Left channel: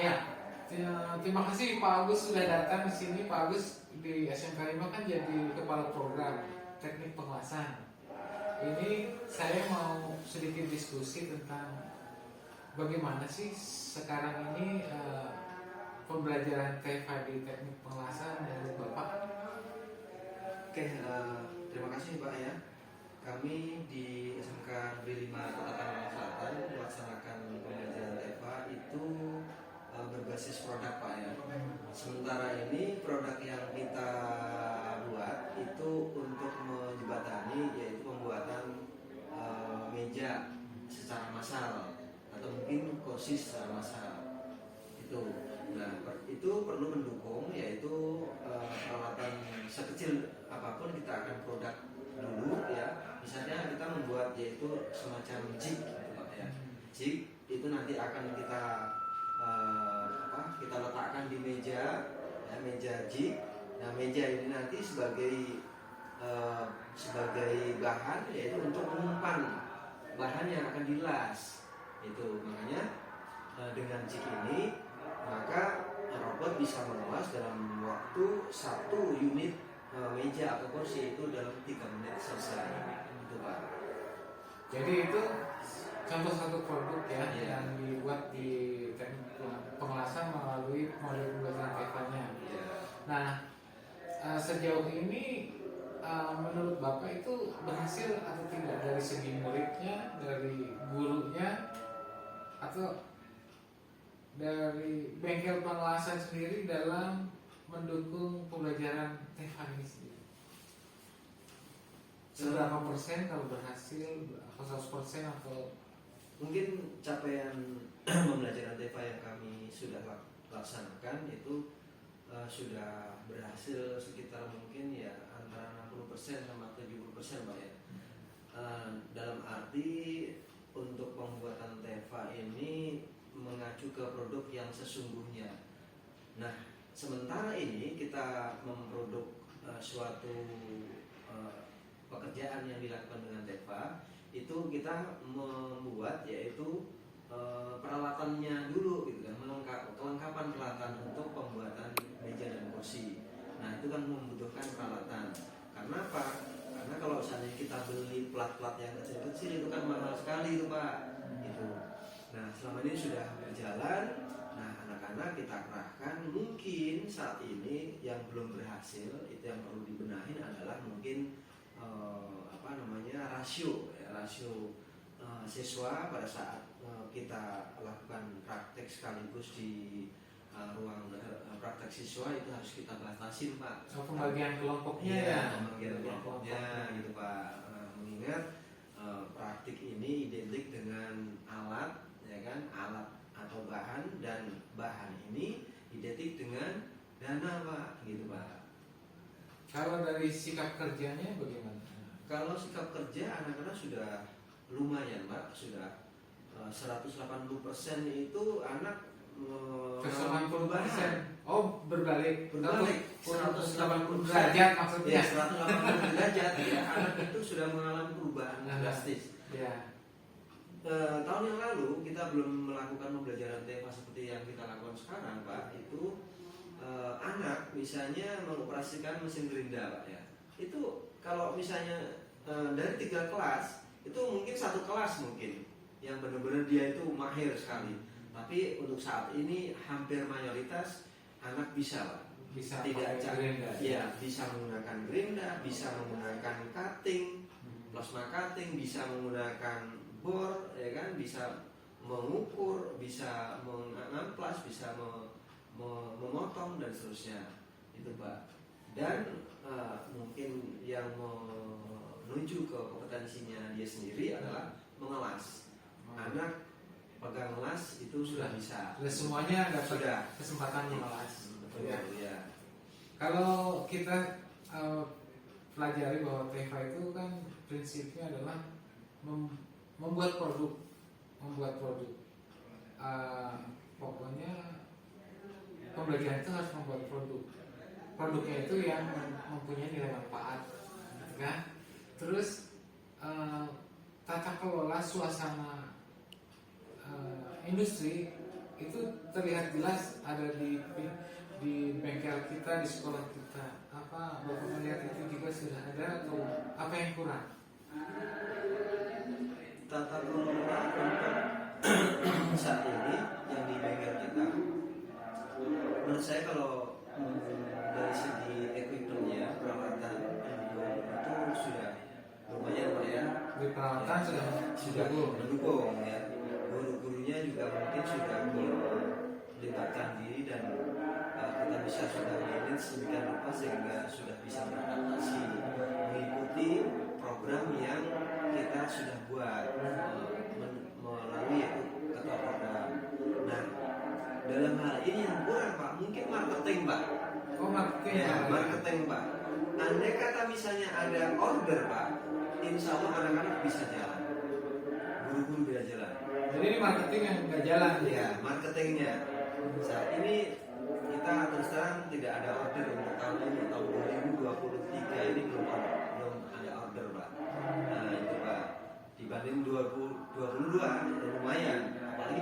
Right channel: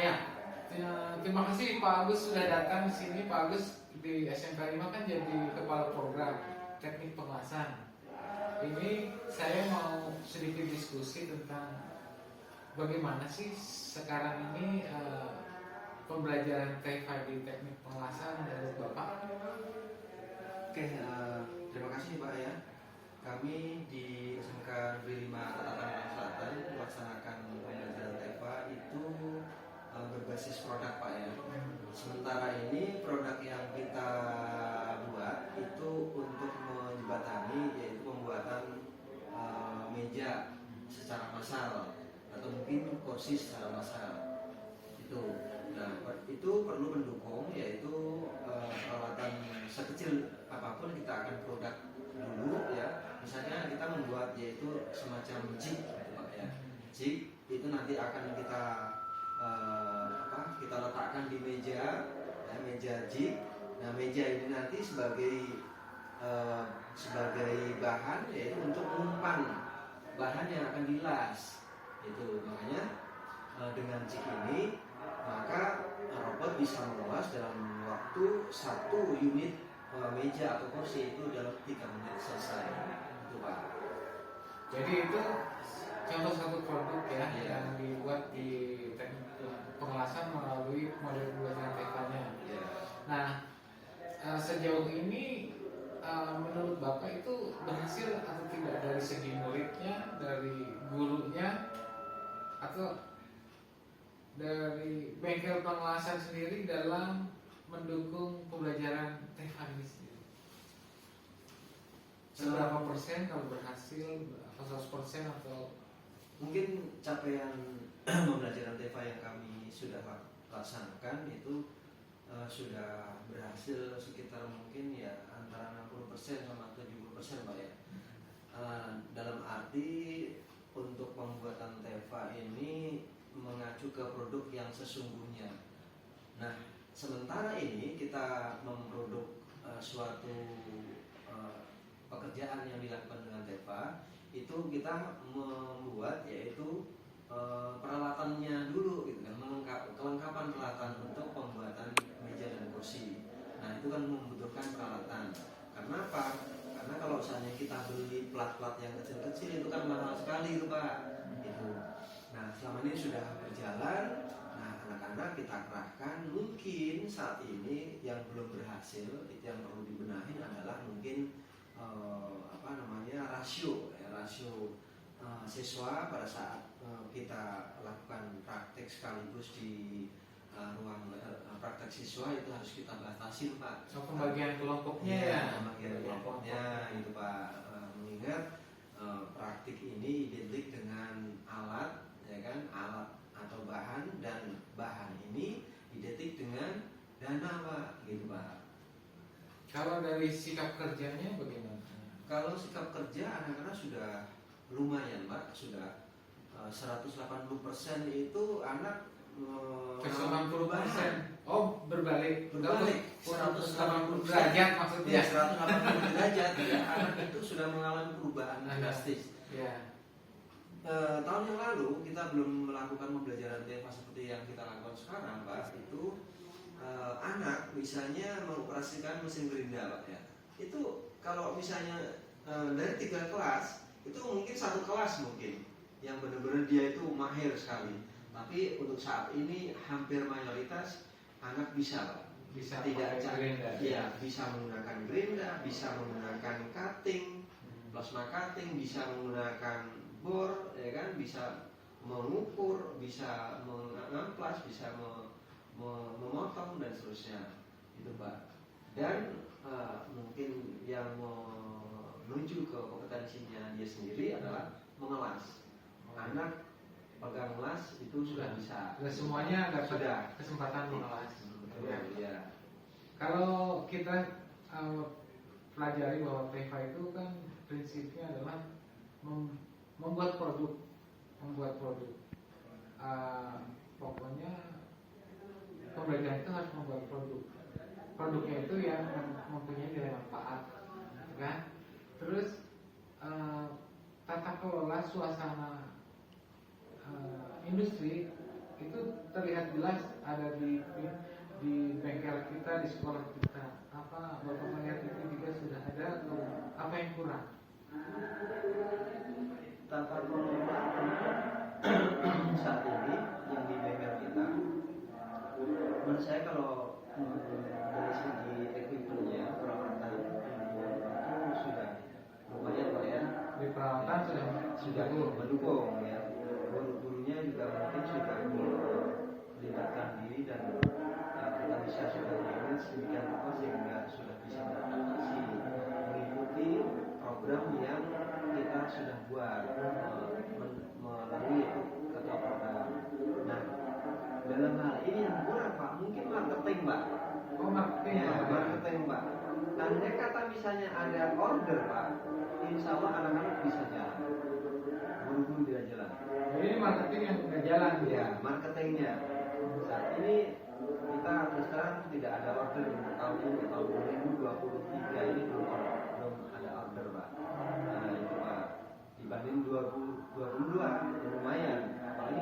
Ya, terima kasih Pak Agus sudah datang di sini. Pak Agus di SMK 5 kan jadi kepala program teknik pengelasan. Ini saya mau sedikit diskusi tentang bagaimana sih sekarang ini pembelajaran TEFA di teknik pengelasan menurut Bapak. Oke, terima kasih Pak ya. Kami di SMK Negeri 5 Kota Tangerang Selatan melaksanakan pembelajaran TEFA itu berbasis produk Pak ya. Sementara ini produk yang kita buat itu untuk menjembatani yaitu pembuatan meja secara massal atau mungkin kursi secara massal itu. Nah, itu perlu mendukung yaitu peralatan sekecil apapun kita akan produk dulu ya. Misalnya kita membuat yaitu semacam jig gitu Pak ya. Jig itu nanti akan kita kita letakkan di meja ya, meja jig. Nah, meja ini nanti sebagai bahan yaitu untuk mengumpan bahan yang akan dilas. Itu makanya dengan jig ini maka robot bisa mengelas dalam waktu 1 unit meja atau kursi itu dalam 3 menit selesai. Itu Pak. Jadi itu contoh satu produk ya yang dibuat di teknik pengelasan melalui model pembelajaran TEFA-nya. Nah, sejauh ini menurut Bapak itu berhasil atau tidak dari segi muridnya, dari gurunya, atau dari bengkel pengelasan sendiri dalam mendukung pembelajaran TEFA ini sendiri? Seberapa persen kalau berhasil, apa 100% atau mungkin capaian pembelajaran TEFA yang kami sudah laksanakan itu sudah berhasil sekitar mungkin ya antara 60% sama 70% Pak ya. Dalam arti untuk pembuatan TEFA ini mengacu ke produk yang sesungguhnya. Nah, sementara ini kita memproduk suatu pekerjaan yang dilakukan dengan TEFA, itu kita membuat yaitu peralatannya dulu gitu kan, kelengkapan peralatan untuk pembuatan meja dan kursi. Nah, itu kan membutuhkan peralatan. Karena apa? Karena kalau misalnya kita beli plat-plat yang kecil-kecil itu kan mahal sekali itu Pak. Itu. Nah, selama ini sudah berjalan. Nah, anak-anak kita kerahkan. Mungkin saat ini yang belum berhasil itu yang perlu dibenahi adalah mungkin rasio siswa pada saat kita lakukan praktek sekaligus di ruang praktek siswa itu harus kita batasi Pak. pembagian kelompoknya ya? Pembagian kelompoknya gitu Pak. Mengingat praktik ini identik dengan alat ya kan, alat atau bahan, dan bahan ini identik dengan dana Pak gitu Pak. Kalau dari sikap kerjanya bagaimana? Kalau sikap kerja anak-anak sudah lumayan Pak, sudah 180% itu anak 180%. Oh, berbalik 180 derajat maksudnya. Ya, 180 derajat ya, anak itu sudah mengalami perubahan drastis. Ya. Tahun yang lalu kita belum melakukan pembelajaran TEFA seperti yang kita lakukan sekarang Pak. Itu anak misalnya mengoperasikan mesin gerinda Pak ya. Itu kalau misalnya dari 3 kelas itu mungkin 1 kelas mungkin yang benar-benar dia itu mahir sekali. Tapi untuk saat ini hampir mayoritas anak bisa Pak. Bisa tidak gerinda. Ya, bisa menggunakan gerinda, bisa menggunakan cutting, plasma cutting, bisa menggunakan bor, ya kan, bisa mengukur, bisa mengamplas, bisa memotong dan seterusnya. Itu Pak. Dan mungkin yang menuju ke kompetensinya dia sendiri adalah mengelas. Anak pegang ngelas itu sudah bisa. Sudah semuanya sudah kesempatan mengelas. Betul ya. Kalau kita pelajari bahwa TEFA itu kan prinsipnya adalah membuat produk. Pokoknya pembelajaran itu harus membuat produk. Produknya itu yang mempunyai nilai manfaat, kan? Terus tata kelola suasana industri itu terlihat jelas ada di bengkel kita, di sekolah kita. Apa Bapak melihat itu juga sudah ada atau apa yang kurang? Tata kelola untuk saat ini yang di bengkel kita, menurut saya kalau dari segi equipmentnya, peralatan itu sudah lumayan Pak ya. Di peralatan sudah mendukung ya. Guru-gurunya juga mungkin sudah melibatkan diri dan kita bisa sudah manage sedemikian rupa sehingga sudah bisa beradaptasi mengikuti program yang kita sudah buat melalui itu ketua program. Nah, dalam hal ini yang kurang Pak, mungkin marketing Pak. Oh, marketing Ya, marketing Pak. Andai kata misalnya ada order Pak, insya Allah anak-anak bisa jalan, guru-guru bisa jalan. Jadi ini marketing yang nggak jalan. Ya, marketingnya. Saat ini kita terus terang tidak ada order untuk tahun ini, tahun 2023 ini belum ada order Pak. Nah itu Pak, dibanding 2022 lumayan, apalagi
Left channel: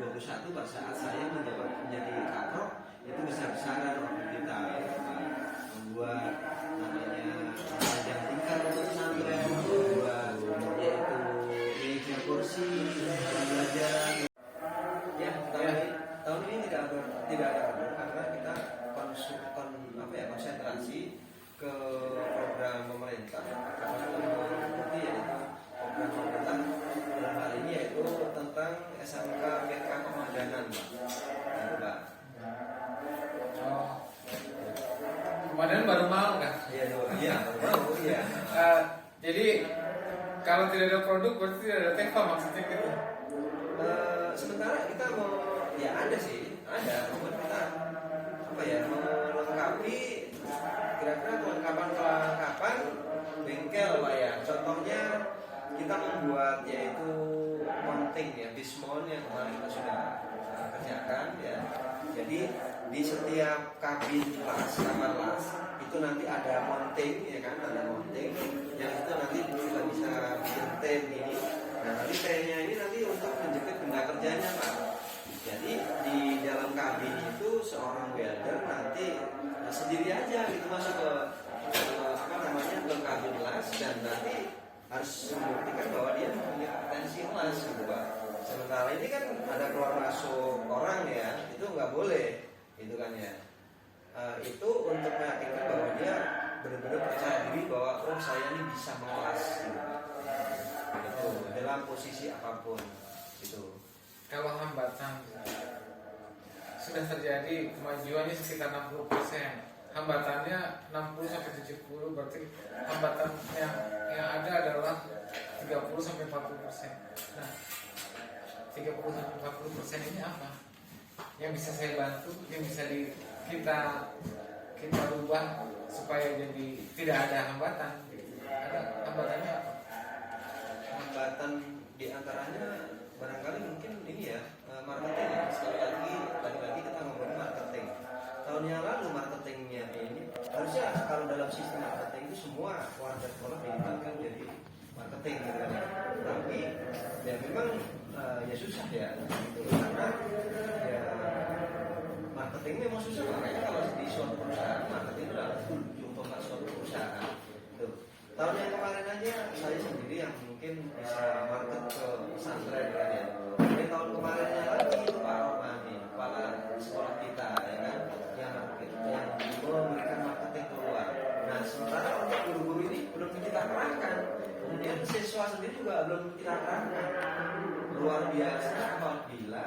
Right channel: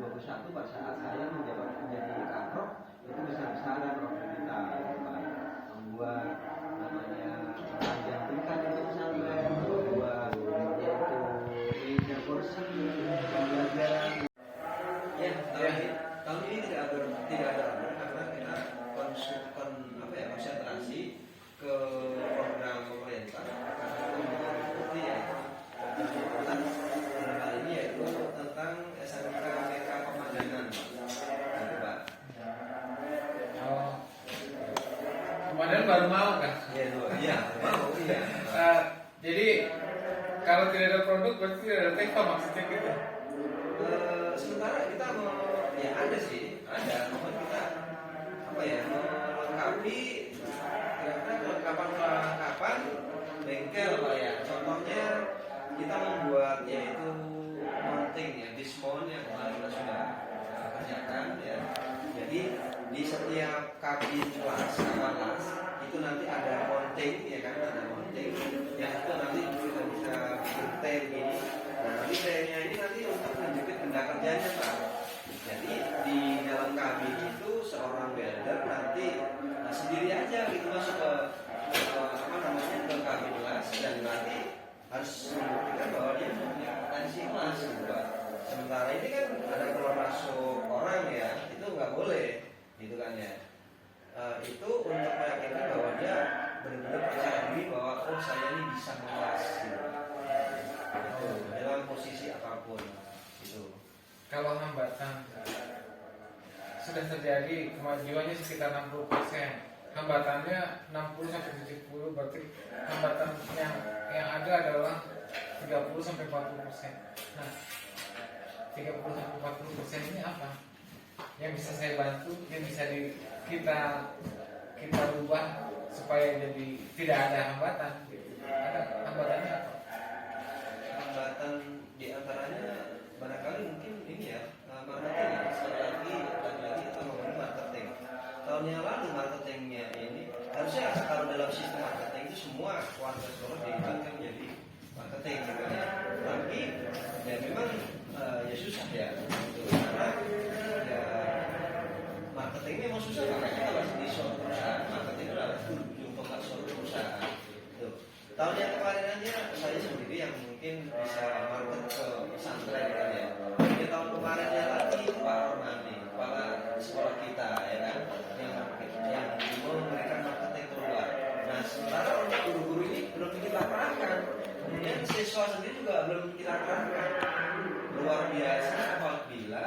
2021 pada saat saya menjabat menjadi kadrok itu besar-besaran order kita ya Pak. Membuat namanya panjang tingkat untuk pesantren, membuat yaitu meja kursi, pembelajaran. Ya, tahun ini tidak ada order karena kita konsentrasi ke program pemerintah karena mengikuti ya program pemerintah dalam hal ini yaitu tentang SMK PK Pemadanan Pak. Itu Pak. Oh, kemarin baru mau kan? Iya, mau ya. Jadi kalau tidak ada produk berarti tidak ada tema maksudnya gitu. Sementara kita mau ya ada sih, ada. Cuma kita apa ya melengkapi kira-kira kelengkapan bengkel Pak ya. Contohnya kita membuat yaitu mounting ya, dismount yang kemarin kita sudah kerjakan ya. Jadi di setiap kabin kelas, kamar kelas itu nanti ada mounting ya kan, ada mounting yang itu nanti kita bisa bikin tem ini. Nah nanti temnya ini nanti untuk menunjukkan benda kerjanya Pak. Jadi di dalam kabin itu seorang welder nanti sendiri aja gitu masuk ke apa namanya ke kabin kelas dan nanti harus membuktikan bahwa dia mempunyai potensi emas gitu Pak. Sementara ini kan ada keluar masuk orang ya, itu nggak boleh gitu kan ya. Itu untuk meyakinkan bahwa dia benar-benar percaya diri bahwa oh saya ini bisa mengelas gitu. Itu dalam posisi apapun itu. Kalau hambatan sudah terjadi kemajuannya sekitar 60%, hambatannya 60 sampai 70, berarti hambatan yang ada adalah 30 sampai 40%. Nah, 30 sampai 40% ini apa? Yang bisa saya bantu, yang bisa kita rubah supaya jadi tidak ada hambatan. Ada hambatannya apa? Hambatan diantaranya barangkali mungkin ini ya marketing ya. Sekali lagi kita ngomongin marketing. Tahun yang lalu marketingnya ini harusnya kalau dalam sistem marketing itu semua warga sekolah dilibatkan jadi marketing gitu kan ya. Tapi ya memang ya susah ya gitu. Karena ya marketing memang susah makanya kalau di suatu perusahaan marketing itu adalah ujung tombak suatu perusahaan. Tuh. Tahun yang kemarin aja saya sendiri yang mungkin bisa market ke pesantren kan ya. Di tahun kemarinnya lagi Pak Romani, kepala sekolah kita ya kan, yang memberikan marketing keluar. Nah sementara untuk guru-guru ini belum kita kerahkan, kemudian siswa sendiri juga belum kita kerahkan. Luar biasa apabila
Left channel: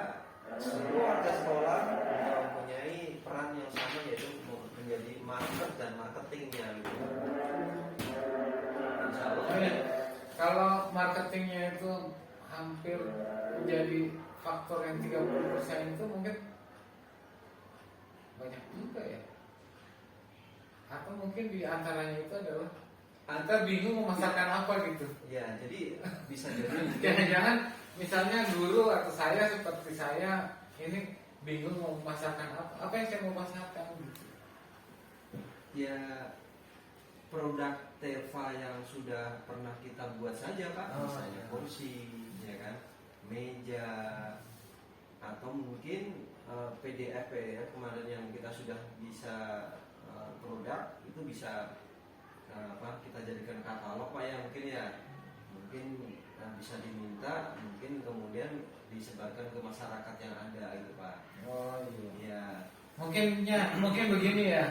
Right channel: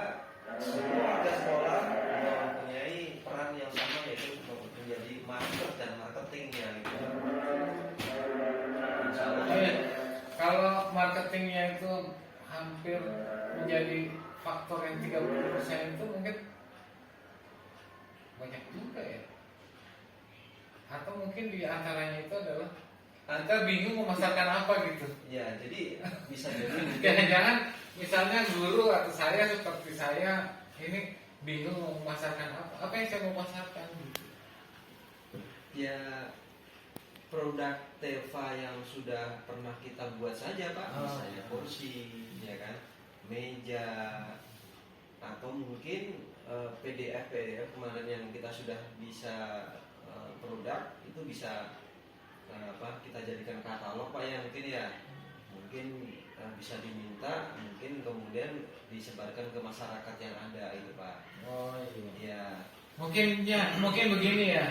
semua warga sekolah mempunyai peran yang sama yaitu menjadi market dan marketingnya gitu. Kalau marketingnya itu hampir menjadi faktor yang 30% itu mungkin banyak juga ya. Atau mungkin di antaranya itu adalah Anda bingung memasarkan apa gitu. Ya, jadi bisa jadi Jangan-jangan misalnya guru atau saya seperti saya ini bingung mau memasarkan apa yang saya mau pasarkan gitu. ya produk Teva yang sudah pernah kita buat saja Pak, misalnya kursi, ya kan, meja, atau mungkin PDF kemarin yang kita sudah bisa produk itu bisa kita jadikan katalog Pak ya, mungkin bisa diminta, mungkin kemudian disebarkan ke masyarakat yang ada gitu Pak. Oh iya. Ya. Mungkin begini ya.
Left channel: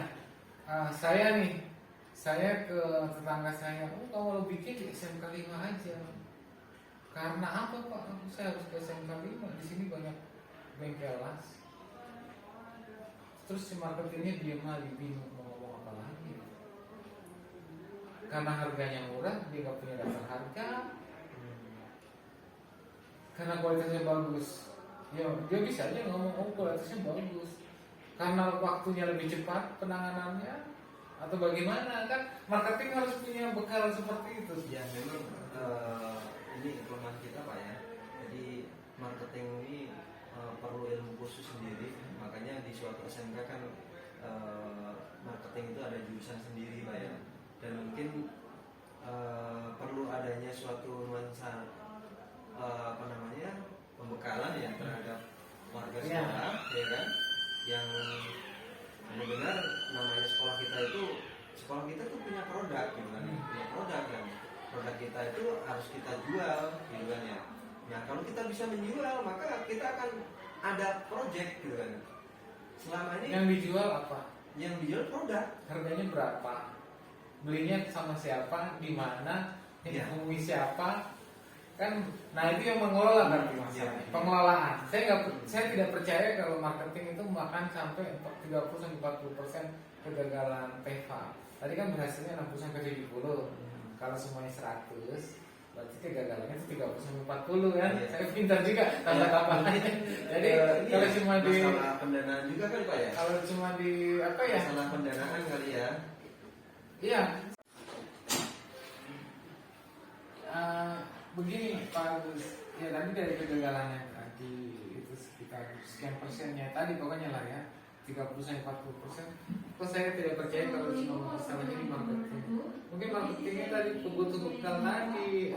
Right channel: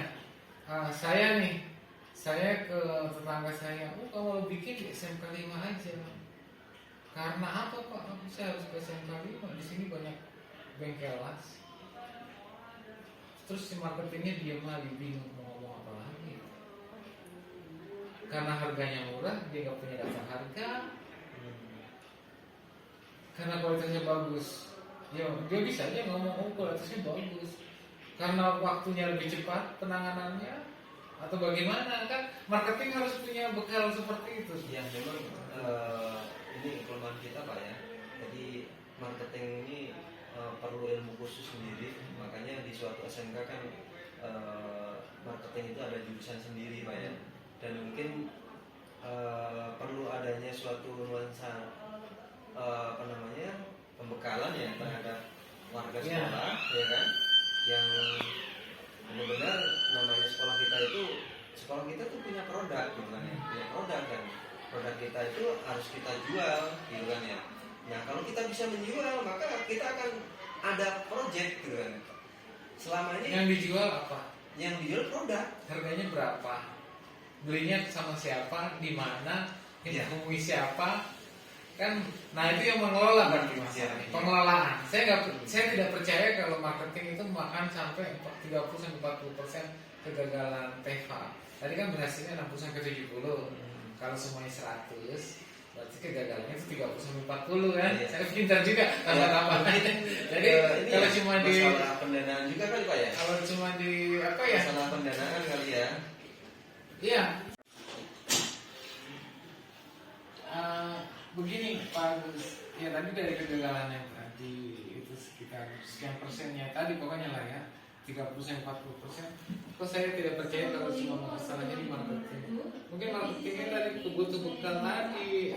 Saya ke tetangga saya, kamu lo bikin di SMK 5 aja. Karena apa Pak? Saya harus ke SMK 5. Di sini banyak bengkel las. Terus si marketingnya diam lagi, bingung mau ngomong apa lagi. Karena harganya murah, dia nggak punya data harga. Karena kualitasnya bagus, ya dia bisa aja ngomong kualitasnya bagus. Karena waktunya lebih cepat penanganannya, atau bagaimana kan? Marketing harus punya bekal seperti itu. Ya memang ini kelemahan kita Pak ya. Jadi marketing ini perlu ilmu khusus sendiri. Makanya di suatu SMK kan marketing itu ada jurusan sendiri Pak ya. Dan mungkin perlu adanya suatu nuansa pembekalan ya terhadap warga sekolah ya kan, yang benar-benar namanya sekolah kita tuh punya produk gitu kan ya, punya produk, dan produk kita itu harus kita jual gitu kan ya. Nah kalau kita bisa menjual maka kita akan ada project gitu kan. Selama ini yang dijual apa? Yang dijual produk. Harganya berapa? Belinya sama siapa? Di mana? Hubungi siapa? Kan, nah itu yang mengelola berarti Mas. Pengelolaan. Saya tidak percaya kalau marketing itu makan sampai 30-40% kegagalan TEFA. Tadi kan berhasilnya 60-70. Kalau semuanya 100, berarti kegagalannya itu 30-40 kan? Saya pintar juga tambah-tambah. Jadi kalau cuma di masalah pendanaan juga kan Pak ya? Kalau cuma di masalah pendanaan kali ya? Iya. Begini Pak Agus, ya tadi dari kegagalan yang tadi itu sekitar sekian persennya tadi pokoknya lah ya 30-40%. Kok saya tidak percaya kalau cuma masalahnya di marketing. Mungkin marketingnya tadi butuh bekal tadi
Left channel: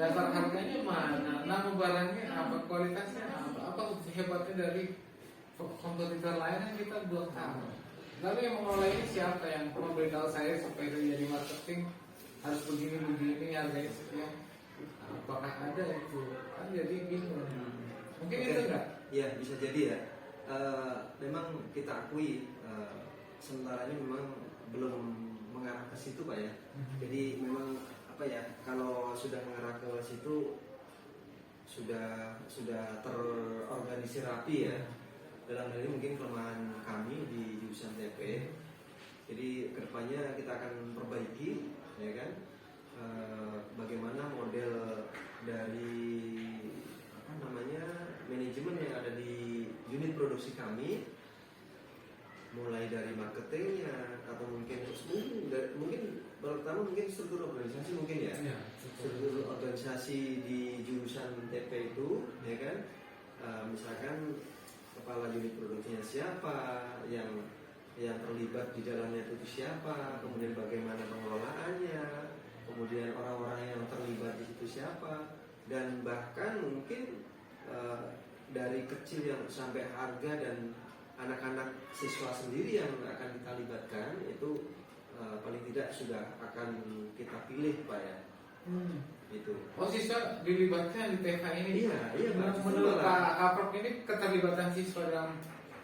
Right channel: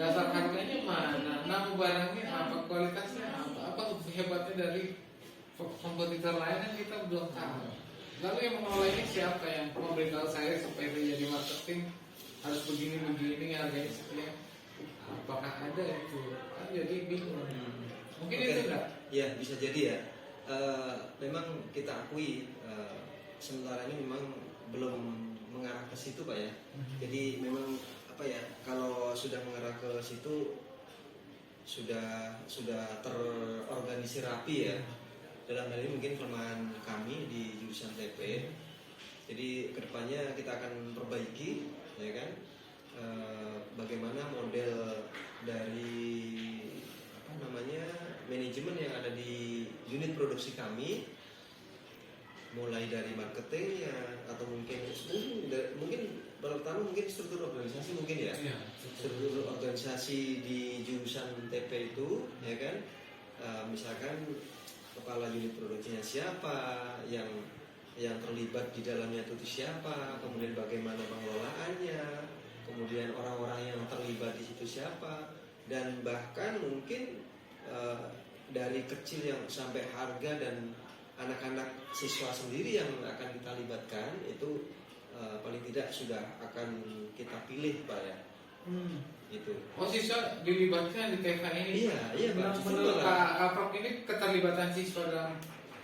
dasar harganya mana, nama barangnya apa, kualitasnya apa hebatnya dari kompetitor lain yang kita belum tahu. Lalu yang mengelola ini siapa yang memberitahu saya supaya jadi marketing harus begini harganya sekian, apakah ada itu kan jadi bingung. Mungkin itu enggak ya, bisa jadi ya. Memang kita akui sementara ini memang belum mengarah ke situ Pak ya. Jadi memang kalau sudah mengarah ke situ sudah terorganisir rapi ya. Dalam hal ini mungkin kelemahan kami di jurusan TP. Jadi kedepannya kita akan perbaiki ya kan, bagaimana model dari manajemen yang ada di unit produksi kami, mulai dari marketingnya atau mungkin pertama mungkin struktur organisasi mungkin ya, struktur organisasi di jurusan TP itu ya kan, misalkan kepala unit produksinya siapa, yang terlibat di dalamnya itu siapa, kemudian bagaimana pengelolaannya, kemudian orang-orang yang terlibat di situ siapa, dan bahkan mungkin dari kecil yang sampai harga dan anak-anak siswa sendiri yang akan kita libatkan itu paling tidak sudah akan kita pilih Pak ya. Itu. Oh, siswa dilibatkan di TEFA ini? Iya Pak. Menurut Pak Kaprok ini keterlibatan siswa dalam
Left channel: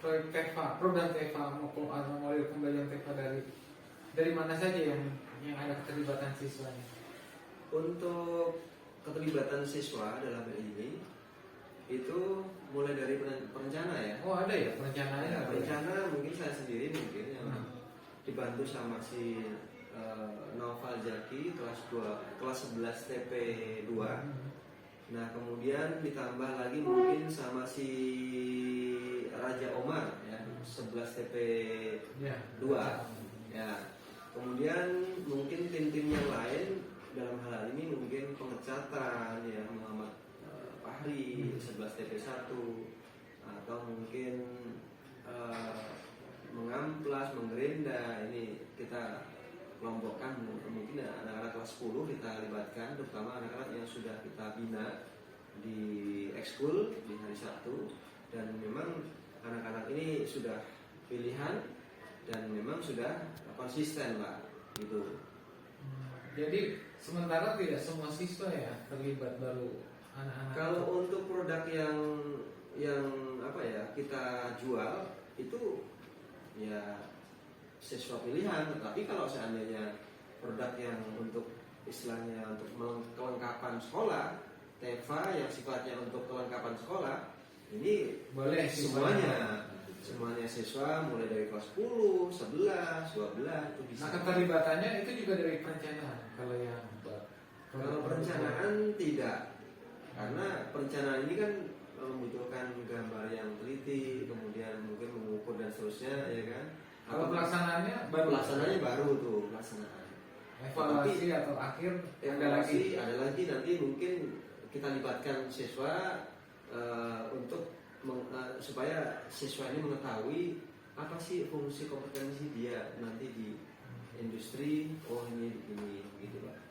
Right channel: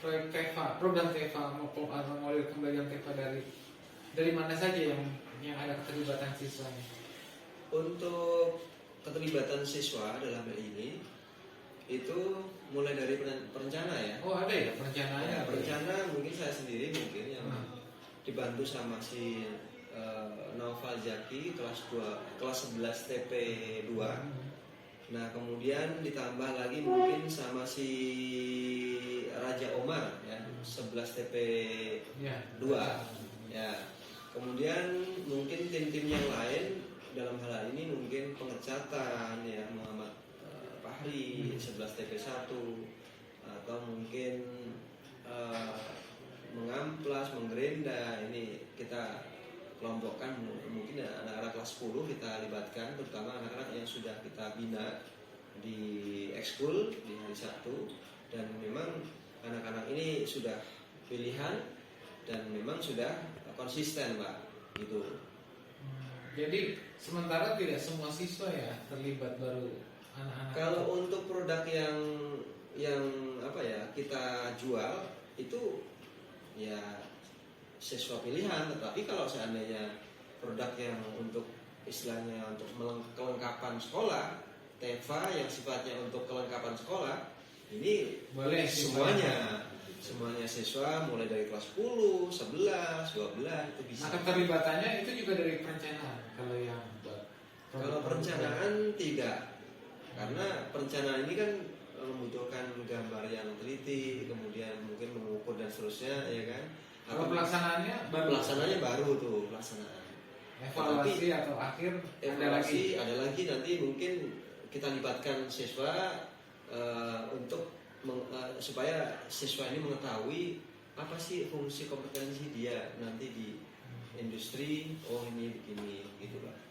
proyek TEFA, program TEFA maupun model pembelajaran TEFA dari mana saja yang ada keterlibatan siswanya? Untuk keterlibatan siswa dalam hal ini itu mulai dari perencana ya. Oh, ada ya perencanaan? Ya, perencana mungkin saya sendiri mungkin yang dibantu sama si Noval Zaki kelas 11 TP 2. Nah, kemudian ditambah lagi mungkin sama si Raja Omar ya 11 TP 2. Ya. Kemudian mungkin tim-tim yang lain dalam hal ini mungkin pengecatan ya Muhammad Fahri 11 TP 1, atau mungkin mengamplas, menggerenda, ini kita kelompokkan, mungkin anak-anak kelas 10 kita libatkan, terutama anak-anak yang sudah kita bina di ekskul di hari Sabtu, dan memang anak-anak ini sudah pilihan dan memang sudah konsisten Pak gitu. Jadi sementara tidak semua siswa ya terlibat, baru anak-anak. Kalau untuk produk yang apa ya kita jual itu ya siswa pilihan, tetapi kalau seandainya produk yang untuk istilahnya untuk kelengkapan sekolah, TEFA yang sifatnya untuk kelengkapan sekolah, ini boleh semuanya siswa mulai dari kelas 10, 11, 12 itu bisa. Nah, keterlibatannya itu juga dari perencanaan kalau yang Kalau perencanaan tidak, karena perencanaan ini kan membutuhkan gambar yang teliti, kemudian mungkin mengukur dan seterusnya, ya kan. Kalau pelaksanaannya baru tuh pelaksanaan. Evaluasi atau akhir ada lagi nanti mungkin kita libatkan siswa untuk supaya siswa ini mengetahui apa sih fungsi kompetensi dia nanti di industri. Oh ini begini gitu Pak.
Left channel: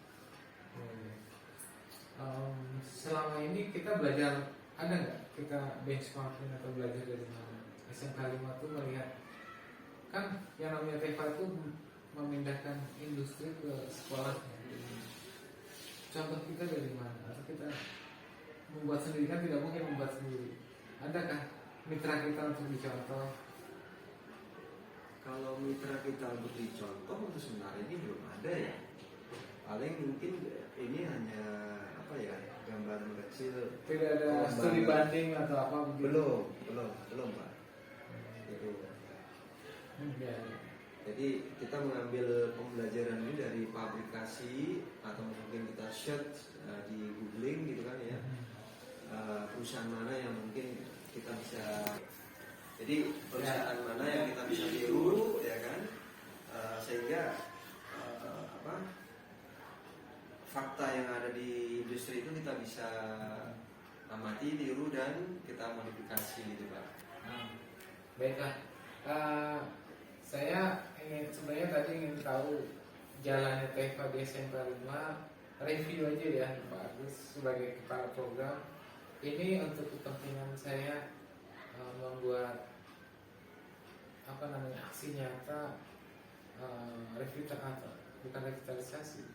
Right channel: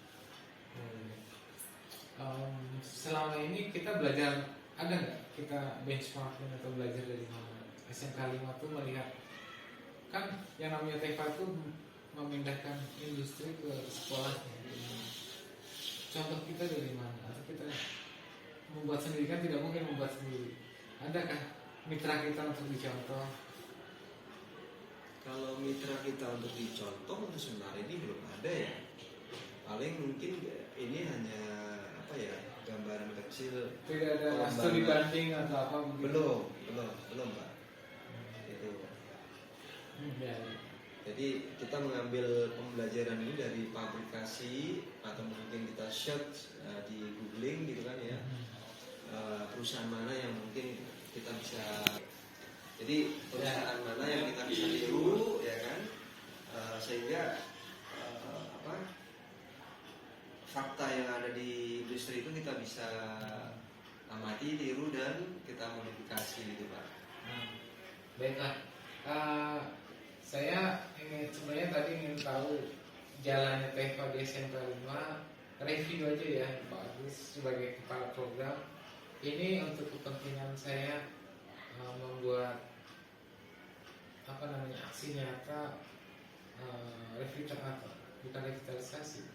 Selama ini kita belajar, ada nggak kita benchmarking atau belajar dari mana? SMK 5 tuh melihat kan yang namanya TEFA itu memindahkan industri ke sekolah. Contoh kita dari mana? Atau kita membuat sendiri, kan tidak mungkin membuat sendiri. Adakah mitra kita untuk dicontoh? Kalau mitra kita untuk dicontoh untuk sebenarnya ini belum ada ya. Paling mungkin ini hanya apa ya, gambaran kecil. Tidak ada studi banding atau apa begitu? Belum Pak. Itu. Ya. Jadi kita mengambil pembelajaran ini dari pabrikasi atau mungkin kita search di googling gitu kan ya, perusahaan mana yang mungkin kita bisa, jadi perusahaan mana yang kita bisa tiru ya kan, sehingga fakta yang ada di industri itu kita bisa amati, tiru dan kita modifikasi gitu Pak. Baiklah. Saya sebenarnya tadi ingin tahu jalannya TEFA di SMK 5, review aja ya Pak Agus sebagai kepala program. Ini untuk kepentingan saya membuat aksi nyata, revitalisasi,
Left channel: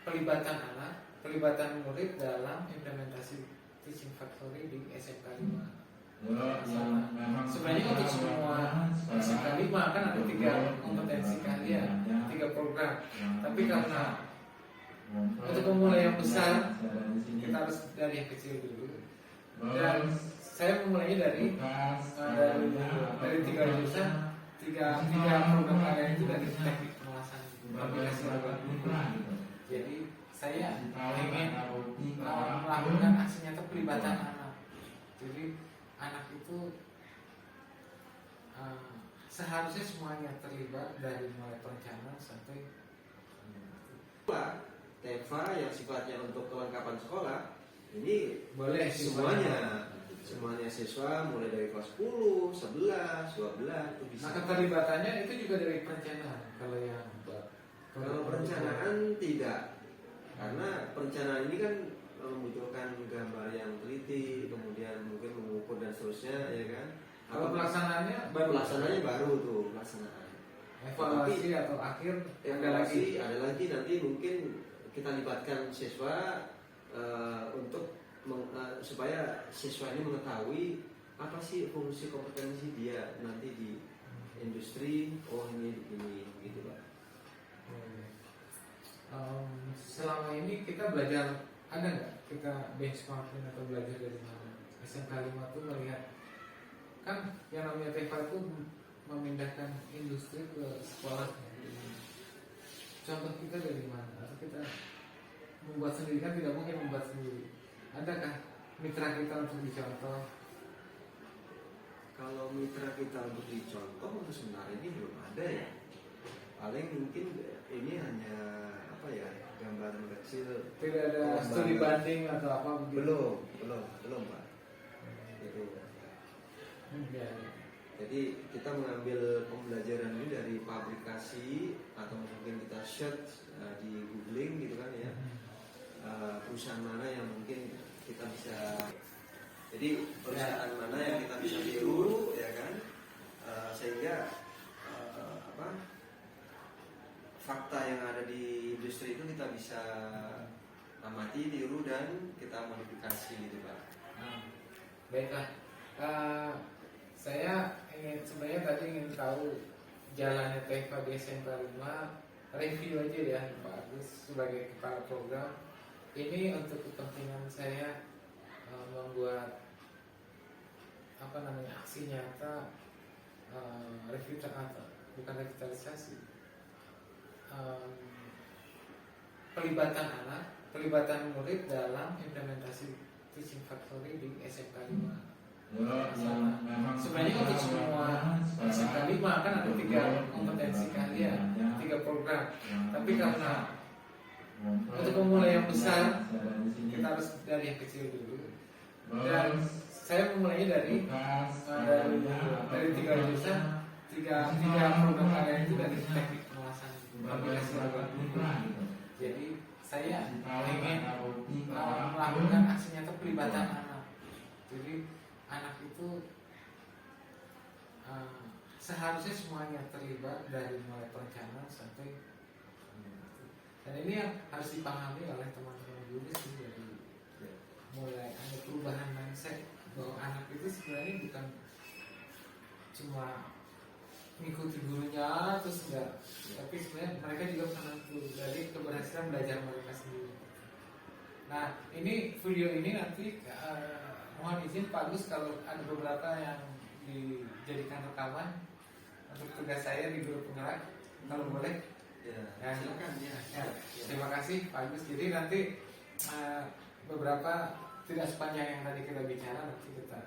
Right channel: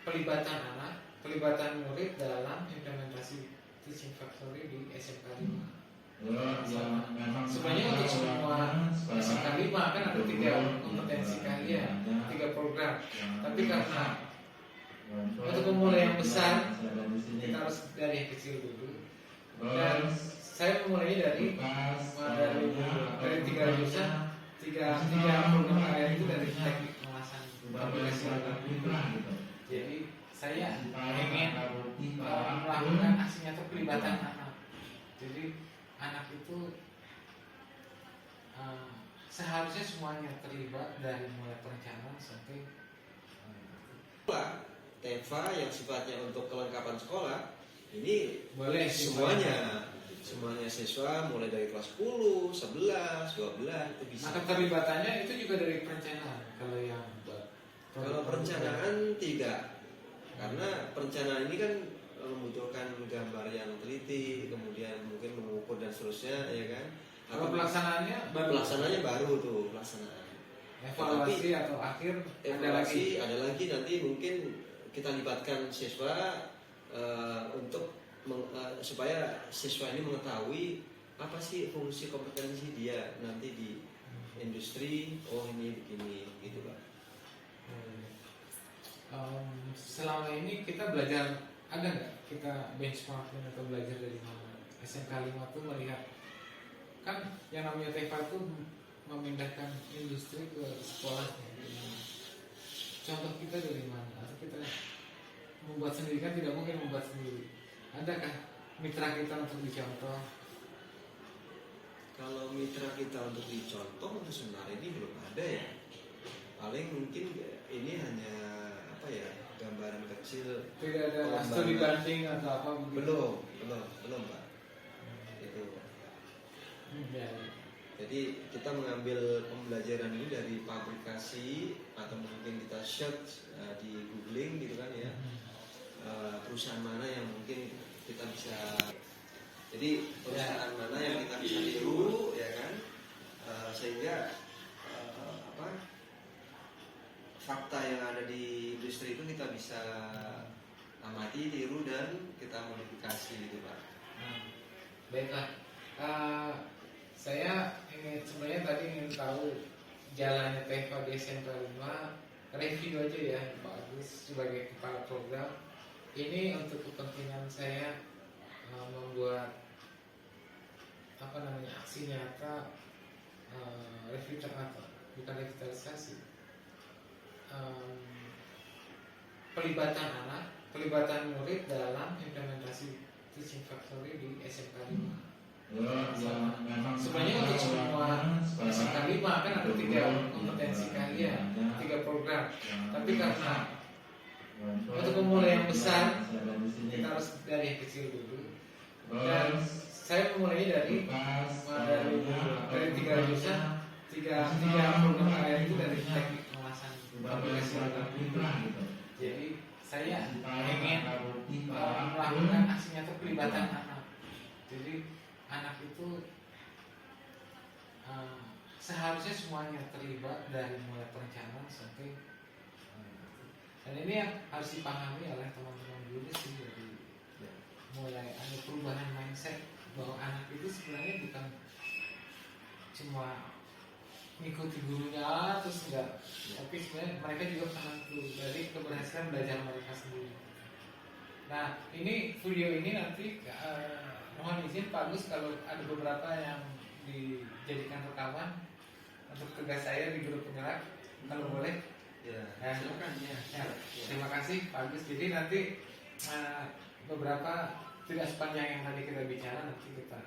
pelibatan anak, pelibatan murid dalam implementasi teaching factory di SMK 5. Sebenarnya untuk semua SMK 5 kan ada 3 kompetensi kalian, 3 program. Tapi karena untuk memulai yang besar kita harus dari yang kecil dulu. Dan saya memulainya dari 3 jurusan, 3 program kalian itu dari teknik pengelasan aplikasi. Jadi saya ingin melakukan aksi nyata pelibatan anak. Jadi anak itu seharusnya semuanya terlibat dari mulai perencanaan sampai TEFA yang sifatnya untuk kelengkapan sekolah, ini boleh semuanya siswa mulai dari kelas 10, 11, 12 itu bisa. Nah, keterlibatannya itu juga dari perencanaan kalau perencanaan tidak, karena perencanaan ini kan membutuhkan gambar yang teliti, kemudian mungkin mengukur dan seterusnya, ya kan. Kalau pelaksanaannya baru tuh pelaksanaan. Evaluasi atau akhir ada lagi nanti mungkin kita libatkan siswa untuk supaya siswa ini mengetahui apa sih fungsi kompetensi dia nanti di industri. Oh ini begini gitu Pak. Selama ini kita belajar, ada nggak kita benchmarking atau belajar dari mana? SMK 5 tuh melihat kan yang namanya TEFA itu memindahkan industri ke sekolah. Contoh kita dari mana? Atau kita membuat sendiri, kan tidak mungkin membuat sendiri. Adakah mitra kita untuk dicontoh? Kalau mitra kita untuk dicontoh untuk sebenarnya ini belum ada ya. Paling mungkin ini hanya apa ya, gambaran kecil. Tidak ada studi banding atau apa begitu? Belum Pak. Itu. Ya. Jadi kita mengambil pembelajaran ini dari pabrikasi atau mungkin kita search di googling gitu kan ya, perusahaan mana yang mungkin kita bisa, jadi perusahaan mana yang kita bisa tiru, ya kan, sehingga fakta yang ada di industri itu kita bisa amati, tiru, dan kita modifikasi gitu Pak. Baiklah, saya sebenarnya tadi ingin tahu jalannya TEFA di SMK 5, review aja ya Pak Agus sebagai kepala program. Ini untuk kepentingan saya membuat aksi nyata, revitalisasi, pelibatan anak, pelibatan murid dalam implementasi teaching factory di SMK 5. Sebenarnya untuk semua SMK 5 kan ada 3 kompetensi kalian, 3 program. Tapi karena untuk memulai yang besar, kita harus dari yang kecil dulu. Dan saya memulainya dari 3 jurusan, 3 program kalian itu dari teknik pengelasan aplikasi logam. Jadi saya ingin melakukan aksi nyata pelibatan anak. Jadi anak itu seharusnya semuanya terlibat dari mulai perencanaan sampai dan ini yang harus dipahami oleh teman-teman dulu sih, dari mulai ada perubahan mindset bahwa anak itu sebenarnya bukan cuma mengikuti gurunya terus enggak, tapi sebenarnya mereka juga penentu dari keberhasilan belajar mereka sendiri. Nah, ini video ini nanti mohon izin Pak Agus kalau ada beberapa yang dijadikan rekaman untuk tugas saya di grup penggerak, kalau boleh. Ya, silakan ya. Terima kasih Pak Agus. Jadi nanti beberapa, tidak sepanjang yang tadi kita bicara, nanti kita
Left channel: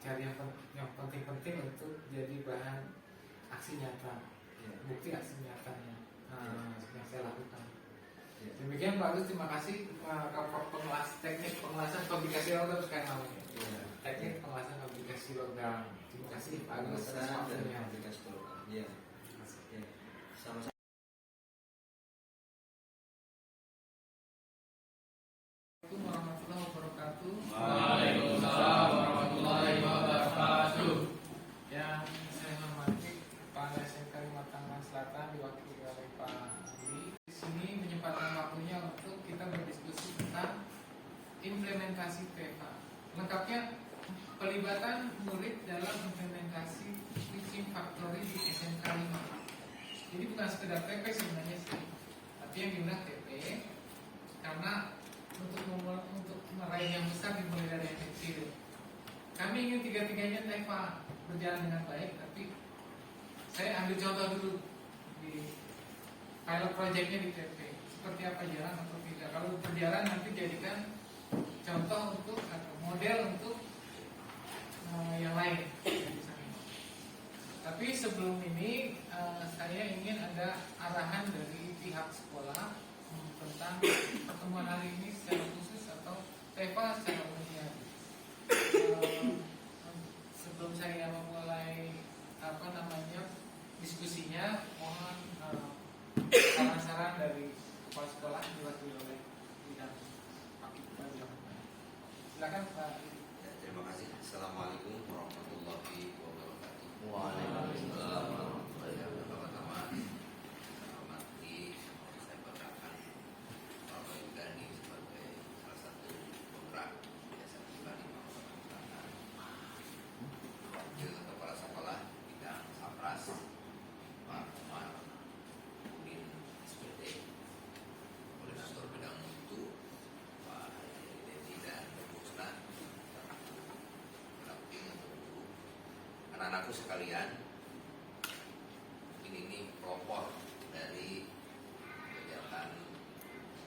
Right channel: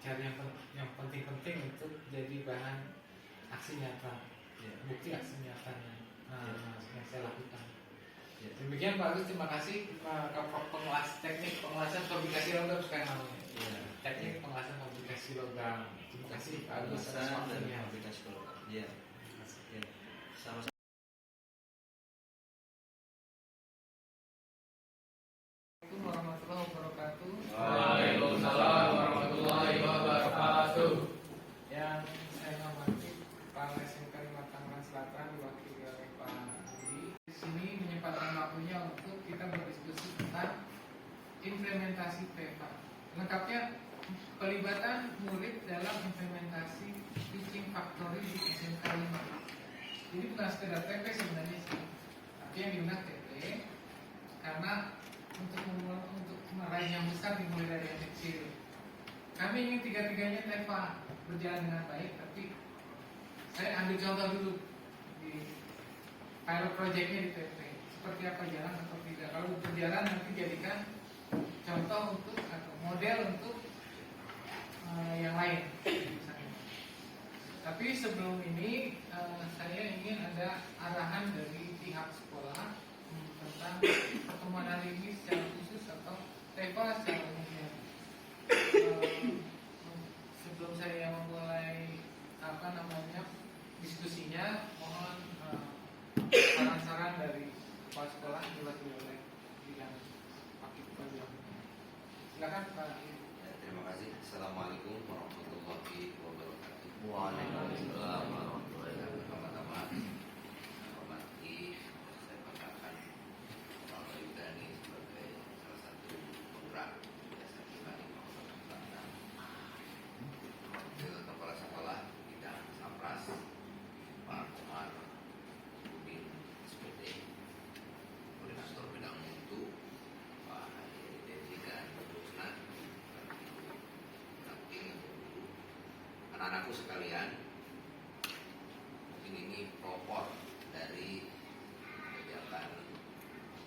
cari yang penting-penting untuk jadi bahan aksi nyata, bukti aksi nyatanya yang saya lakukan. Demikian Pak Agus, terima kasih. Teknik pengelasan aplikasi logam sekarang namanya. Teknik pengelasan aplikasi logam. Terima kasih Pak Agus atas waktunya. Aplikasi logam. Ya. Sama-sama. Assalamualaikum warahmatullahi wabarakatuh. Waalaikumsalam warahmatullahi wabarakatuh. Yang saya hormati Kepala SMK 5 Tangerang Selatan diwakili oleh Pak Budi. Di sini menyempatkan waktunya untuk kita berdiskusi tentang implementasi TEFA. Lengkapnya pelibatan murid dalam implementasi teaching factory di SMK 5. Jadi bukan sekedar TP sebenarnya sih, tapi yang diundang TP karena untuk meraih yang besar dimulai dari yang kecil. Kami ingin tiga-tiganya TEFA berjalan dengan baik, tapi saya ambil contoh dulu di pilot projectnya di TP. Seperti apa jalan atau tidak. Kalau berjalan nanti jadikan contoh untuk atau model untuk yang lain. Tapi sebelum ini saya ingin ada arahan dari pihak sekolah tentang pertemuan hari ini secara khusus atau TEFA secara umumnya. Sebelum saya memulai diskusinya, mohon saran-saran dari kepala sekolah diwakili oleh bidang Pak. Silakan Pak. Terima kasih. Assalamualaikum warahmatullahi wabarakatuh. Waalaikumsalam. Pertama-tama saya hormati, saya banggakan Bapak Yudani sebagai salah satu penggerak SMK 5 Wakil Kepala Sekolah Bidang Sapras Pak Omar Udin SPD, Koordinator Bidang Mutu Pak Dedi dan Bu Rusna, anak-anakku sekalian, ini pelopor dari kegiatan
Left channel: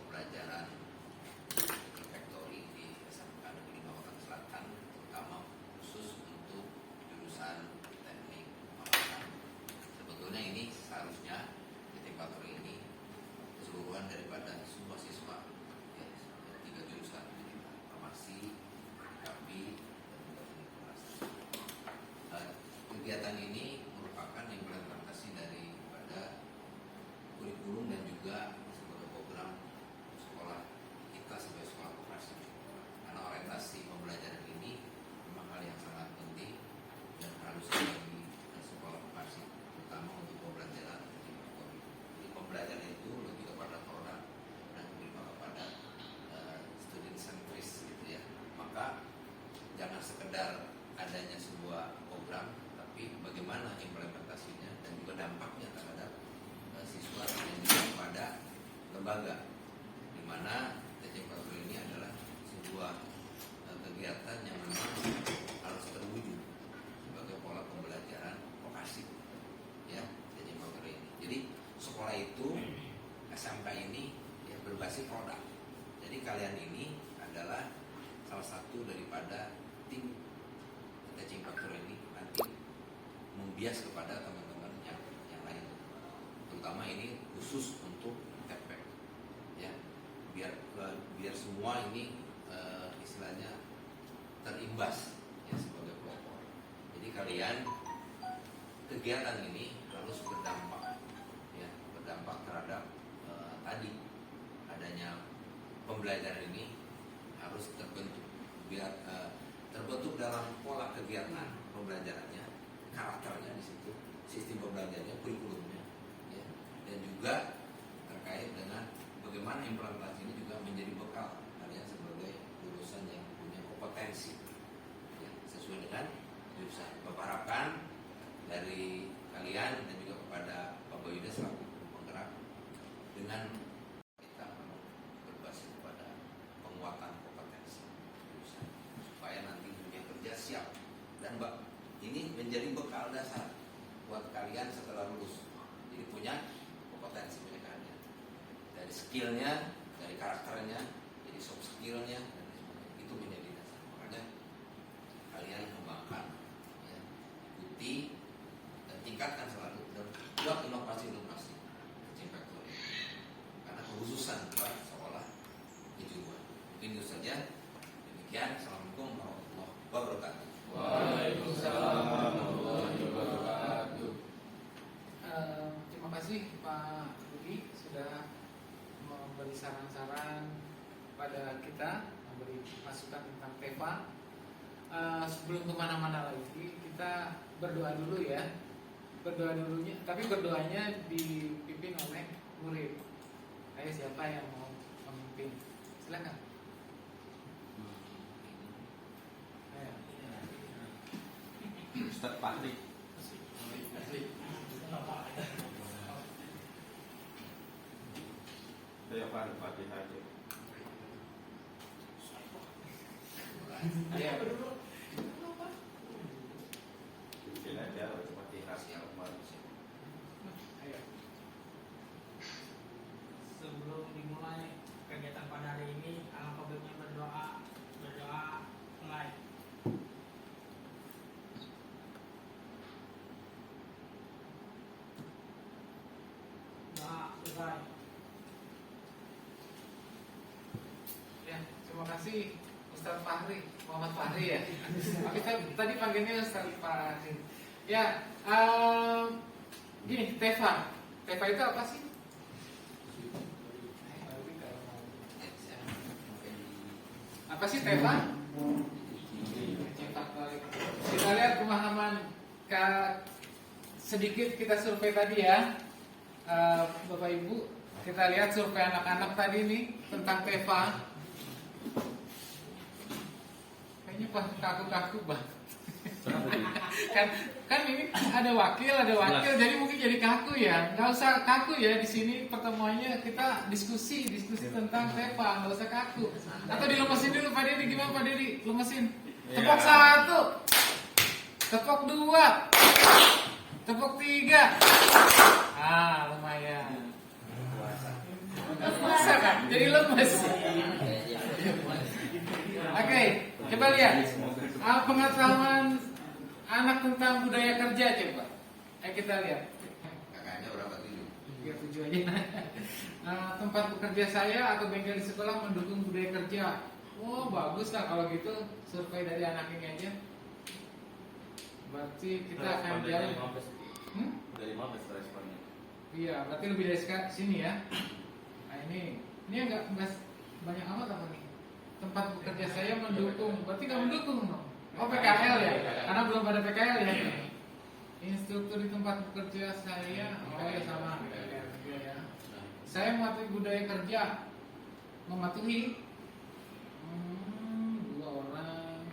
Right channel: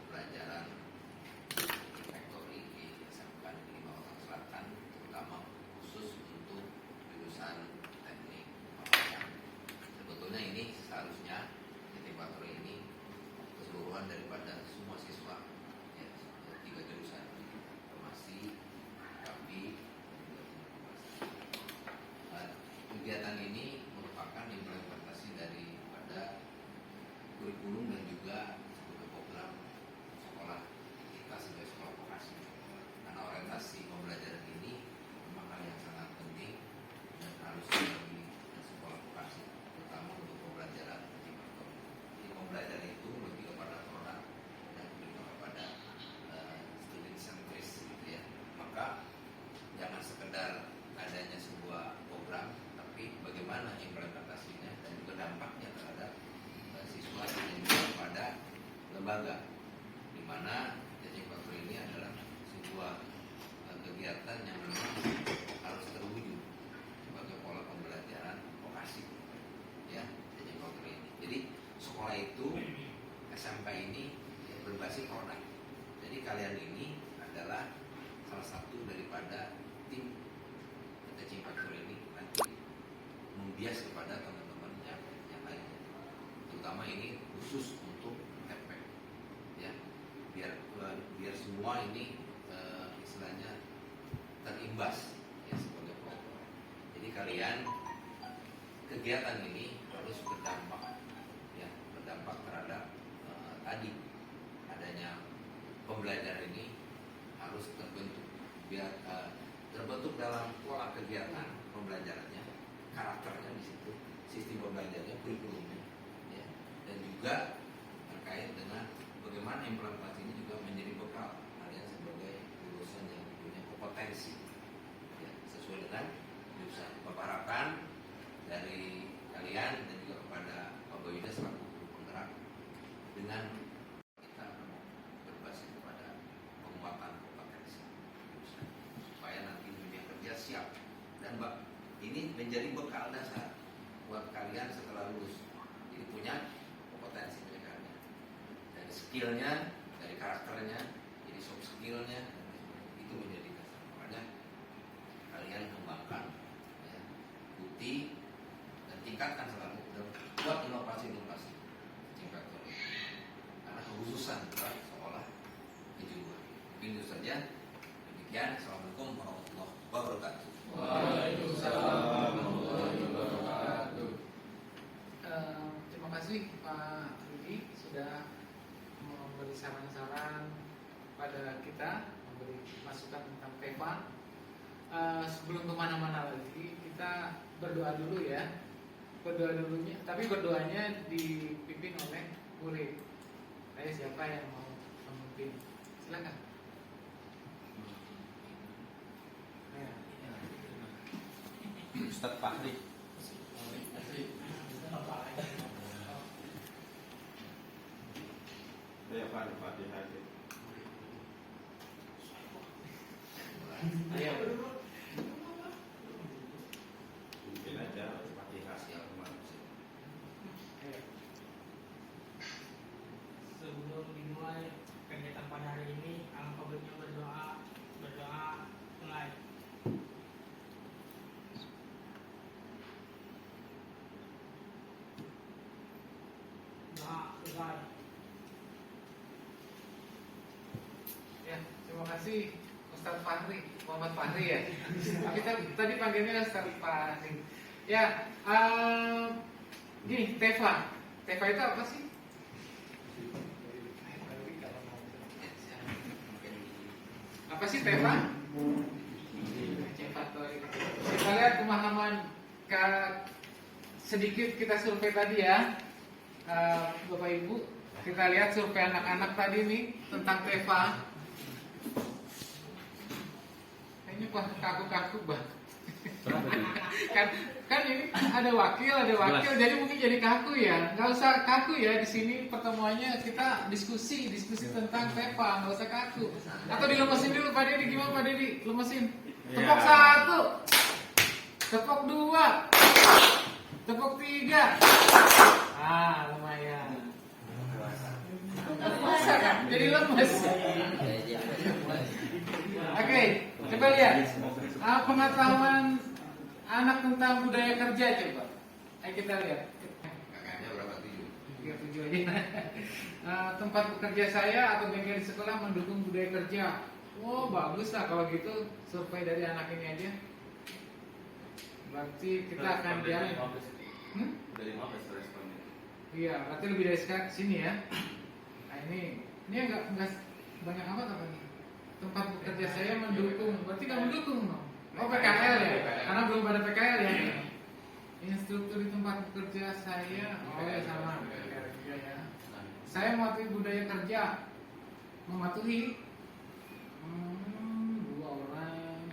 pembelajaran factory di SMK Negeri 5 Kota Selatan, terutama khusus untuk jurusan teknik pengolahan. Sebetulnya ini seharusnya teknik factory ini keseluruhan daripada semua siswa, ya, 3 jurusan, farmasi, kambi, kegiatan ini merupakan implementasi daripada kurikulum dan juga sebuah program sekolah lembaga, di mana Teaching Factory ini adalah sebuah kegiatan yang memang harus terwujud sebagai pola pembelajaran vokasi, ya, Teaching Factory ini. Jadi sekolah itu, SMK ini ya, berbasis produk. Jadi kalian ini adalah salah satu daripada tim Teaching Factory ini nanti membias kepada teman-teman yang lainnya. Terutama ini khusus untuk TP, ya, biar semua ini istilahnya terimbas ya sebagai pelopor. Jadi kalian kegiatan ini harus berdampak, ya, berdampak terhadap tadi adanya pembelajaran ini harus terbentuk, biar terbentuk dalam pola kegiatan pembelajarannya, karakternya di situ, sistem pembelajarannya, kurikulumnya, ya, dan juga terkait dengan bagaimana implementasi ini juga menjadi bekal kalian sebagai lulusan yang punya kompetensi, ya, sesuai dengan jurusan. Bapak harapkan dari kalian dan juga kepada Pak Boyuda selaku guru penggerak dengan kita berbasis kepada penguatan kompetensi jurusan supaya nanti dunia kerja siap, dan Mbak ini menjadi bekal dasar buat kalian setelah lulus. Jadi punya kompetensi, punya kalian dari skillnya, dari karakternya, jadi soft skillnya, itu menjadi dasar. Makanya kalian kembangkan, ya, ikuti dan tingkatkan selalu dan buat inovasi-inovasi Teaching Factory, karena kekhususan bukan seolah kejuruan. Mungkin itu saja. Demikian. Assalamualaikum warahmatullahi wabarakatuh. Waalaikumsalam warahmatullahi wabarakatuh. Terima kasih Pak Budi sudah memberi saran-saran pada kita, memberi masukan tentang TEPA. Sebelum kemana-mana lagi, kita berdoa dulu ya. Berdoa dulunya, tapi berdoanya dipimpin oleh murid. Ayo, siapa yang mau memimpin? Silakan. Ya. Ustadz Fahri. Saya Fatihah aja. Ayo. Mungkin aja Fatihah. Ayo. Sebelum dimulai kegiatan pada hari ini, alangkah baiknya berdoa mulai. Doa selesai. Ya, terima kasih Ustaz Fahri, Muhammad Fahri ya. Kita tadi panggilnya Ustaz Fahri. Ya, gini, TEFA. TEFA itu apa sih? Apa sih TEFA? Kita lihat pemahaman sedikit kita survei tadi ya, Bapak Ibu. Kita lihat survei anak-anak tadi nih tentang TEFA. Kayaknya kaku-kaku banget. kan ini ada wakil, jadi mungkin jadi kaku ya. Nggak usah kaku ya, di sini pertemuannya kita diskusi tentang TEPA, nggak usah kaku. Atau dilemesin dulu Pak Dedi, gimana Pak Dedi? Lemesin. Tepuk 1, tepuk 2, tepuk 3. Lumayan. Masa kan? Jadi lemes. Oke, coba lihat pengetahuan anak tentang budaya kerja coba. Ayo kita lihat. Kakaknya berapa tujuh? Ya, tujuannya. Tempat bekerja saya atau bengkel di sekolah mendukung budaya kerja. Oh, bagus lah kalau gitu. Survei dari anak ini aja. Berarti kita akan jalan. Dari mana responnya? Iya, berarti lebih dari sini ya. Nah, ini enggak banyak amat apa nih? Tempat bekerja saya mendukung. Berarti nggak mendukung dong. Oh, PKL ya? Karena belum ada PKL ya. Instruktur di tempat bekerja saya, oh ya sama PKL juga ya. Saya mematuhi budaya kerja. Mematuhi 2 orang,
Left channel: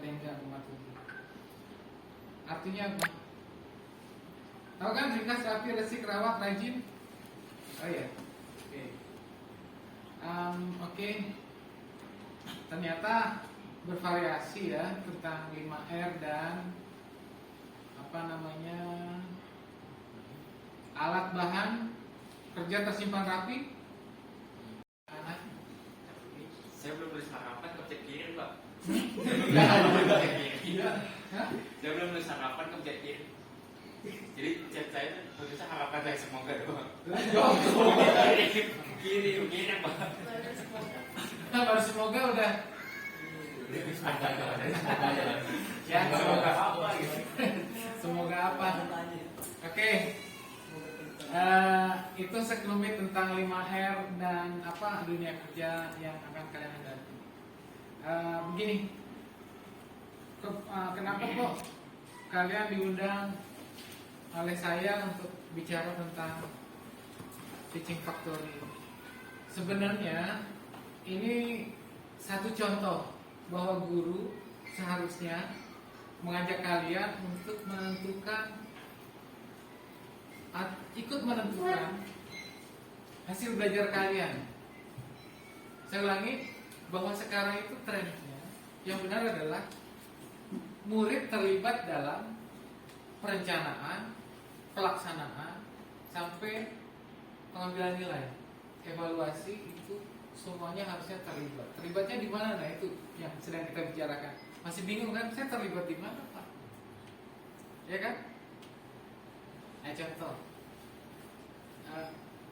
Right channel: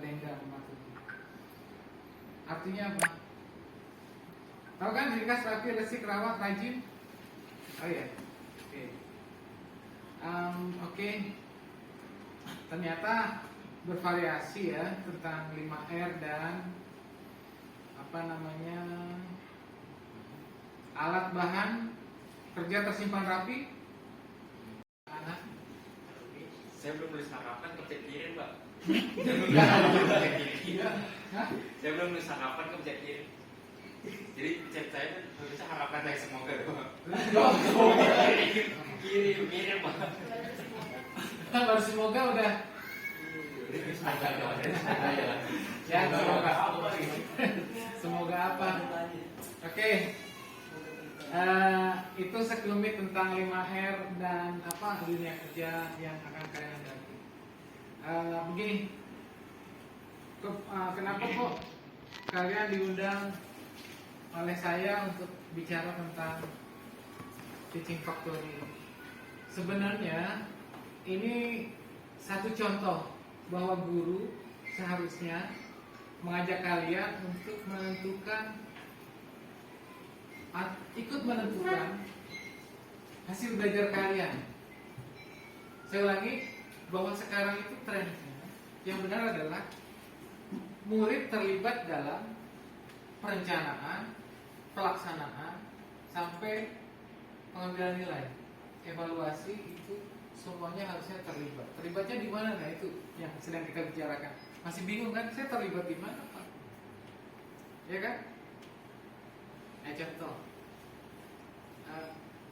ada yang nggak mematuhi. Artinya apa? Tahu kan ringkas, rapi, resik, rawat, rajin? Oh ya. Oke. Oke. Ternyata bervariasi ya tentang 5R dan apa namanya, alat bahan kerja tersimpan rapi. Anak. Saya belum nulis harapan ke kiri, Pak. Iya. Hah? Saya belum nulis harapan ke kiri. Jadi chat saya itu tulisnya harapan dari semoga doang. Kiri, Pak. Baru semoga udah. Ya, semoga apa gitu. Semoga apa? Oke. Itu sekelumit tentang 5R dan apa dunia kerja yang akan kalian hadapi. Begini. Kenapa kok kalian diundang oleh saya untuk bicara tentang teaching factory? Sebenarnya ini satu contoh bahwa guru seharusnya mengajak kalian untuk ikut menentukan hasil belajar kalian. Saya ulangi bahwa sekarang itu trennya yang benar adalah murid terlibat dalam perencanaan, pelaksanaan, sampai pengambilan nilai, evaluasi itu semuanya harusnya terlibat. Terlibatnya di mana? Nah itu yang sedang kita bicarakan. Masih bingung kan? Saya terlibat di mana, Pak? Ya kan? Contoh,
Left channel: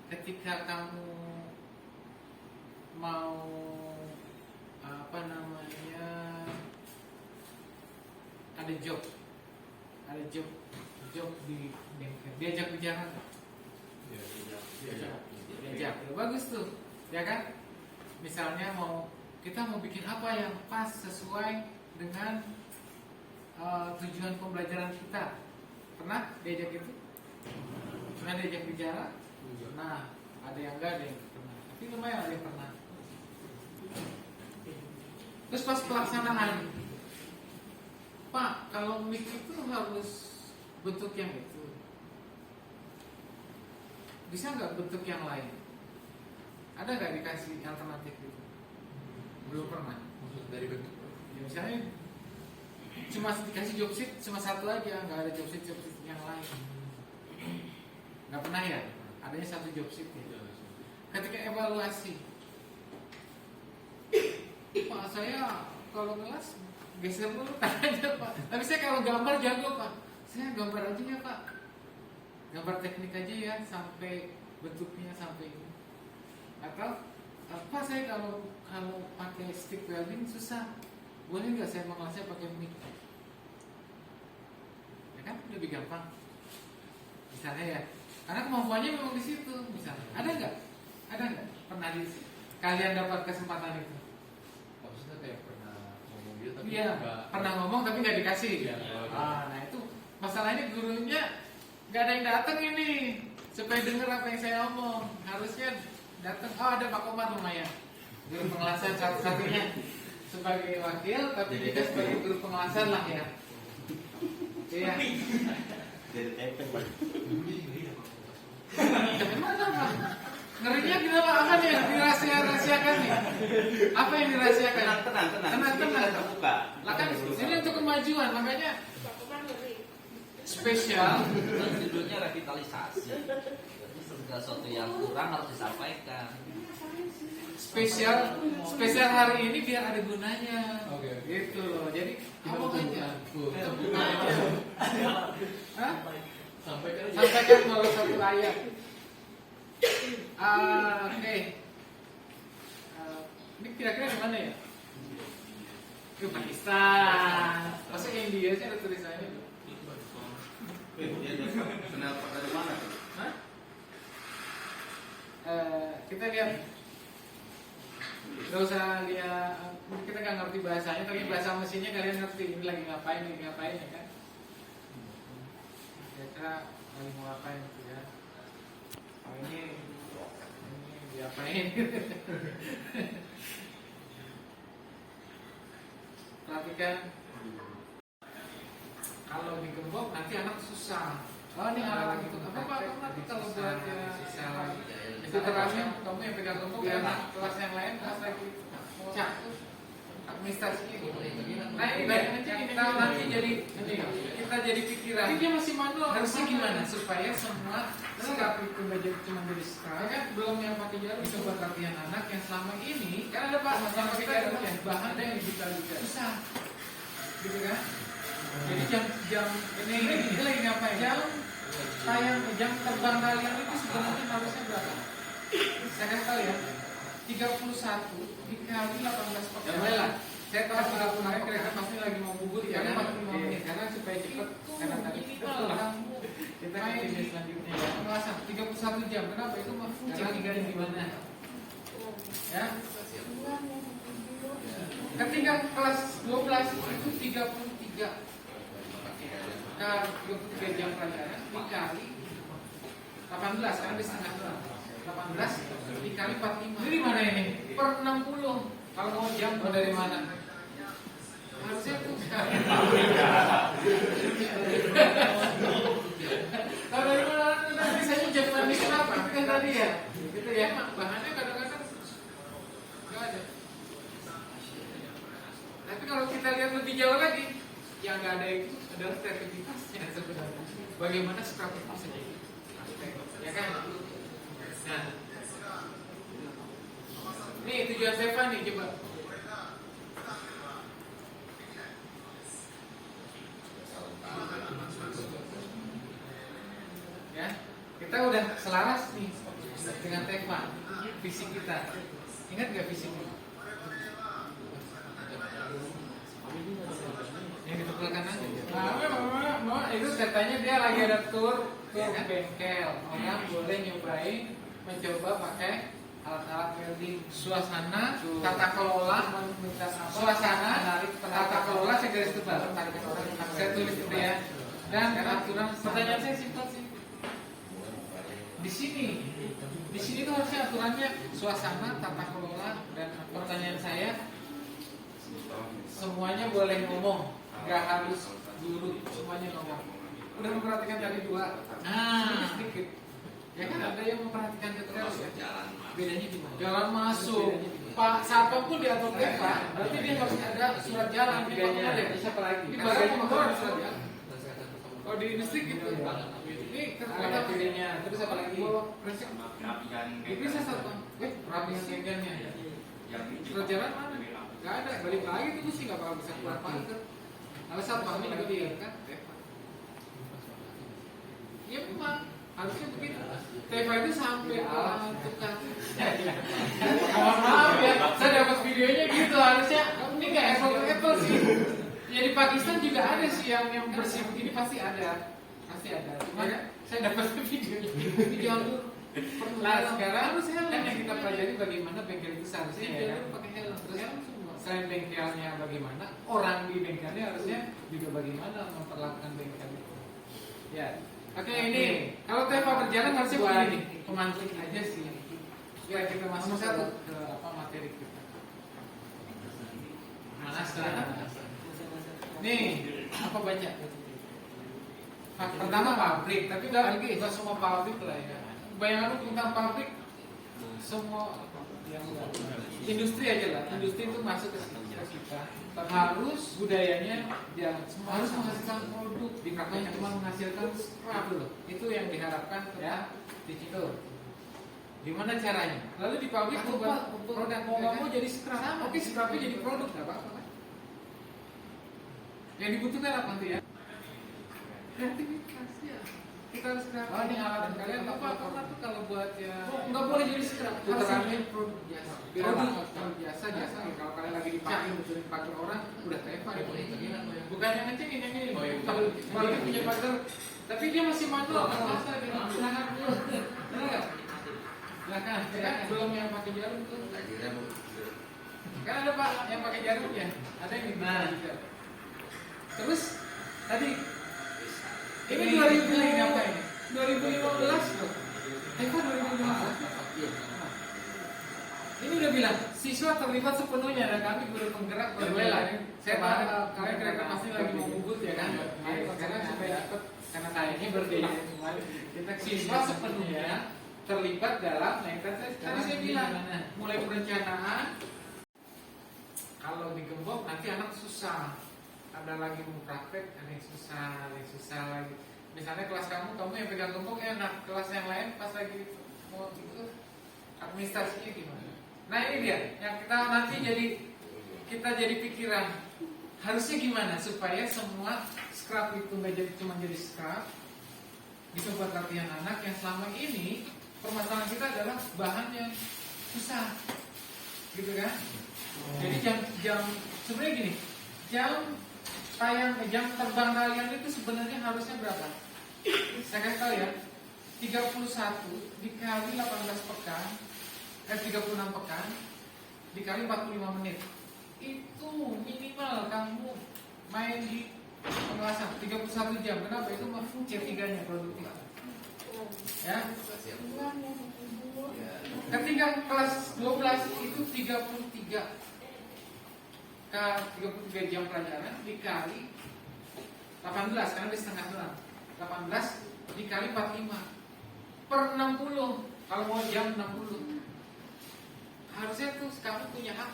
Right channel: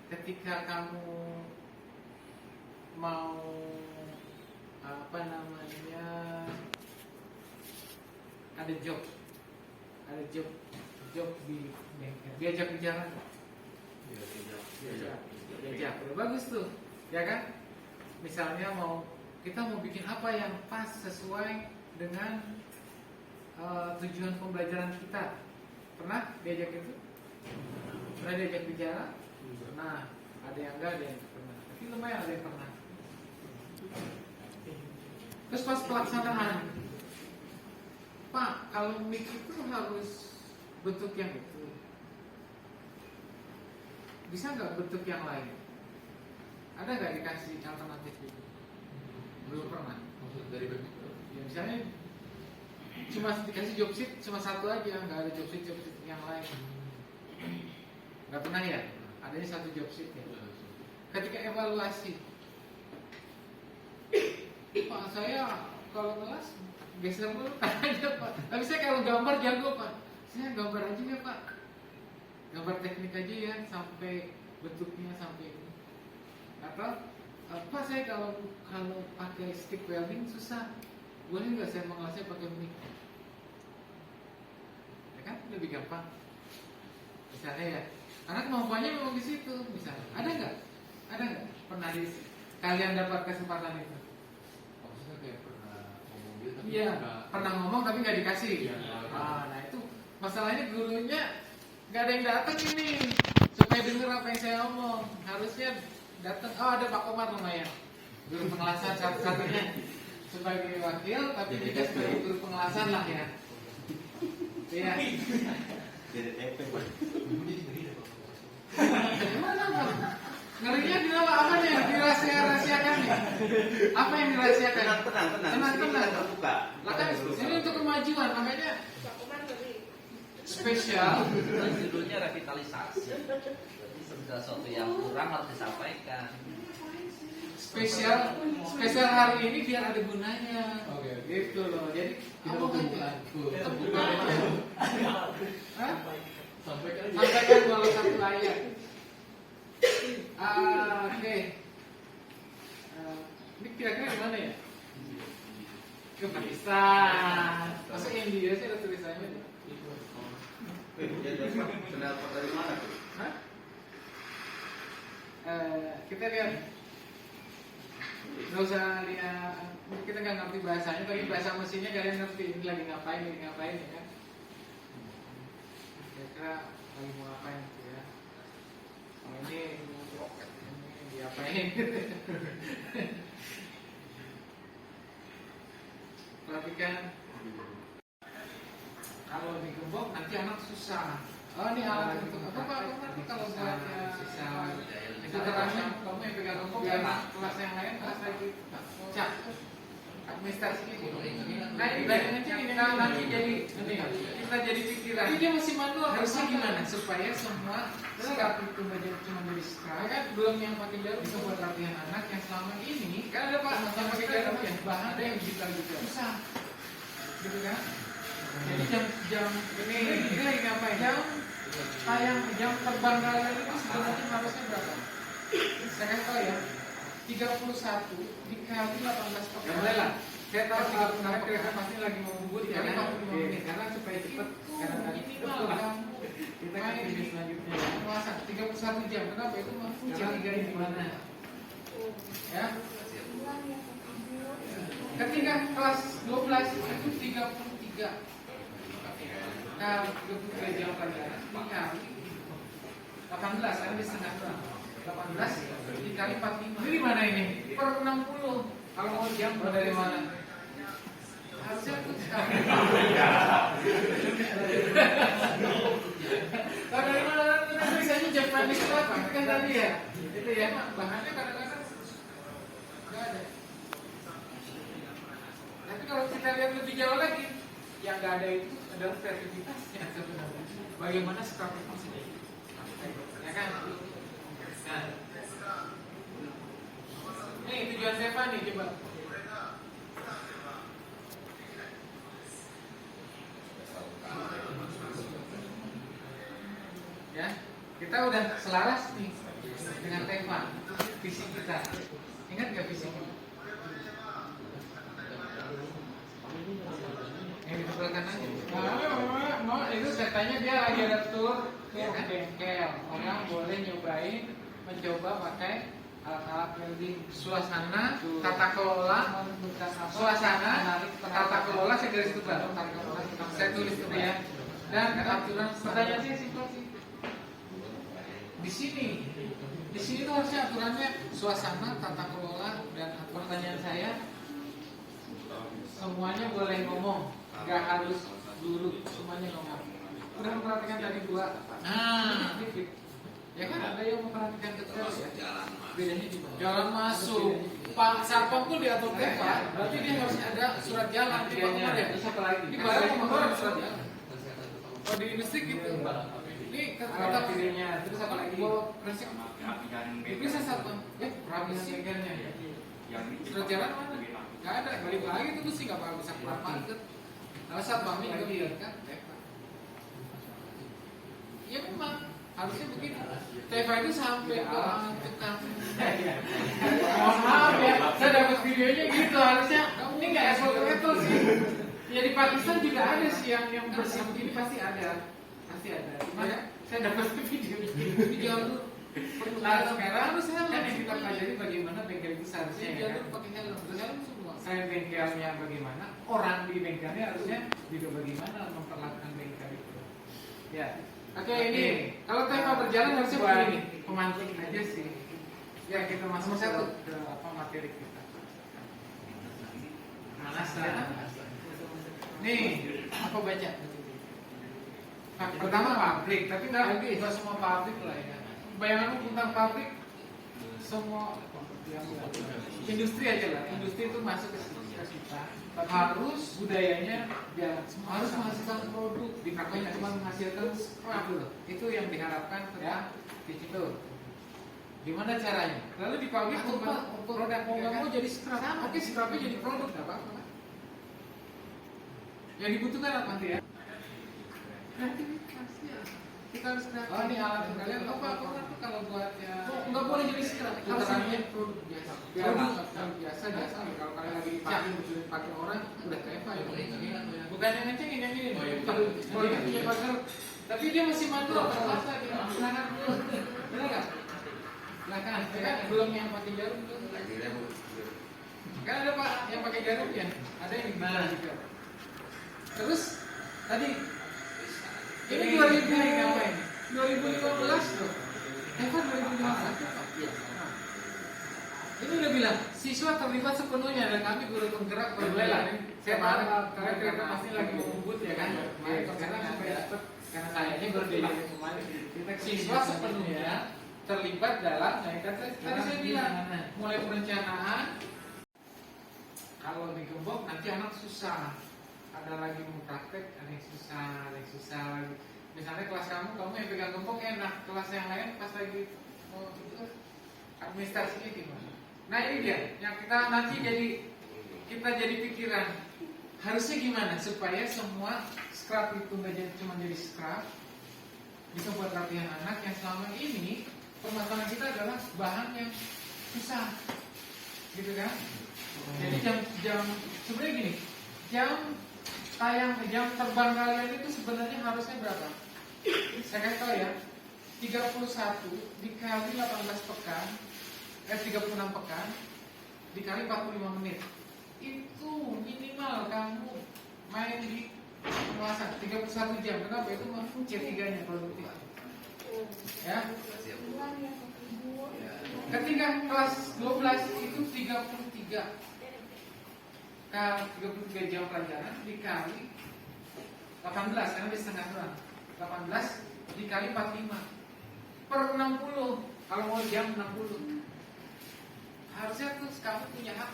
ketika kamu mau apa namanya, ada job di bengkel, diajak bicara nggak? Diajak, udah bagus tuh, ya kan? Misalnya kita mau bikin apa yang pas sesuai dengan tujuan pembelajaran kita. Pernah diajak itu? Pernah diajak bicara? Nah, ada yang enggak, ada yang pernah. Tapi lumayan ada yang pernah. Terus pas pelaksanaan, Pak, kalau mic itu harus bentuk yang itu, bisa nggak bentuk yang lain? Ada nggak dikasih alternatif itu? Belum pernah. Dari bentuk Ya, misalnya cuma dikasih job sheet cuma satu aja, nggak ada job sheet yang lain. Nggak pernah ya? Adanya satu job sheet ya. Ketika evaluasi, Pak, saya kalau kelas geser dulu aja, Pak. Tapi saya kalau gambar jago, Pak. Saya gambar aja ya, Pak. Gambar teknik aja ya, sampai bentuknya sampai ini. Atau Pak, saya kalau pakai stick welding susah. Boleh nggak saya mengelasnya pakai mic? Ya kan lebih gampang. Misalnya ya, karena kemampuannya memang di situ. Misalnya, ada nggak? Pernah kalian dapat kesempatan itu? maksudnya kayak pernah ngomong gitu tapi Iya, nggak pernah ngomong tapi nggak dikasih. Iya. Nah itu masalahnya, gurunya nggak ada yang datang ini supaya denger apa yang saya omong. Harusnya datang. Oh, ada Pak Komar lumayan, guru pengelasan satu-satunya sebagai wakil, tapi juga sebagai guru pengelasan lah ya. Iya. Gimana, Pak? Ngerinya kenapa? Apa nih yang dirahasiakan nih? Apa yang dirahasiakan? Tenang. Terbuka. Lah kan ini untuk kemajuan, makanya spesial. Judulnya revitalisasi. Jadi segala sesuatu yang kurang harus disampaikan. Spesial hari ini biar ada gunanya. Oke. Gitu loh. Jadi apa aja? Terbuka Iya. aja. Hah? sampaikan Sampaikan melalui satu ayat. Oke. Ini kira-kira di mana ya? Ke Pakistan. Masa India sih ada tulisannya? Pendapat dari mana? Hah? Kita lihat. Gak usah lihat. Kita nggak ngerti bahasanya, tapi bahasa mesinnya kalian ngerti. Ini lagi ngapain ya kan? Mereka lagi mau ngapain gitu ya? Oh ini diapain? Perhatikan, kalau digembok nanti anak susah. Oh ini alat lagi apa Pak? Nanti kalau buatnya itu terasnya kamu yang pegang kamu biar kelas yang lain kelas lagi cak administrasi gitu. Nah ini kita nanti jadi kita jadi pikiran. Ini dia masih manual. Harusnya gimana supaya semua scrap itu nggak jadi cuma jadi scrap kan belum yang pakai jarum itu buat latihan anak yang selama ini kan ada Pak sama pakai jarum ya bahan ada yang digital juga bisa gitu kan. Jadi jam ini lagi ngapain? Jam terbang kalian itu sebenarnya harusnya berapa? Saya kasih tahu ya, 31 dikali 18%. Ya, saya tahu kemarin kereta pasti lagi mau bubur karena karena supaya cepat karena tadi betul kita ini selanjutnya ya. Puasa 31 jam. Kenapa itu mah? Karena di mana? Ya. Ketika kelas 12 itu 33 kali 23 jam pelajaran dikali 18 karena di setengah 18 dikali 45. Ini di mana ini? Per 60. Kalau mau jam dari mana? Harusnya tuh kalau dari mana misalnya jam pagi kenapa? Kan tadi ya. Itu ya bahannya kadang-kadang nggak ada. Tapi kalau kita lihat lebih jauh lagi, yang nggak ada itu adalah kreativitasnya sebenarnya. Bagaimana scrap itu bisa jadi? Ya kan? Nah, nih tujuan Deva nih coba. Ya, kita udah selaras nih dengan Deva, visi kita. Ingat gak visi kita? Yang di sebelah kanan itu katanya dia lagi ada tour bengkel, orang boleh nyobain mencoba pakai alat-alat welding, suasana tata kelola tata kelola saya garis tebal saya tulis itu ya dan aturan. Pertanyaan saya simpel sih di sini tuh harusnya aturannya suasana tata kelola dan pertanyaan saya semuanya boleh ngomong, nggak harus guru, semuanya ngomong. Udah memperhatikan tadi dua, sedikit. Ya kan ada yang memperhatikan detail ya. Bedanya di mana? Jalan masuk. Pak Satpam pun diatur Deva, berarti dia harus ada surat jalan. Di Pak ya? Bisa apa lagi? Di barang membawa surat jalan. Oh di industri gitu. Ini kata dirinya. Terus apa lagi? Prinsip. Bisa Satpam. Rapihan bengkelnya. Surat jalan mana? Gak ada, balik lagi itu sih gak bakal bisa keluar paket. Kalau Satpam ini juga biarkan. Ya memang harusnya begitu. Teva itu sampai ke tukang. Mohon maaf ya, saya dapat videonya gitu. Harusnya ini nggak apple sih. Ya di Pakistan juga ada sih yang bersih begini pasti ada. Makanya saya dapat videonya. Video dulu. Nah sekarang kan yang kita pelajari bagaimana bengkel itu seharusnya ya kan pakai helm. Terus helm semua. Selain bengkelnya bagaimana, orang di bengkelnya harusnya juga bagaimana memperlakukan bengkel itu. Ya. Oke, ini kalau Teva berjalan harusnya begini, pemantik aja sih. Ya kita masuk ke materi kita. Mana sekarang? Nih, apa baca? Pertama pabrik, tapi nggak semua pabrik lah ya. Bayangan tentang pabrik, semua yang industri aja lah. Industri itu masuk ke kita. Harus budayanya jalan, harus menghasilkan produk, bukan cuma menghasilkan scrap loh. Itu yang diharapkan ya digital. Gimana caranya? Lalu di pabrik untuk produk mau jadi scrap, oke scrapnya jadi produk nggak apa-apa. Yang dibutuhkan apa nanti ya? Kreativitas ya. Kita harus kreatif. Oh ini alat kalian apa tuh kalau buat ya? Nggak boleh jadi scrap, harus jadi produk biasa. Produk biasa. Kalau kalian lagi dipakai orang udah Teva itu. Bukan yang ngecengin yang ini. Pakai punya pagar, tapi dia masih manual. Terpaksa dia silakan dulu. Benar nggak? Silakan. Belum yang pakai jarum tuh. Kan ada Pak yang pakai jarum ya. Ada yang gimana juga. Terus tadi ini 2000 ngapain? 2015 loh. Teva 2015. Ini udah bilang siswa terlibat sepenuhnya dan kami guru penggerak berbeda. Saya paham kalian kereta pasti lagi mau bubut ya kan? Karena supaya karena kayaknya berbeda kemarin. Siswa sepenuhnya terlibat dalam, nah tadi saya bilang, mulai perencanaan. Kalau digembok nanti anak susah. Ada lagi mau praktek, ada yang susah lagi. Misalnya kelas kamu yang pegang gembok enak, kelas yang lain pas lagi mau gitu, administrasinya gimana? Nah ini dia, yang kita jadi pikiran. Harusnya gimana supaya semua scrap itu nggak cuma jadi scrap, bisa buat latihan anak yang selama ini permasalahan kita adalah bahan yang susah, gitu kan? Jadi jam sebenarnya gini, jam terbang kalian itu sebenarnya harusnya berapa? Saya kasih tahu ya, 31 dikali 18 pekan, 36 pekan dikali 45 menit. Itu minimal kamu main di penguasaan 31 jam. Kenapa? Itu C3-nya produktif. Ya. Ketika kelas 12 itu 33 jam pelajaran dikali 18 karena di setengah 18 dikali 45 per 60. Kalau mau jam 60. Harusnya tuh kamu punya hak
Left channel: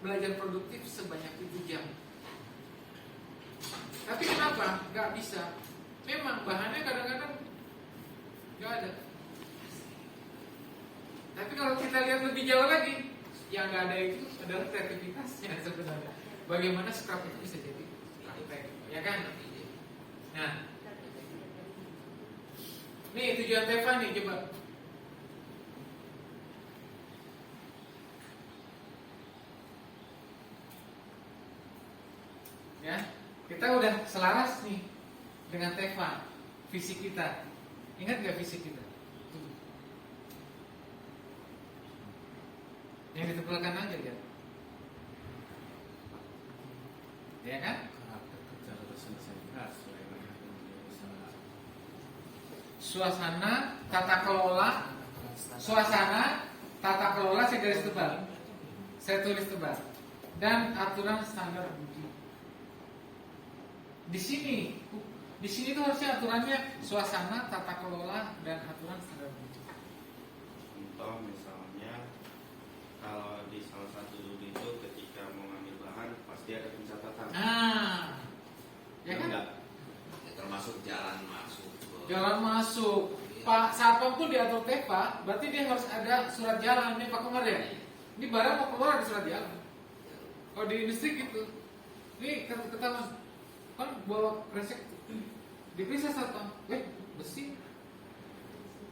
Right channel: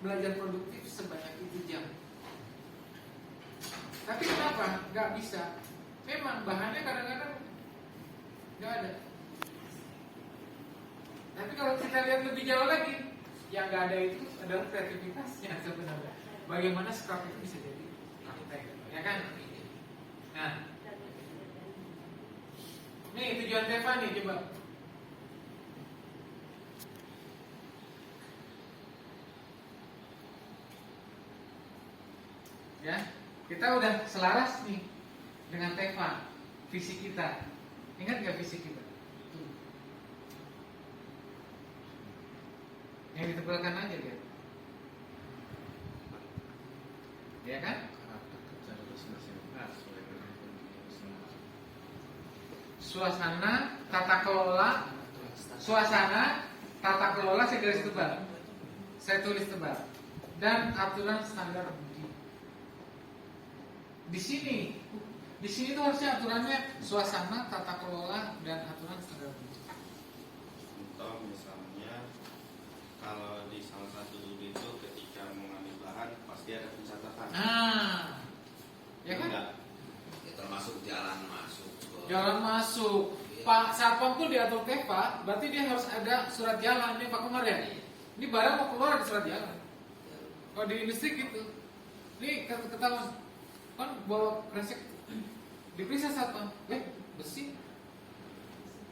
belajar produktif sebanyak itu jam. Tapi kenapa? Gak bisa. Memang bahannya kadang-kadang gak ada. Tapi kalau kita lihat lebih jauh lagi, yang gak ada itu adalah kreativitasnya sebenarnya. Bagaimana scrap itu bisa jadi praktek, ya kan? Nah, nih tujuan Teva nih coba. Ya, kita udah selaras nih dengan Teva, visi kita. Ingat gak visi kita? Yang ditempelkan aja kan? Ya kan? Suasana, tata kelola, suasana, tata kelola saya garis tebal, saya tulis tebal, dan aturan standar budi. Di sini tuh harusnya aturannya suasana, tata kelola, dan aturan standar budi. Contoh misalnya kalau di salah satu dulu itu ketika mengambil bahan pasti ada pencatatan. Ya kan? Ya, termasuk jalan masuk. Jalan masuk. Pak Satpam pun diatur Teva, berarti dia harus ada surat jalan. Ini Pak Kumar ya. Ini barang mau keluar ada surat jalan. Kalau di industri gitu, ini ketahuan, kan bawa kresek, diperiksa Satpam, besi,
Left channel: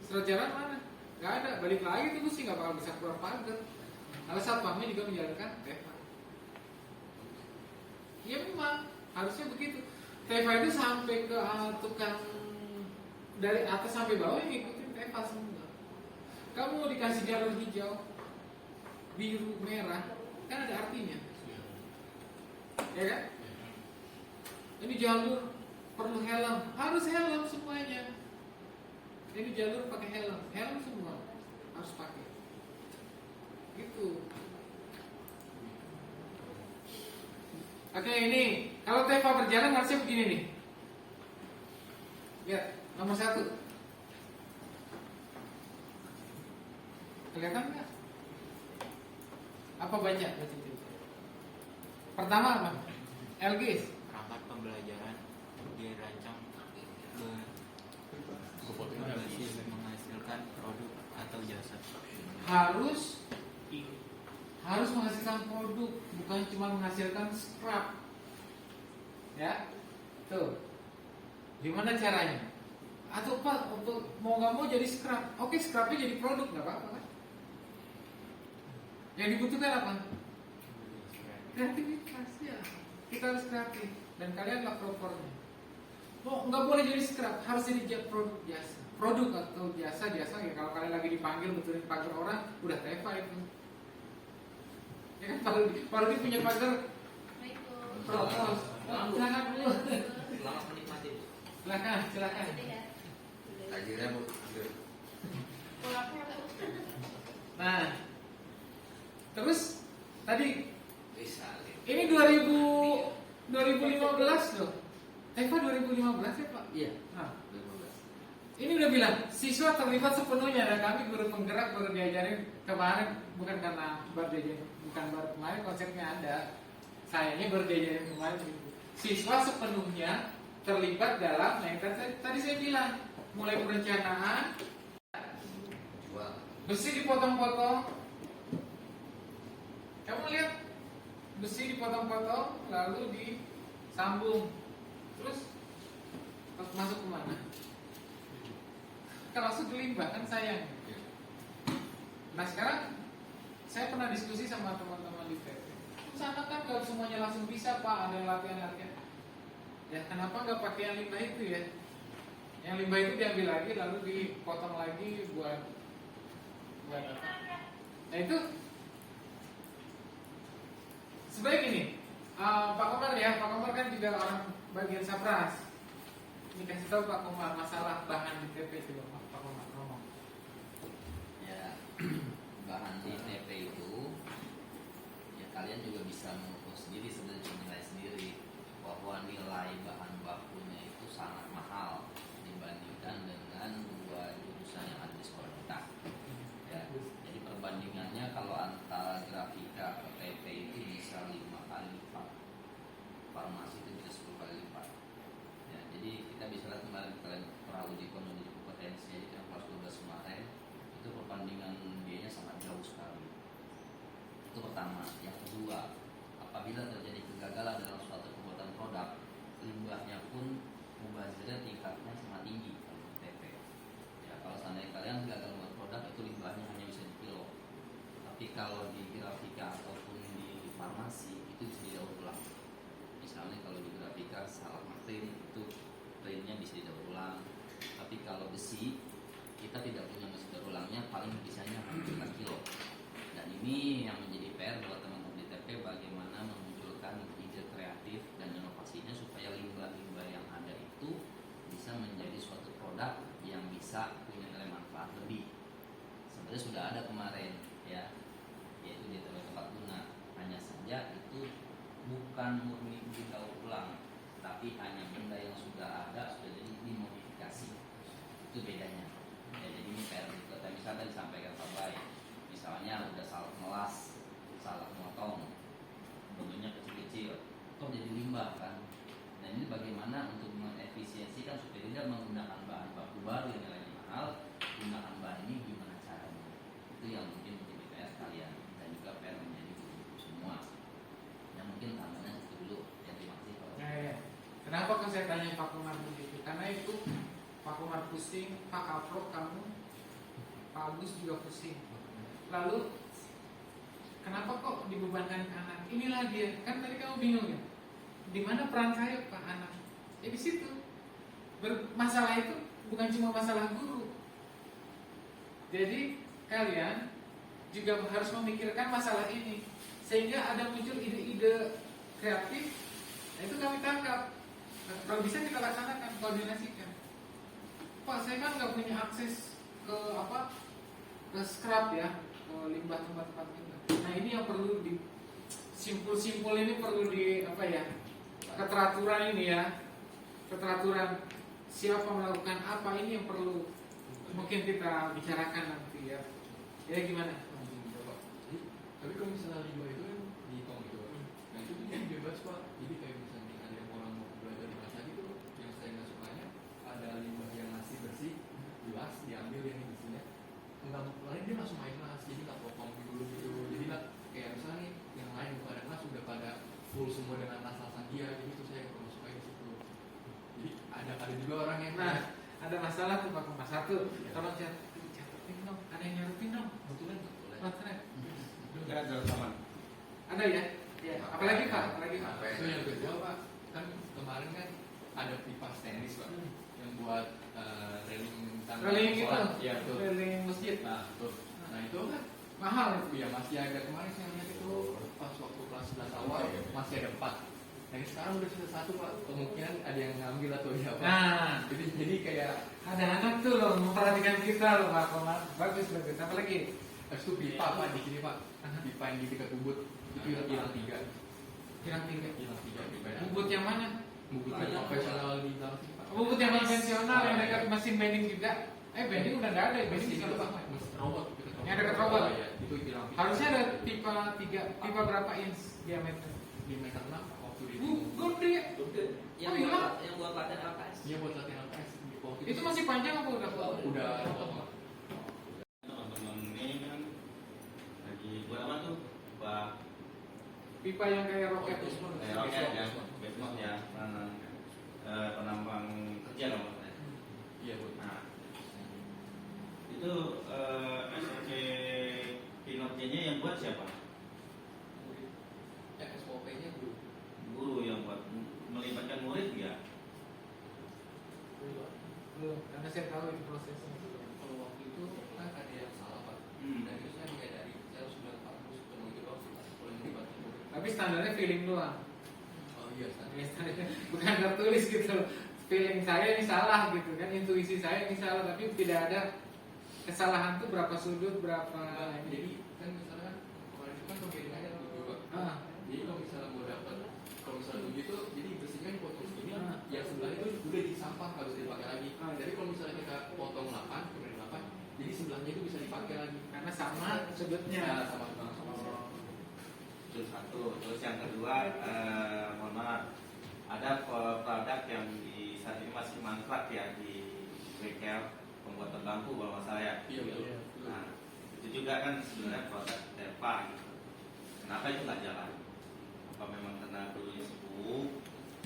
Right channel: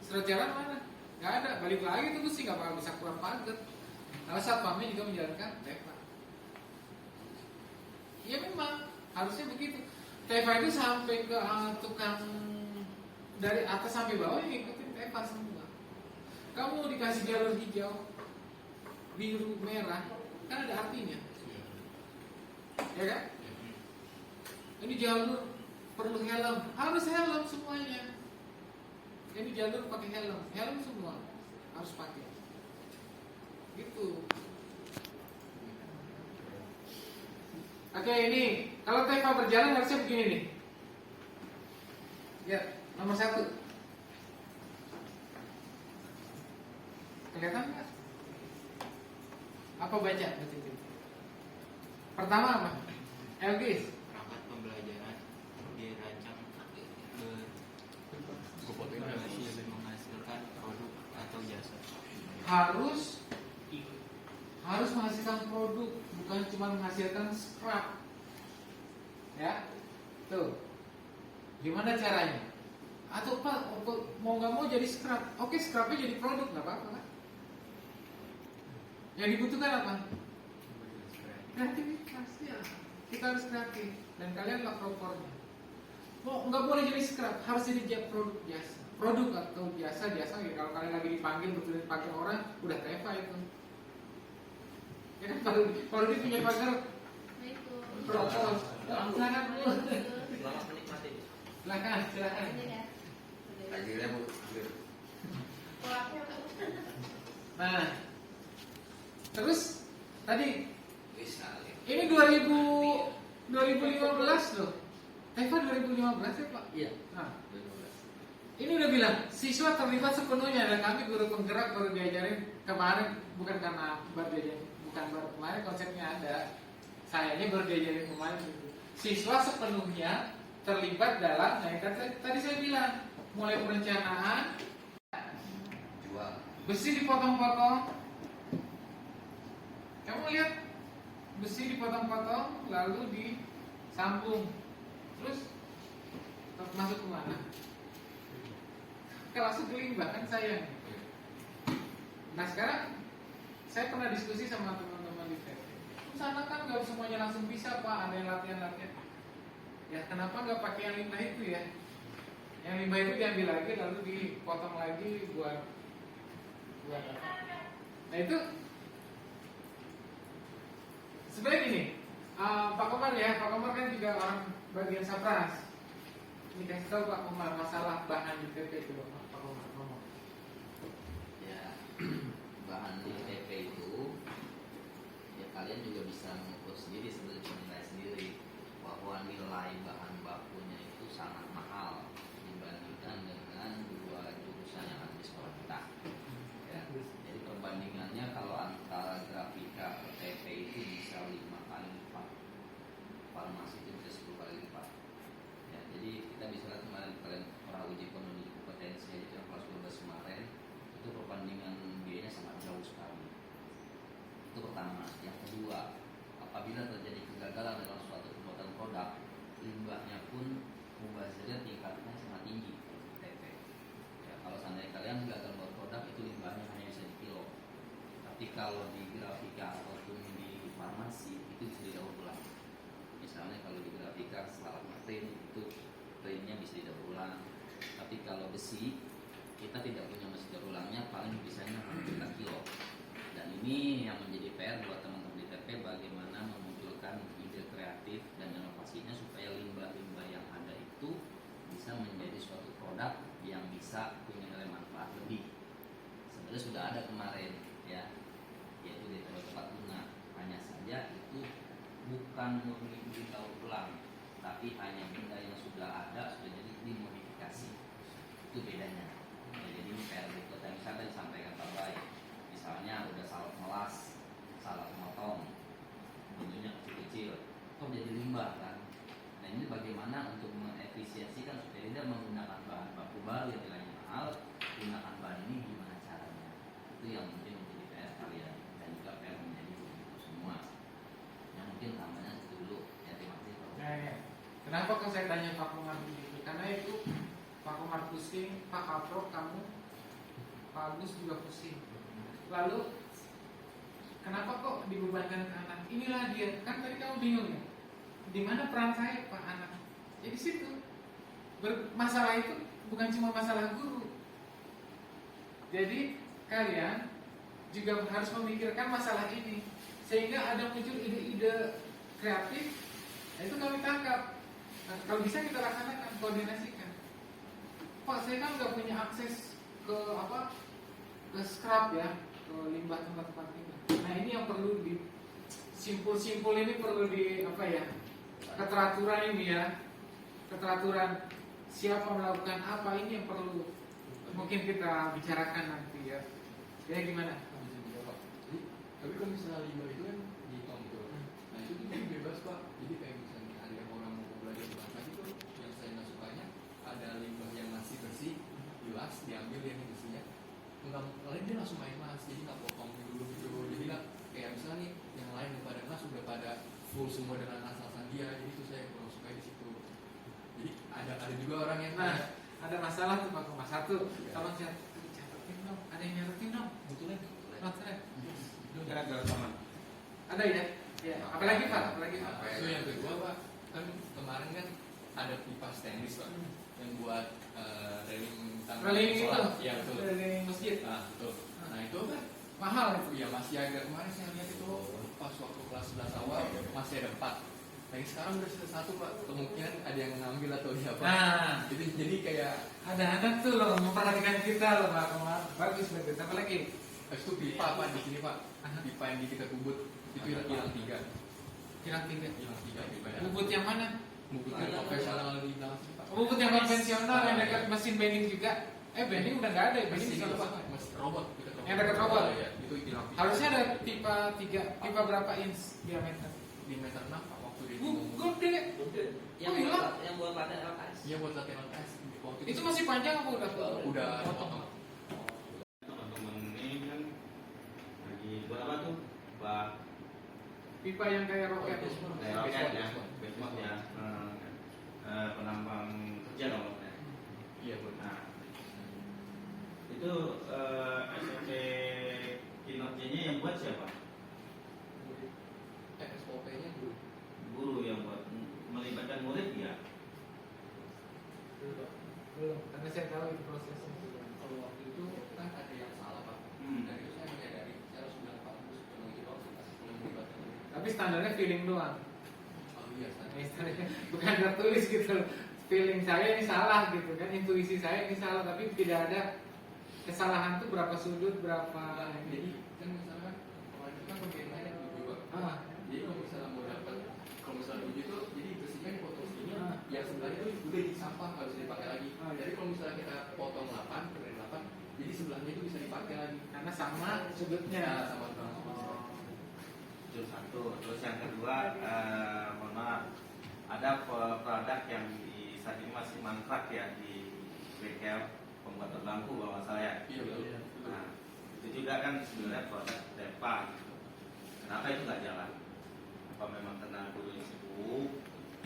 surat jalan mana? Gak ada. Balik lagi itu besi nggak bakal bisa keluar pagar. Kalau Satpamnya juga menjalankan Teva. Ya memang harusnya begitu. Teva itu sampai ke tukang dari atas sampai bawah yang ngikutin Teva semua. Kamu dikasih jalur hijau, biru, merah, kan ada artinya, ya kan? Ini jalur perlu helm, harus helm semuanya. Ini jalur pakai helm semua harus pakai. Gitu. Oke, ini kalau Teva berjalan harusnya begini nih. Ya, nomor 1. Kelihatan nggak? Apa baca itu? Pertama apa? LGS. Rapat pembelajaran dirancang menghasilkan produk atau jasa. Harus menghasilkan produk, bukan cuma menghasilkan scrap. Ya, tuh. Gimana caranya? Atau apa? Mau nggak mau jadi scrap? Oke, scrapnya jadi produk, nggak apa-apa kan? Yang dibutuhkan apa? Kreativitas ya. Kita harus kreatif dan kalian lah propornya. Oh, nggak boleh jadi scrap, harus jadi produk jasa. Produk atau jasa ya. Kalau kalian lagi dipanggil betulin pagar orang, udah Teva itu. Ya kan kalau dia punya pagar protokol. Silakan dulu. Silakan. Akhirnya Bu. Nah, terus tadi Bisa. ini 2015 loh. TEFA 2015 ya Pak? Iya. Nah, ini udah bilang siswa terlibat sepenuhnya dan kami guru penggerak baru diajarin kemarin, bukan karena baru diajarin, bukan baru kemarin konsepnya ada, sayanya baru diajarin kemarin gitu. Siswa sepenuhnya terlibat dalam, nah yang tadi saya bilang, mulai perencanaan, Jual. besi dipotong-potong, kamu lihat besi dipotong-potong lalu disambung, terus masuk ke mana? Kalau masuk ke limbah kan sayang. Nah sekarang saya pernah diskusi sama teman-teman di PT. Sana kan nggak semuanya langsung bisa Pak, ada yang latihan-latihan. Ya kenapa nggak pakai yang limbah itu ya? Yang limbah itu diambil lagi lalu dipotong lagi buat apa? Nah itu sebenarnya gini, Pak Komar ya, Pak Komar kan juga orang bagian Sapras. Ini kasih tahu Pak Komar masalah bahan di TP itu Pak Komar ngomong. Ya, bahan di TP itu ya kalian juga bisa mengukur sendiri, sebenarnya menilai sendiri bahwa nilai bahan bakunya itu sangat mahal dibandingkan dengan dua jurusan yang ada di sekolah kita. Ya, jadi perbandingannya kalau antara grafika ke TP itu bisa 5 kali lipat, farmasi itu bisa 10 kali lipat. Ya, jadi kita bisa lihat kemarin kalian pernah uji kompetensi yang kelas 12 kemarin itu perbandingan biayanya sangat jauh sekali. Itu pertama. Yang kedua, apabila terjadi kegagalan dalam suatu pembuatan produk, limbahnya pun mubazirnya tingkatnya sangat tinggi TP. Ya, kalau seandainya kalian gagal buat produk itu limbahnya hanya bisa di kilo. Tapi kalau di grafika ataupun di farmasi itu bisa didaur ulang. Misalnya kalau di grafika salah print itu printnya bisa didaur ulang. Tapi kalau besi kita tidak punya mesin daur ulangnya, paling bisanya hanya 4 kilo. Dan ini yang menjadi PR buat teman-teman di TP, bagaimana memunculkan ide kreatif dan inovasinya supaya limbah-limbah yang ada itu bisa menjadi suatu produk yang bisa punya nilai manfaat lebih. Sebenarnya sudah ada kemarin ya, yaitu di tempat guna. Hanya saja itu bukan murni didaur ulang, tapi hanya benda yang sudah ada sudah jadi dimodifikasi. Itu bedanya. Ya, jadi ini kayak tadi misalnya disampaikan Pak Bay, misalnya udah salah melas, salah motong, bentuknya kecil-kecil, kok jadi limbah kan? Nah ini bagaimana untuk mengefisiensikan supaya tidak menggunakan bahan baku baru yang nilainya mahal, gunakan bahan ini gimana caranya? Itu yang mungkin menjadi PR kalian dan juga PR menjadi guru semua. Yang mungkin tambahnya itu dulu. Ya terima kasih Pak. Nah, ya. Kenapa kan saya tanya Pak Komar begitu? Karena itu Pak Komar pusing, Pak Kapro kamu, Pak Agus juga pusing. Lalu kenapa kok dibebankan anak? Inilah dia, kan tadi kamu bingung ya. Di mana peran saya Pak anak? Ya di situ. Masalah itu bukan cuma masalah guru. Jadi kalian juga harus memikirkan masalah ini sehingga ada muncul ide-ide kreatif. Nah, itu kami tangkap. Nah, kalau bisa kita laksanakan, koordinasikan. Pak, saya kan nggak punya akses ke ke scrap ya, ke limbah tempat-tempat tinggal. Nah ini yang perlu di simpul-simpul ini perlu di keteraturan ini ya, keteraturan siapa melakukan apa ini yang perlu mungkin kita bicarakan nanti ya. Ya gimana? Tapi kalau misalnya limbah itu kan dihitung gitu, nah itu kan bebas Pak. Jadi kayak misalnya ada yang orang mau belajar bahasa gitu, yang saya nggak sukanya ada limbah yang masih bersih, jelas diambil yang bersihnya, nggak lain dia langsung main kelas, jadi nggak potong dulu gitu. Jadi lah kayak misalnya nih yang lain pada kelas udah pada full semua dengan kelas-kelasan dia, jadi itu saya kurang suka di situ. Jadi ada juga orang yang ada masalah tuh Pak Komar. Satu, tolong catetin dong, ada yang nyarutin dong. Betul kan? Jalan sama. Ada ya? Ya. Apalagi Pak? Apalagi Pak? Itu yang kedua Pak, kan kemarin kan ada pipa stainless Pak, yang buat railing tangga Railing itu? sholat. Iya betul. Railing masjid. Nah betul. Nah itu kan Mahal. ya masih agak kemarin saya lihat itu pas waktu kelas 11 awal masih ada 4. Nah sekarang udah sisa 1 Pak, kemungkinan ada yang ngambil atau ya Pak. Nah, Jadi kayak ada anak tuh loh memperhatikan kita loh Pak Komar. Bagus. Apa lagi? itu pipa Pak di sini Pak, pipa yang di dekat Ubud itu hilang 3. Hilang 3. Hilang 3 pipa ya. Bubut yang mana? Bubut yang profesional bintang sih, Pak. Bubut yang konvensional yang dekat mesin bending juga. Bending udah nggak ada, bending Mesin bisa itu, lepas. Pak. Mesin robot, dekat robot. Yang dekat robot? Oh, iya. Itu bilang Harusnya ada tipe 3, tipe berapa inch diameter? di meter 6 Pak waktu itu. Gede. Yang Oh, hilang? yang buat latihan LKS. Iya buat latihan LKS. Waktu Itu masih panjang apa udah? udah potong. Teman-teman ini kan lagi buat apa tuh? Buat Pipa yang kayak roket. roket ya, basement ya, penambang kerja dong. Iya buat. Nah, itu SOP pinotnya yang buat siapa? SOP-nya belum. Guru yang buat, melibatkan murid ya. Belum, karena saya tahu itu prosesnya. Kalau waktu itu kan ada yang salah Pak. Dan itu saya menyadari saya harus bilang Pak Gus penuh itu harus dikasih boleh melibatkan murid. Tapi standarnya feeling doang. Oh iya, Ya, standarnya bukan tertulis gitu. Feeling saya ini salah gitu kan, intuisi saya ini salah, tapi tidak ada kesalahan tuh berapa sudut, berapa Jadi ini. kan misalkan kemarin itu kan pembedanya dua. Ah, Jadi kalau misalnya mau dapat, kalau misalnya begitu, jadi bersihkan potong segini, Ah. yang sebelahnya itu udah di sampah harus dipakai lagi. Ah. Jadi kalau misalnya kita potong 8, kemudian 8, jadi sebelahnya itu bisa dipakai lagi. karena sama sudutnya. Nah, sama-sama. Itu satu. Terus yang kedua, mohon maaf, ada produk yang di saat ini masih mangkrak ya di bengkel pembuatan lampu kalau nggak salah ya. Iya betul. Nah, itu juga kan sebenarnya produk Depa. Gitu. Kenapa itu nggak jalan? Apa memang karena gurunya sibuk,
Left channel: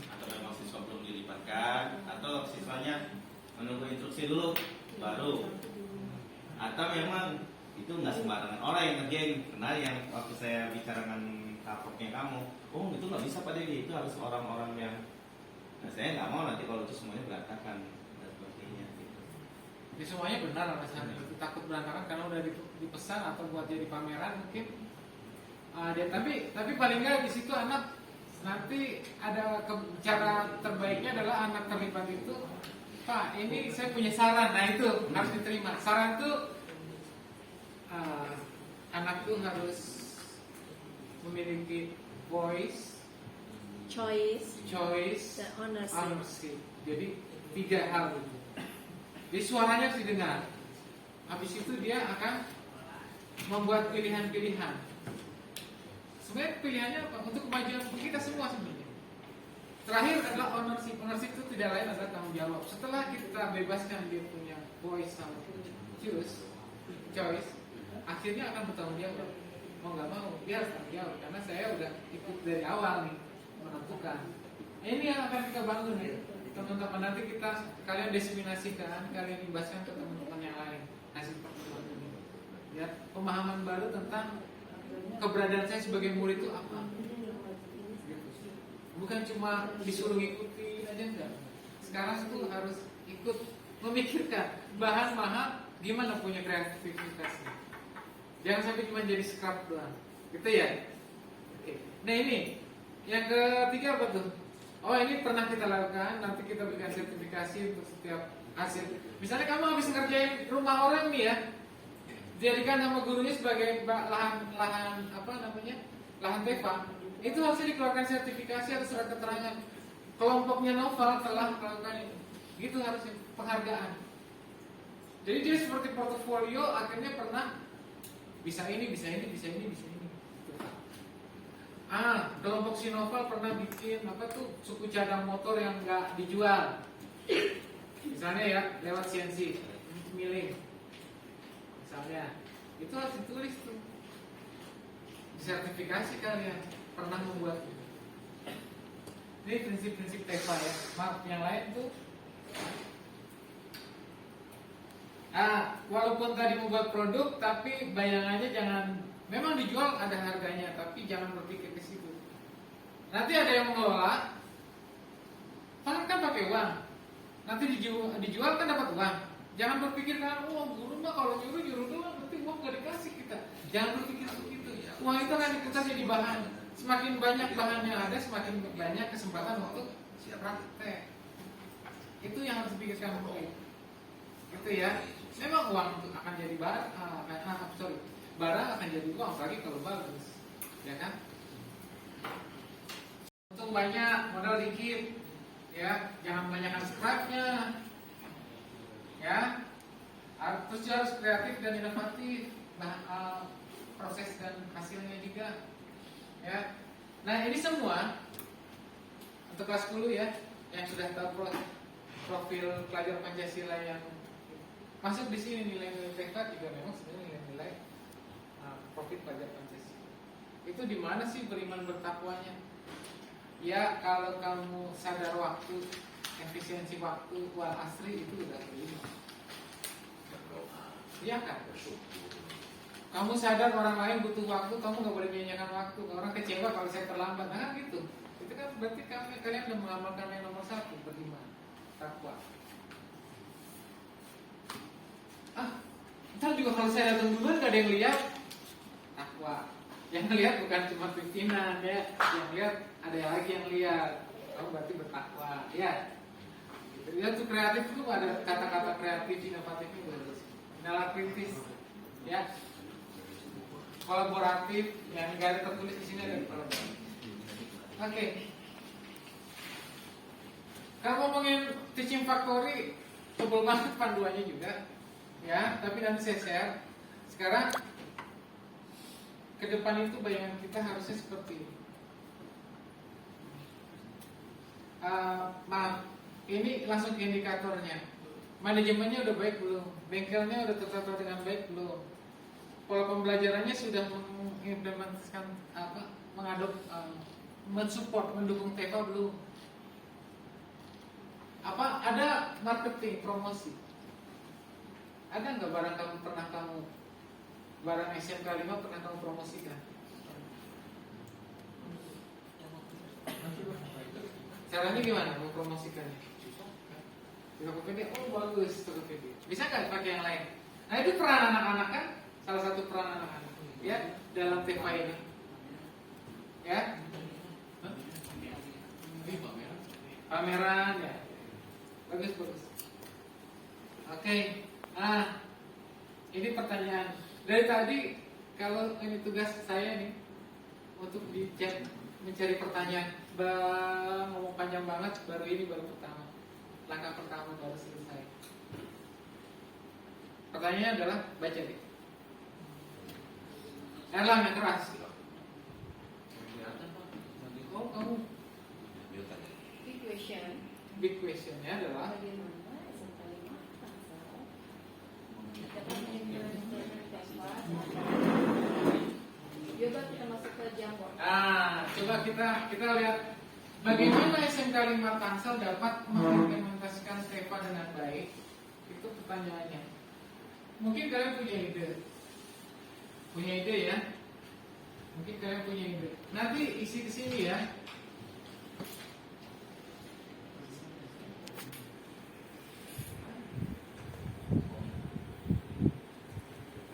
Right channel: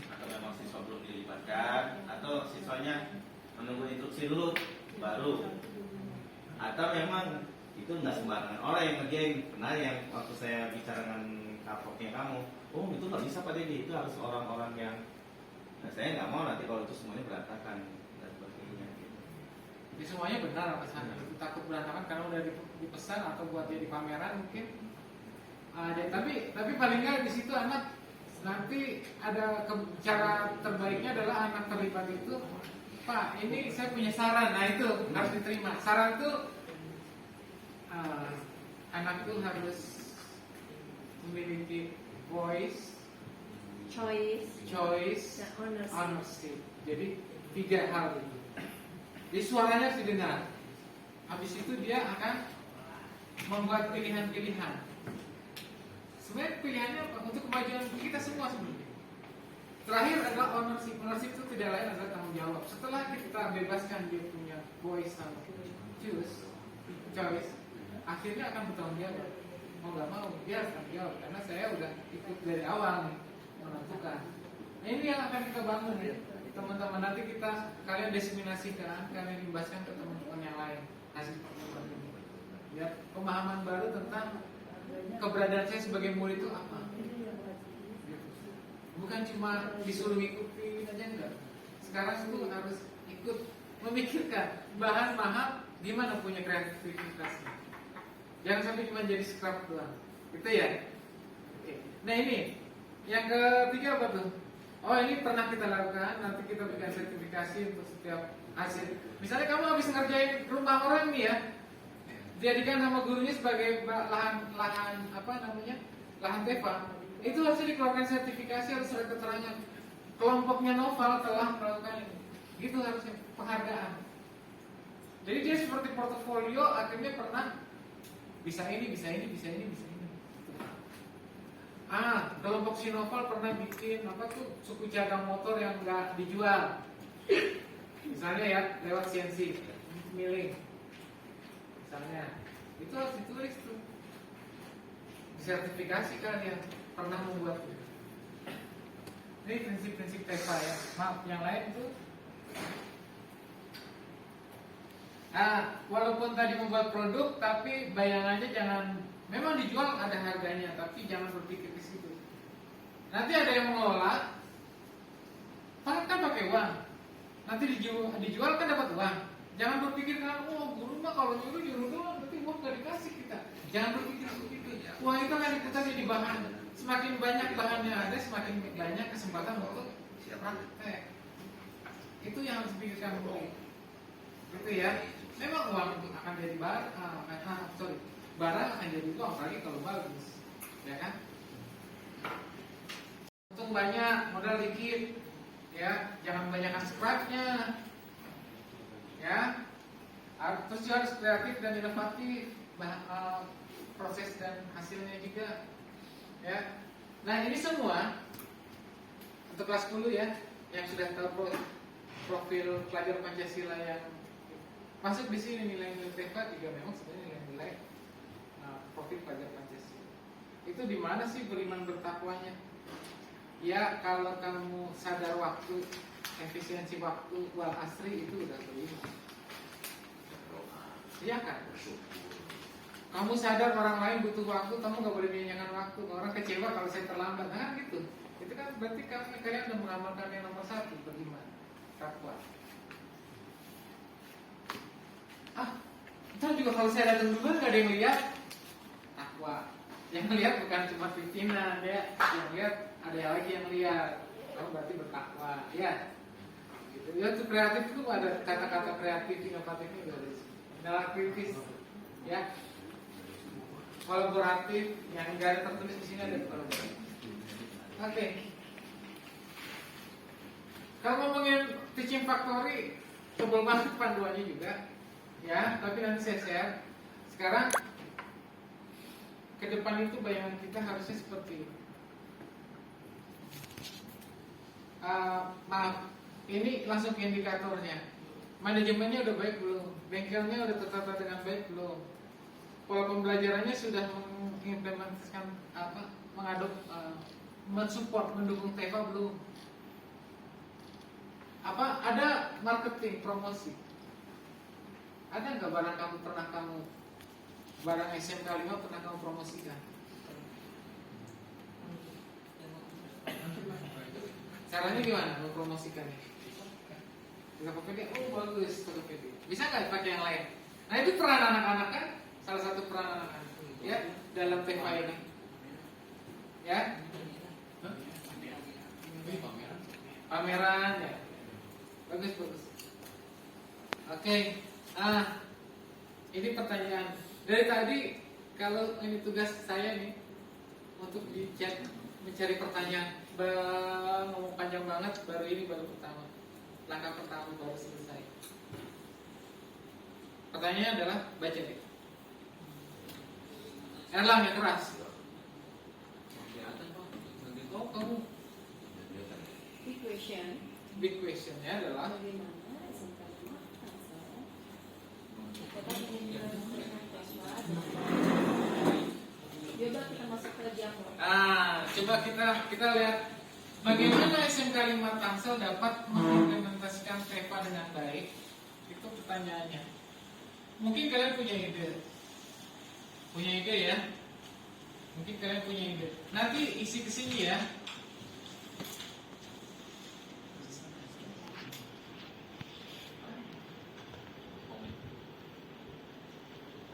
atau memang siswa belum dilibatkan, atau siswanya menunggu instruksi dulu baru, atau memang itu nggak sembarangan orang yang ngerjain. Benar yang waktu saya bicara dengan kapoknya kamu, oh itu nggak bisa Pak Dedi, itu harus orang-orang yang, nah saya nggak mau nanti kalau itu semuanya berantakan dan sebagainya. Gitu. Jadi semuanya benar alasannya. Itu takut berantakan karena udah dipesan atau buat jadi pameran mungkin. Tapi paling nggak di situ anak nanti ada cara terbaiknya adalah anak terlibat itu, Pak ini saya punya saran, nah itu harus diterima. Saran tuh anak tuh harus memiliki voice, choice, dan ownership. ownership. Jadi 3 hal itu. Jadi suaranya harus didengar. Habis itu dia akan membuat pilihan-pilihan. Sebenarnya pilihannya apa? Untuk kemajuan kita semua sebenarnya. Terakhir adalah ownership. Ownership itu tidak lain adalah tanggung jawab. Setelah kita bebaskan dia punya voice atau choice, akhirnya akan bertanggung jawab. Mau nggak mau dia harus tanggung jawab karena saya udah ikut dari awal nih menentukan. Nah, ini yang akan kita bangun ya. Teman-teman nanti kalian diseminasikan, kalian imbaskan ke teman-teman yang lain hasil pertemuan ini. Ya, pemahaman baru tentang keberadaan saya sebagai murid itu apa. Bukan cuma disuruh ikuti aja enggak. Sekarang itu harus ikut memikirkan bahan mahal gimana punya kreativitasnya. Jangan sampai cuma jadi scrap doang. Gitu ya. Oke. Nah ini yang ketiga apa tuh? Oh ini pernah kita lakukan. Nanti kita berikan sertifikasi untuk setiap hasil. Misalnya kamu habis ngerjain rumah orang nih ya, jadikan sama gurunya sebagai lahan TEFA. Itu harusnya dikeluarkan sertifikasi atau surat keterangan kelompoknya Noval telah melakukan ini. Gitu harusnya penghargaan. Jadi dia seperti portofolio akhirnya pernah bisa ini. Kelompok Sinoval pernah bikin suku cadang motor yang nggak dijual. Misalnya ya lewat CNC milling. Misalnya itu harus ditulis tuh. Disertifikasi kalian pernah membuat itu. Ini prinsip-prinsip TEFA ya. Maaf yang lain tuh. Walaupun tadi membuat produk, tapi bayangannya jangan. Memang dijual ada harganya, tapi jangan berpikir ke situ. Nanti ada yang mengelola, kan pakai uang. Nanti dijual kan dapat uang. Jangan berpikir kan, guru mah kalau nyuruh doang, nanti uang nggak dikasih kita. Jangan berpikir begitu. Uang itu kan kita jadi bahan. Semakin banyak bahannya ada, semakin banyak kesempatan untuk praktek. Itu yang harus dipikirkan murid. Gitu ya. Memang uang akan jadi barang akan jadi uang apalagi kalau bagus, ya kan? Untung banyak, modal dikit, Ya, jangan banyakkan scratchnya. Ya, terus juga harus kreatif dan inovatif, proses dan hasilnya juga. Ya, nah ini semua untuk kelas 10 ya, yang sudah tahu profil pelajar Pancasila yang masuk di sini nilai-nilai TK juga memang sebenarnya nilai-nilai profil pelajar Pancasila. Itu di mana sih beriman bertakwanya? Ya kalau kamu sadar waktu, efisiensi waktu wal asri itu udah beriman. Berdoa, Iya kan? bersyukur. Kamu sadar orang lain butuh waktu, kamu gak boleh menyanyikan waktu. Orang kecewa kalau saya terlambat, nah gitu. Itu kan berarti kalian sudah mengamalkan yang nomor 1, beriman, takwa. Ntar juga kalau saya datang duluan gak ada yang lihat, takwa. Yang lihat bukan cuma pimpinan ya, yang lihat ada yang lagi yang lihat. Kamu berarti bertakwa, ya. Gitu. Ya, itu kreatif itu ada kata-kata kreatif, inovatifnya bagus. Nalar kritis, ya. Kolaboratif, yang enggak tertulis di sini ada kolaboratif. Oke. Kalau ngomongin teaching factory, tebal banget panduannya juga, ya. Tapi nanti saya share. Sekarang ke depan itu bayangan kita harusnya seperti ini. Maaf, ini langsung ke indikatornya. Manajemennya udah baik belum? Bengkelnya udah tertata dengan baik belum? Pola pembelajarannya sudah mengimplementasikan mensupport, mendukung TEVA belum? Ada marketing, promosi? Ada nggak barang SMK 5 pernah kamu promosikan? Caranya gimana mau promosikannya? Di Tokopedia, oh bagus Tokopedia. Bisa nggak pakai yang lain? Nah itu peran anak-anak kan, salah satu peran anak-anak ya dalam TEVA ini. Ya, pameran ya, bagus. Oke, ini pertanyaan dari tadi. Kalau ini tugas saya nih untuk mencari pertanyaan, ngomong panjang banget, baru pertama, langkah pertama baru selesai. Pertanyaannya adalah baca deh. Erlang yang keras. Oh kamu big questionnya adalah coba kita lihat bagaimana SMK 5 Tangsel dapat mengimplementasikan TEVA dengan baik. Itu pertanyaannya. Mungkin kalian punya ide ya. Mungkin kalian punya ide. Nanti isi ke sini ya.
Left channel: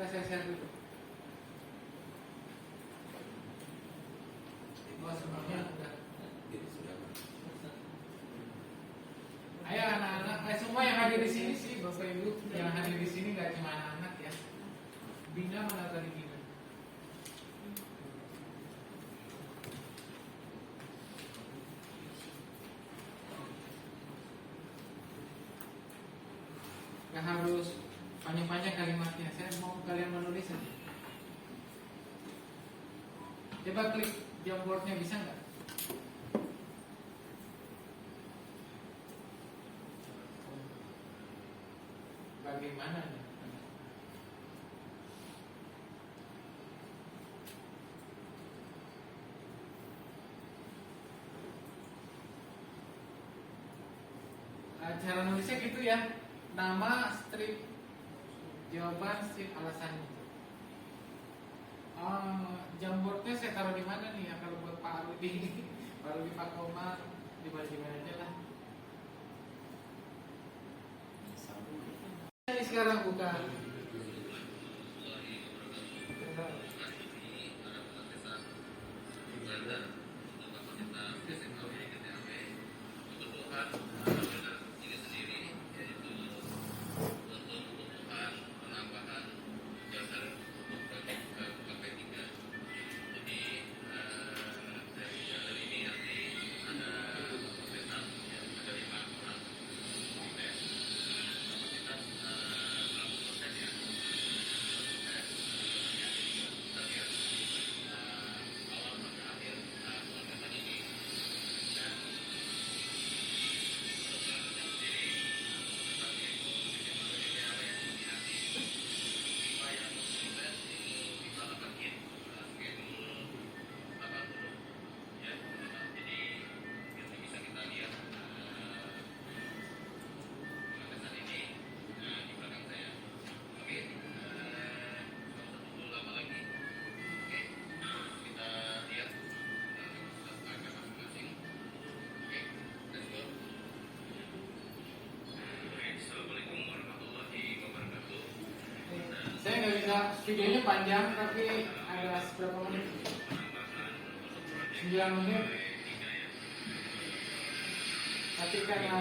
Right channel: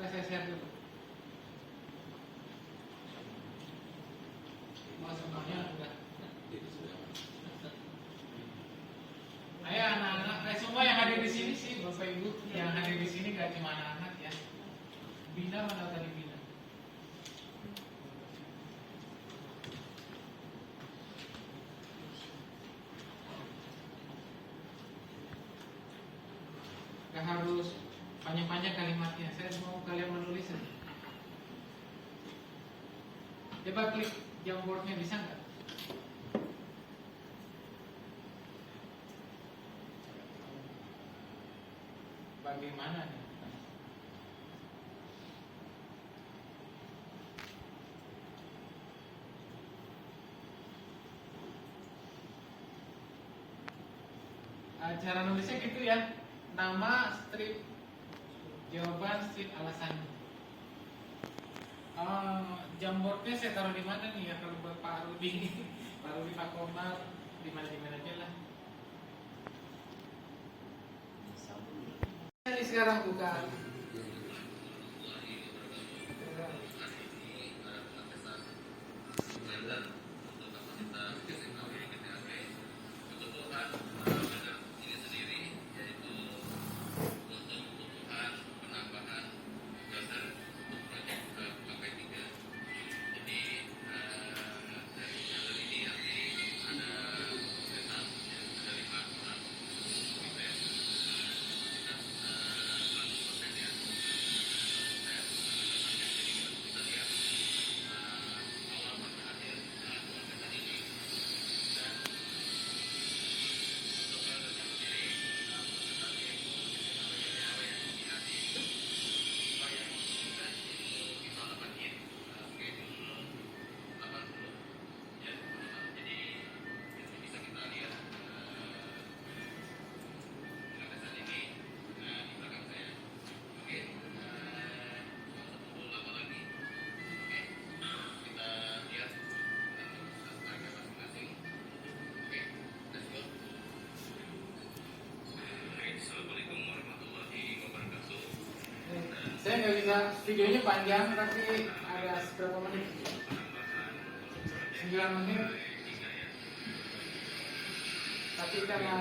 Saya share dulu. Semuanya udah. Ayo anak-anak, semua yang hadir di sini sih, Bapak Ibu yang hadir di sini gak cuma anak-anak ya. Bina mana tadi Bina? Gak harus panjang-panjang kalimatnya. Saya mau kalian menulis aja. Coba klik Jamboardnya, bisa nggak? Bagaimana nih? Cara nulisnya gitu ya. Nama, strip, jawaban, strip, alasannya. Jamboardnya saya taruh di mana nih ya? Kalau buat Pak Rudi, Pak Rudi, Pak Komar, di mana aja lah. Ini sekarang bukan. nggak bisa, videonya panjang tapi ada berapa menit? 9 menit. Tapi karena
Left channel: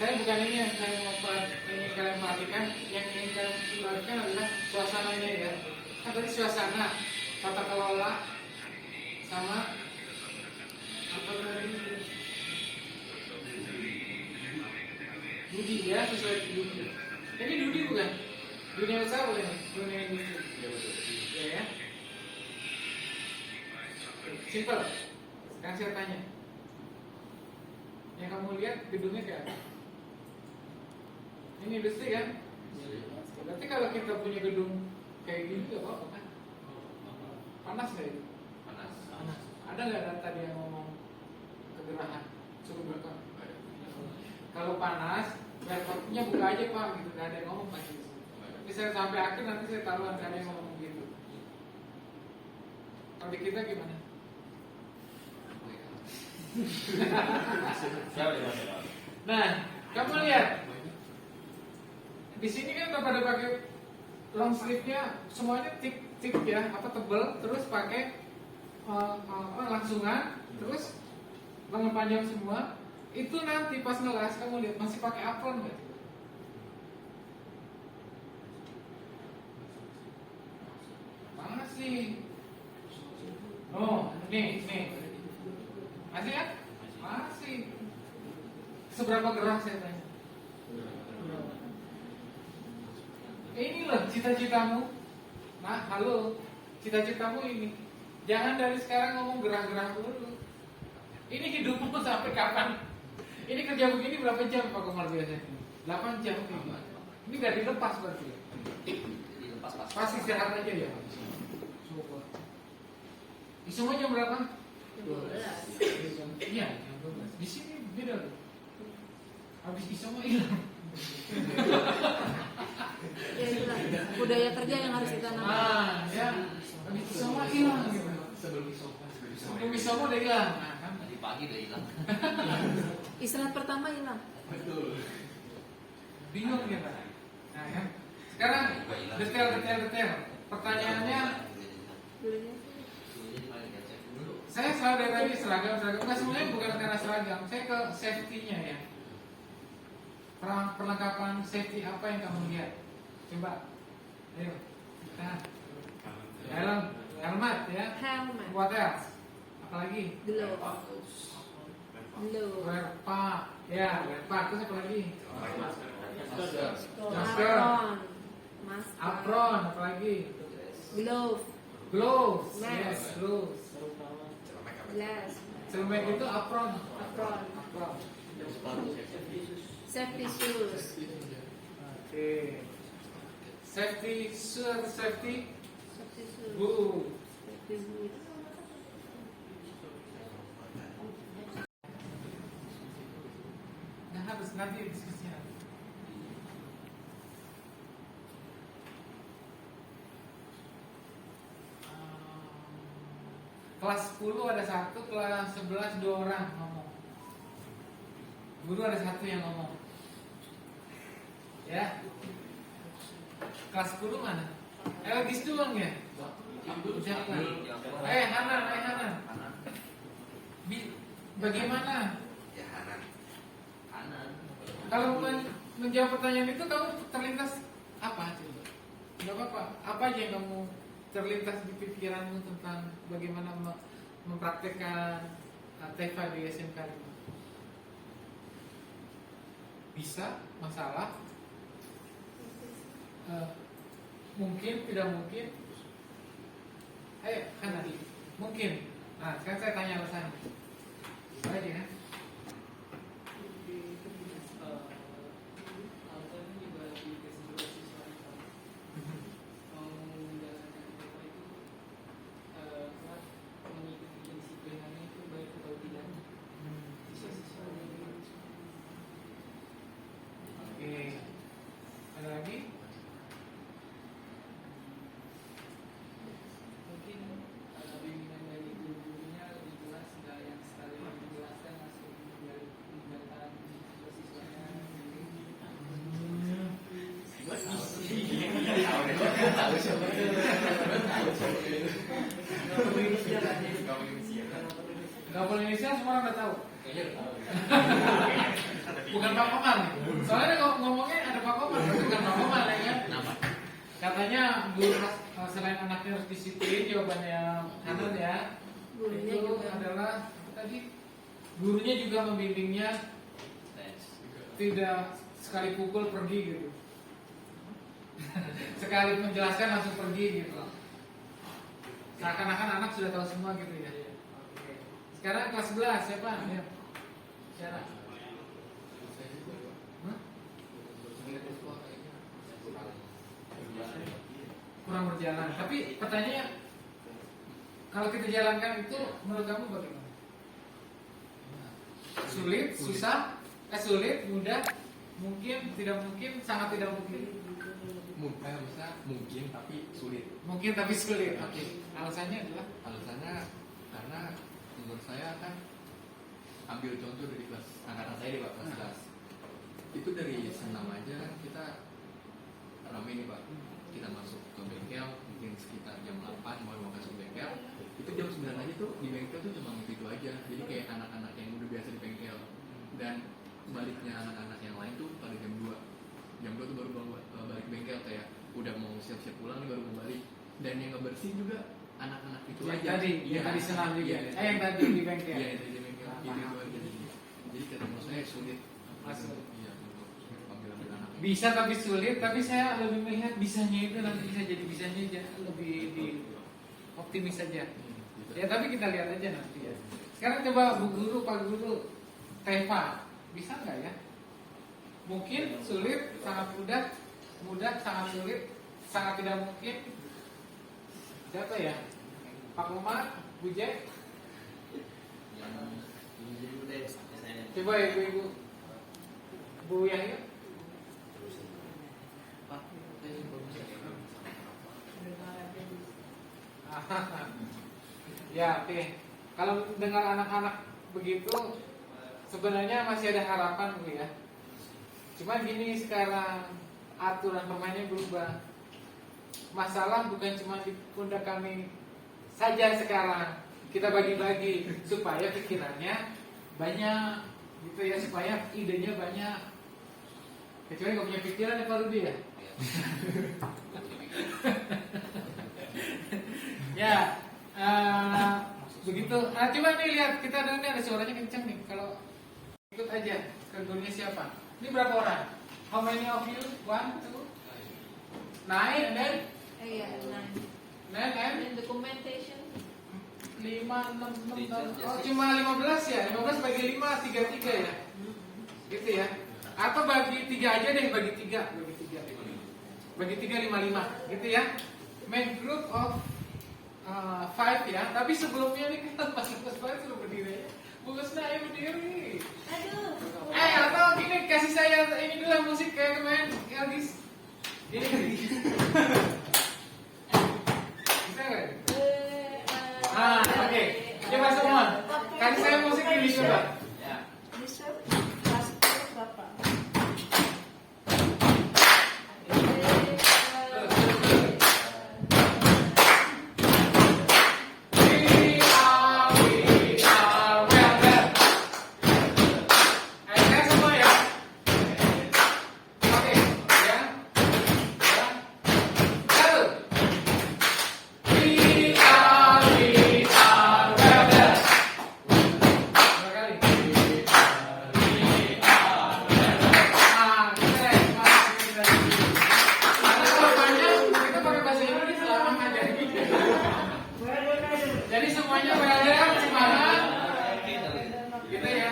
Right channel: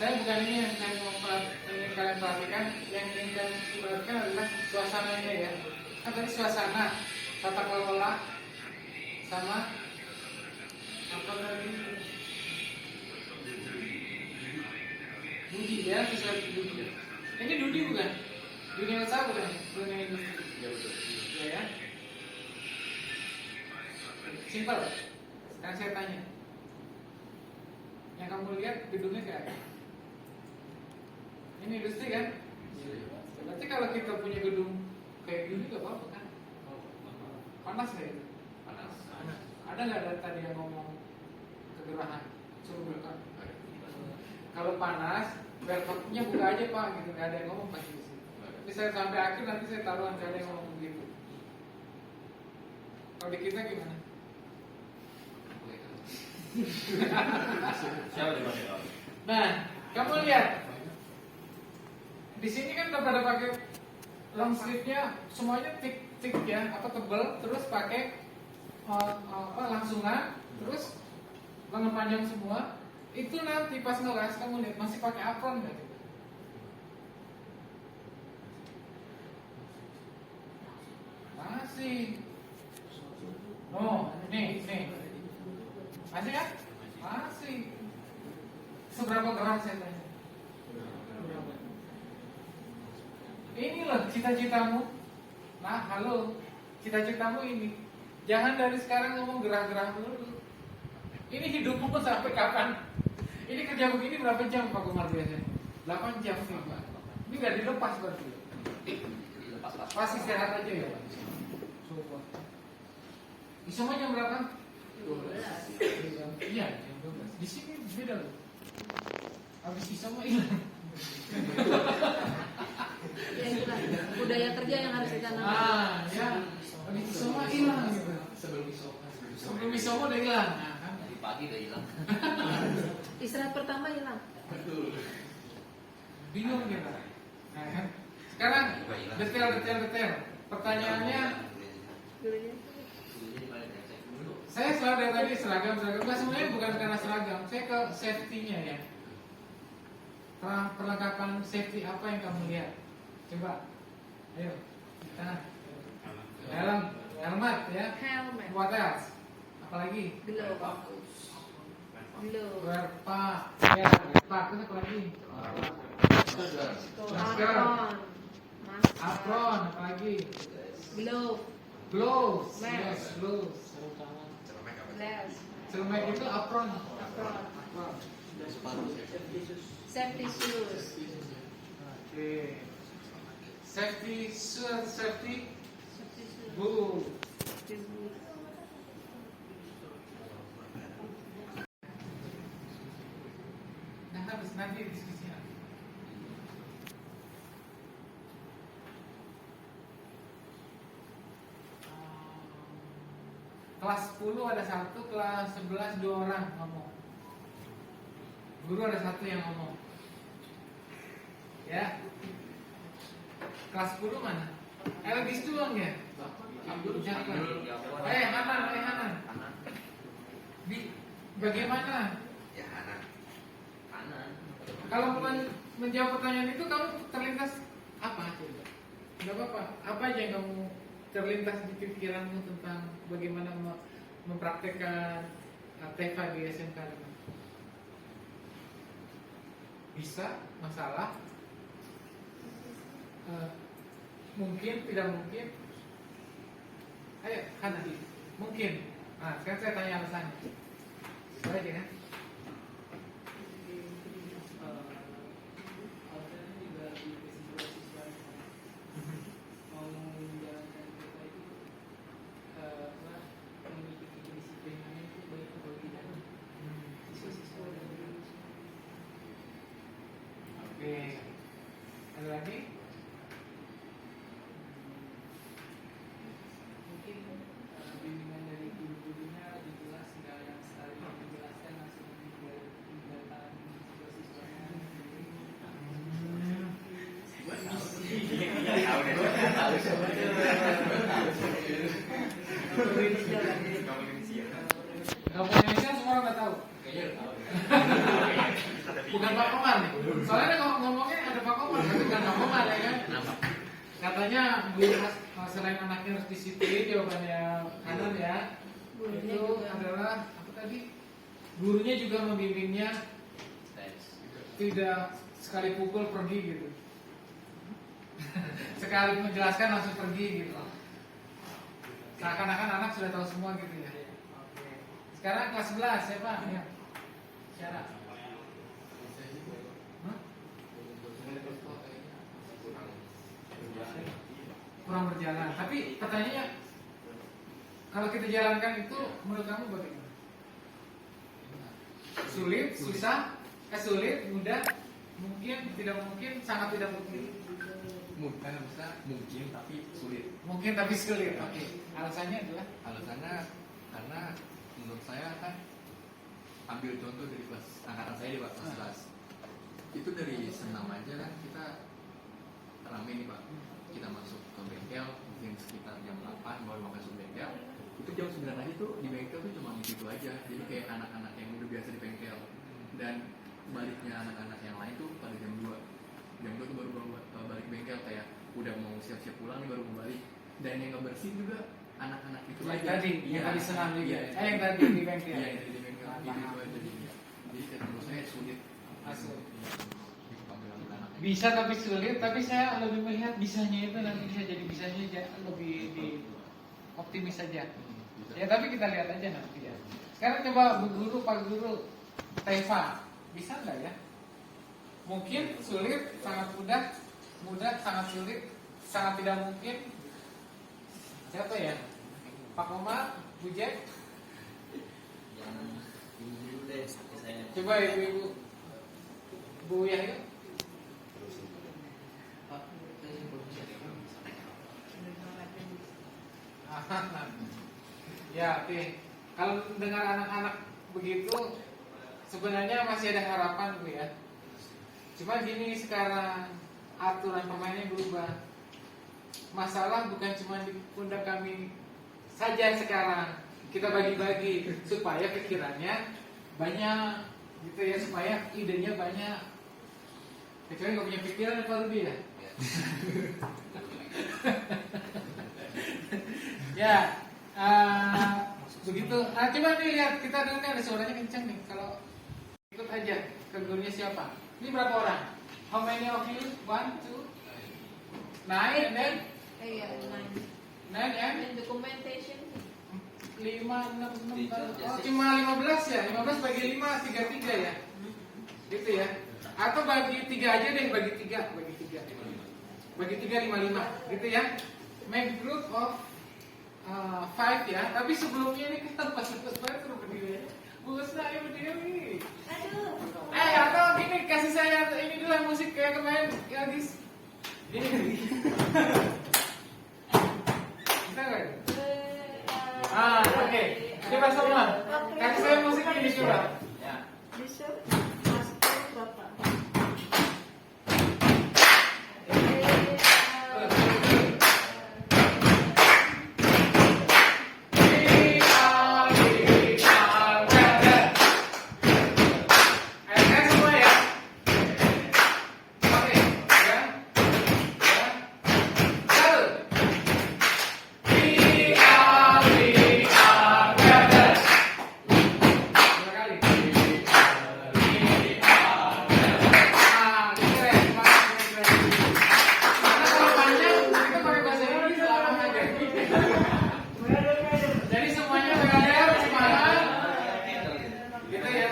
saya bukan ini yang saya mau ingin kalian perhatikan, yang ingin kalian perhatikan adalah suasananya ya. Kan tadi suasana, tata kelola, sama apa tadi? Dudi ya, sesuai Dudi. Ini Dudi bukan? Dunia usaha bukan? Dunia industri. Ya ya. Simple. Sekarang saya tanya. Yang kamu lihat gedungnya kayak apa? Ini industri kan? Berarti kalau kita punya gedung kayak gini gak apa-apa kan? Panas gak itu? Panas. Ada nggak tadi yang ngomong kegerahan? Suruh buka. Kalau panas, laptopnya buka aja pak, gitu. Gak ada yang ngomong pasti. Bisa sampai akhir nanti saya taruh ada yang ngomong begitu. Kalau di kita gimana? Siapa di bawah? Nah, kamu lihat di sini kan udah pada pakai long sleeve-nya semuanya tik ya, apa tebel, terus pakai langsungan, terus lengan panjang semua. Itu nanti pas ngelas kamu lihat masih pakai apron nggak? Masih. Oh, nih. Masih ya? Masih. Seberapa gerah saya tanya? Ini loh cita-citamu. Nah, halo. Cita-citamu ini. Jangan dari sekarang ngomong gerah-gerah dulu. Ini hidupmu sampai kapan? Ini kerja begini berapa jam Pak Komar biasanya? 8 jam nih. Ini gak dilepas berarti. Pas istirahat aja ya. Coba. Isoma jam berapa? 12. Iya, jam 12. Di sini beda loh. Habis isoma hilang. Ya, budaya kerja yang harus kita Ya. Habis isoma hilang. Sebelum isoma. Sebelum isoma udah hilang. Nah, kan Tadi pagi udah hilang. istirahat pertama hilang. Betul. bingung kita. Nah, kan? Sekarang detail. Pertanyaannya, saya selalu dari tadi seragam. Nah, semuanya bukan karena seragam. Saya ke safety-nya ya. Perlengkapan safety apa yang kamu lihat? Coba, ayo kita helmet ya. Helmet. What else? Apalagi? Gloves. Werpa, ya werpa. Terus apa lagi? Masker. Apron, apalagi? Glove. Gloves, Yes. yes, gloves. Glass. Celemek itu apron. Apron. Apron. Safety shoes. Oke. Safety shoes, safety Safety shoes. boot. Safety boot. Nah, habis nanti diskusinya. Kelas 10 ada satu, kelas 11 2 orang ngomong. Guru ada satu yang ngomong. Ya. Kelas 10 mana? Elgis doang ya? Jangan. Hanan. Bagaimana? Ya Hanan. Kalau menjawab pertanyaan itu kamu terlintas apa? Tidak apa-apa. Apa aja yang kamu terlintas di pikiranmu tentang bagaimana mempraktekkan TEFA di SMK ini? Bisa, masalah, mungkin, tidak mungkin. Ayo, Hana, mungkin. Nah, sekarang saya tanya alasannya. Baik ya. Oke, ada lagi? Mungkin bimbingan dari guru-gurunya lebih jelas, nggak yang sekali menjelaskan langsung Nggak punya inisial semua orang udah tahu. Bukan Pak Komar nih. Soalnya kalau ngomongnya ada Pak Komar, tapi bukan Pak Komar ya kan. Katanya guru selain anaknya harus disiplin, jawabannya Hanun ya. Gurunya Itu juga. adalah apa tadi? Gurunya juga membimbingnya tidak sekali pukul pergi gitu. Sekali menjelaskan langsung pergi gitu. Seakan-akan anak sudah tahu semua gitu ya. Oke. Sekarang kelas 11 siapa? Ya. Siapa? Hah? Kurang berjalan. Tapi pertanyaannya, kalau kita jalankan itu menurut kamu bagaimana? Sulit, susah, sulit, mudah, mungkin, tidak mungkin, sangat tidak mungkin. Mudah bisa, mungkin tapi sulit. Mungkin tapi sulit. Oke. Alasannya adalah Alasannya karena menurut saya kan, ambil contoh dari kelas angkatan saya di Pak, kelas 11. Itu dari senam aja kan kita rame nih Pak. Kita masuk ke bengkel mungkin sekitar jam 8 mau masuk bengkel. Itu jam 9 aja tuh di bengkel tuh cuma gitu aja. Jadi kayak anak-anak yang udah biasa di bengkel. Dan baliknya anak-anak yang lain tuh pada jam 2. Jam 2 tuh baru balik bengkel, kayak udah mau siap-siap pulang nih baru mau balik. Dan yang ngebersihin juga anak-anak itu yang aja. tadi, Iya, yang tadi senam juga. iya, Yang tadi di bengkel. Iya, yang tadi di bengkel. Ah, Jadi paham. itu aja jadinya. Jadi kata menurut saya sulit Masuk. Iya, ambil anak. Bisa tapi sulit, tapi saya lebih melihat bisanya itu nanti bisa jadi bisanya lebih di optimis saja. Ya tapi kita lihat aja nanti ya. Sekarang coba Bu Guru, Pak Guru, Teva, bisa nggak ya? Mungkin sulit, sangat mudah, mudah, sangat sulit, sangat tidak mungkin. Siapa ya? Pak Komar, Bu Jack, Yang ini dulu deh saya. coba ibu-ibu, Bu Yahya. Ya, oke. Kalau dengar anak-anak begitu, sebenarnya masih ada harapan Bu ya. Cuma gini sekarang aturan permainnya berubah. Masalah bukan cuma di pundak kami saja sekarang. Kita bagi-bagi supaya pikirannya banyak, gitu ya, supaya idenya banyak. Kecuali nggak punya pikiran ya Pak Rudi ya. Ya, begitu. Coba nih lihat, kita dengar ada suaranya kencang nih. Kalau ikut aja ke gurunya siapa? Ini berapa orang? How many of you? 1, 2, 9 dan Iya, 9. 9 and And documentation. 5, 6, 6. Oh, cuma 15 ya? 15 bagi 5, 3 ya? Gitu ya? Atau bagi 3 aja deh, bagi 3. Bagi 3, 5. Gitu ya? Make group of 5 ya. Tapi sebelumnya ini kita pas-pas suruh berdiri ya. Bagusnya ayo berdiri. Atau gini, kasih saya ini dulu musik kayak kemarin Elvis. Gini. Bisa nggak? Oke. Coba semua. Kasih saya musik ini coba. Ya. Bisa pastor Bapak. Jadi semuanya belajar semangat, gitu ya.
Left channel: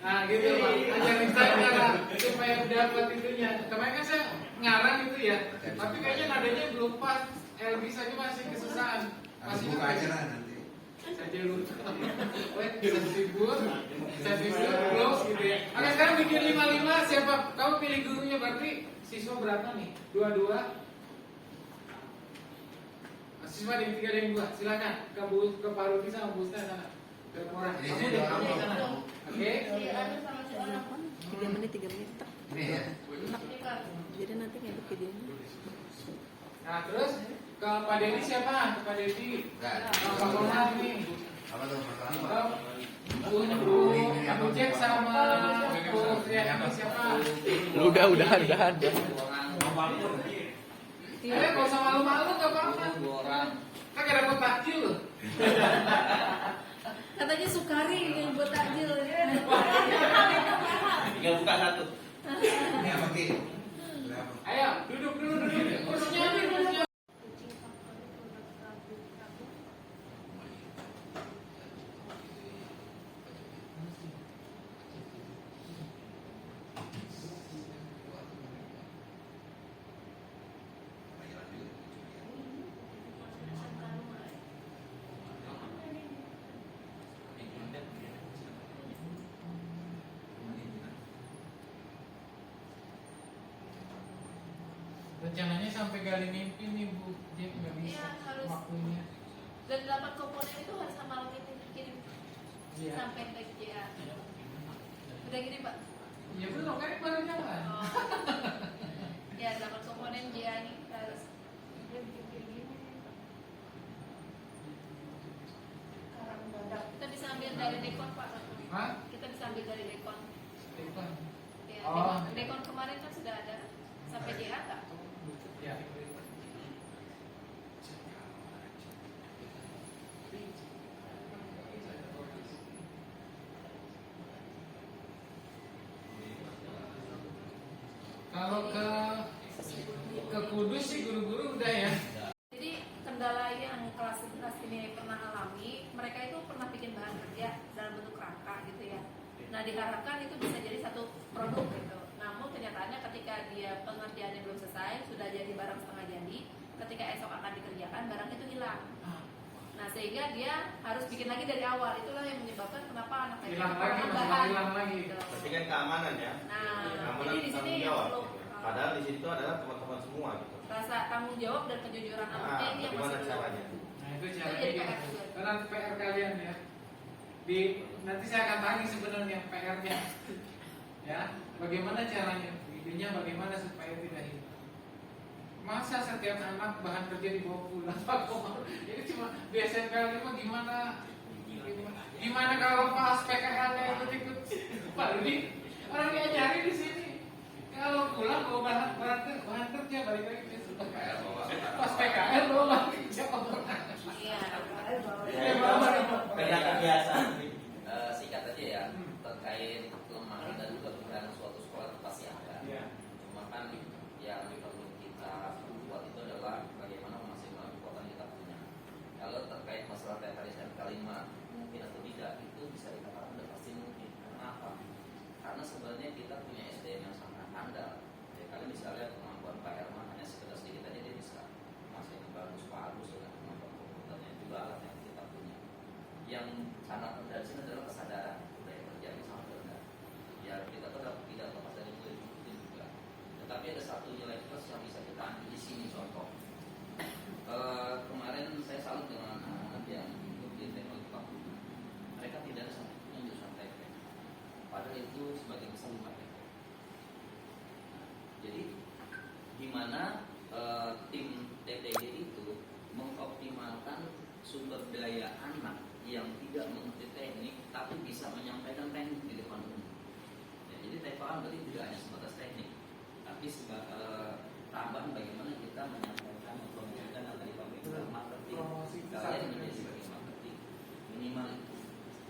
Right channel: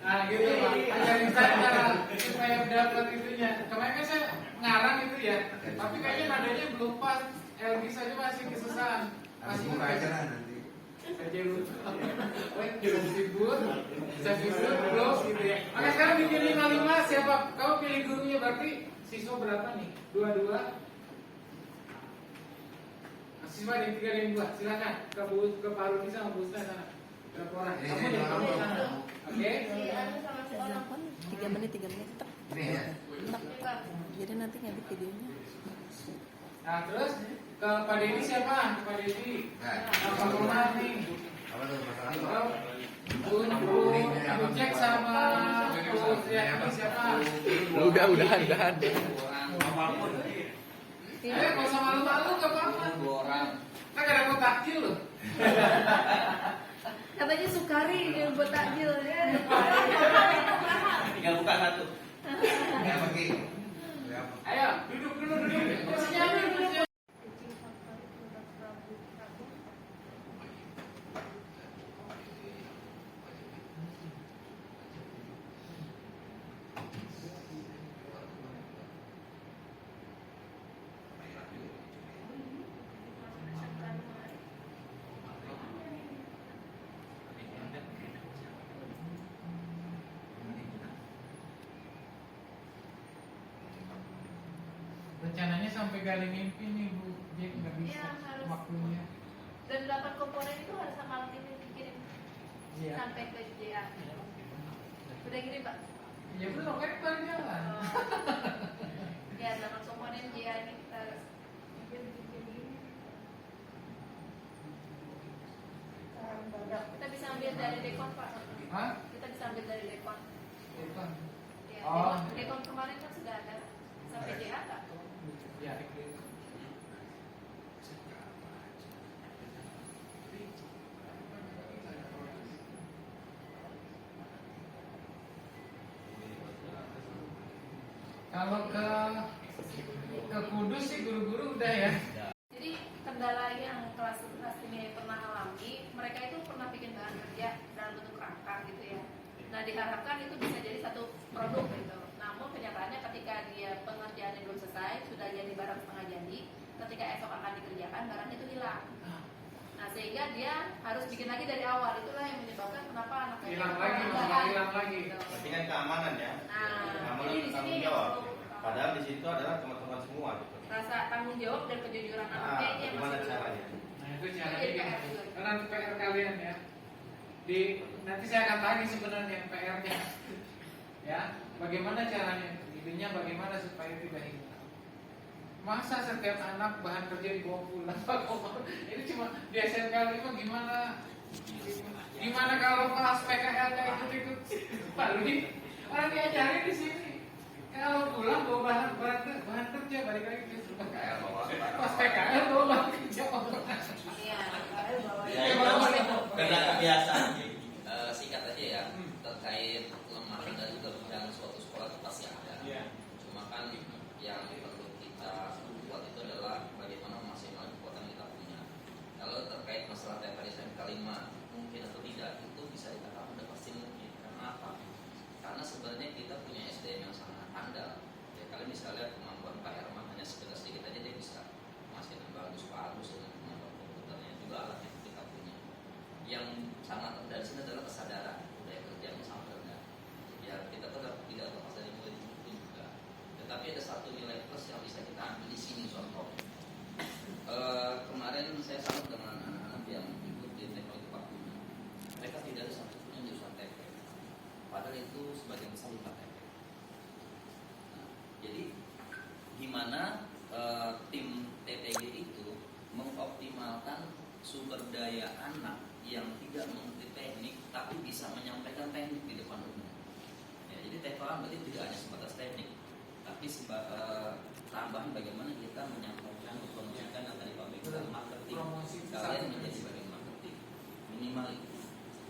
Nah gitu Pak, ajarin saya supaya dapat itunya. Kemarin kan saya ngarang gitu ya, tapi kayaknya nadanya belum pas. Elvis aja masih kesusahan, masih nanti. saja lu. Saya sibuk, belum gitu ya. Oke, sekarang bikin 5 siapa? Kamu pilih gurunya berarti siswa berapa nih? 2. Siswa ada yang 3 ada yang 2. Silakan ke Pak Rudi sama Bu Ustaz sana. Berapa orang? Kamu di sana. Oke. 3 menit. Ini ya. Pak. Nah terus ke Pak Dedi siapa? Ke Pak Dedi. Nah, Pak Konan nih. apa tuh masalah? Kalau Bu Jack sama Bu Triani siapa? Udahan. Ayo kalau sama malu-malu gak apa-apa. 2 orang. Kan ada kok takjil loh. Katanya Sukari yang buat takjil. Tinggal buka satu. Ini apa Ki? Ini apa? Ayo duduk. Kursinya ambil kursinya. Rencananya sampai gali mimpi nih Bu Jack nggak bisa Iya, harus. waktunya. Dan 8 komponen itu harus malam ini dikirim Iya. sampai ke JA. Udah gini Pak. Ya belum kan baru jalan. Oh. Ya 8 komponen JA ini harus kita bisa ambil dari dekon Pak. Hah? Kita bisa ambil dari dekon. Dekon. Ya, Oh. dekon kemarin kan sudah ada sampai JA nggak? Ya. Kalau ke Kudus sih guru-guru udah ya. Jadi kendala yang kelas ini pernah alami, mereka itu pernah bikin bahan kerja dalam bentuk rangka gitu ya. Nah diharapkan itu bisa jadi satu produk gitu. Namun kenyataannya ketika dia pengerjaannya belum selesai, sudah jadi barang setengah jadi, ketika esok akan dikerjakan barang itu hilang. Nah sehingga dia harus bikin lagi dari awal. Itulah yang menyebabkan kenapa anak saya Hilang kurang lagi, bahan. hilang lagi. Gitu. Berarti kan keamanan ya. Nah, Keamanan jadi di sini tanggung yang jawab. perlu Padahal di situ adalah teman-teman semua gitu. rasa tanggung jawab dan kejujuran anaknya Nah, ini yang gimana masih caranya? Nah itu caranya gini. Nanti PR kalian ya. Nanti saya akan tanya sebenarnya PR-nya. Ya, bagaimana caranya? Idenya bagaimana supaya tidak hilang? Masa setiap anak bahan kerja dibawa pulang? Pak Komar, ini cuma di SMK 5 gimana? Gimana kalau pas PKL-nya ikut-ikut? Pak Ludi, orang diajarin di sini. Kalau pulang bawa bahan kerja balik lagi ke PKL. Pas PKL bawa bahan kerja Iya. Karena kebiasaan. Singkat aja ya, terkait kelemahan dan kelebihan suatu sekolah itu pasti ada. Cuma kan yang perlu kita buat itu adalah bagaimana memaksimalkan kekuatan kita punya. Kalau terkait masalah TPA di SMK 5 mungkin atau tidak, itu bisa dikatakan udah pasti mungkin. Karena apa? Karena sebenarnya kita punya SDM yang sangat handal. Ya kalian bisa lihat kemampuan Pak Herman hanya sekedar sedikit aja dia bisa masih bagus dengan kemampuan komputernya juga alat yang kita punya. Yang sangat rendah di sini adalah kesadaran budaya kerjanya sangat rendah. Ya kita tidak lepas dari murid itu juga. Tetapi ada satu nilai plus yang bisa kita ambil di sini contoh. Kemarin saya salut dengan anak-anak yang ikut di teknologi Papua. Mereka tidak ada satupun yang jurusan TP. Padahal itu sebagian besar 5 TP. Nah, jadi gimana tim TTG itu mengoptimalkan sumber daya anak yang tidak mengerti teknik tapi bisa menyampaikan teknik di depan umum. Ya, jadi TPA berarti tidak hanya sebatas teknik, tapi tambahan bagaimana kita menyampaikan mempromosikan yang tadi Pak Bego marketing. Kalian menjadi sebagai marketing minimal itu.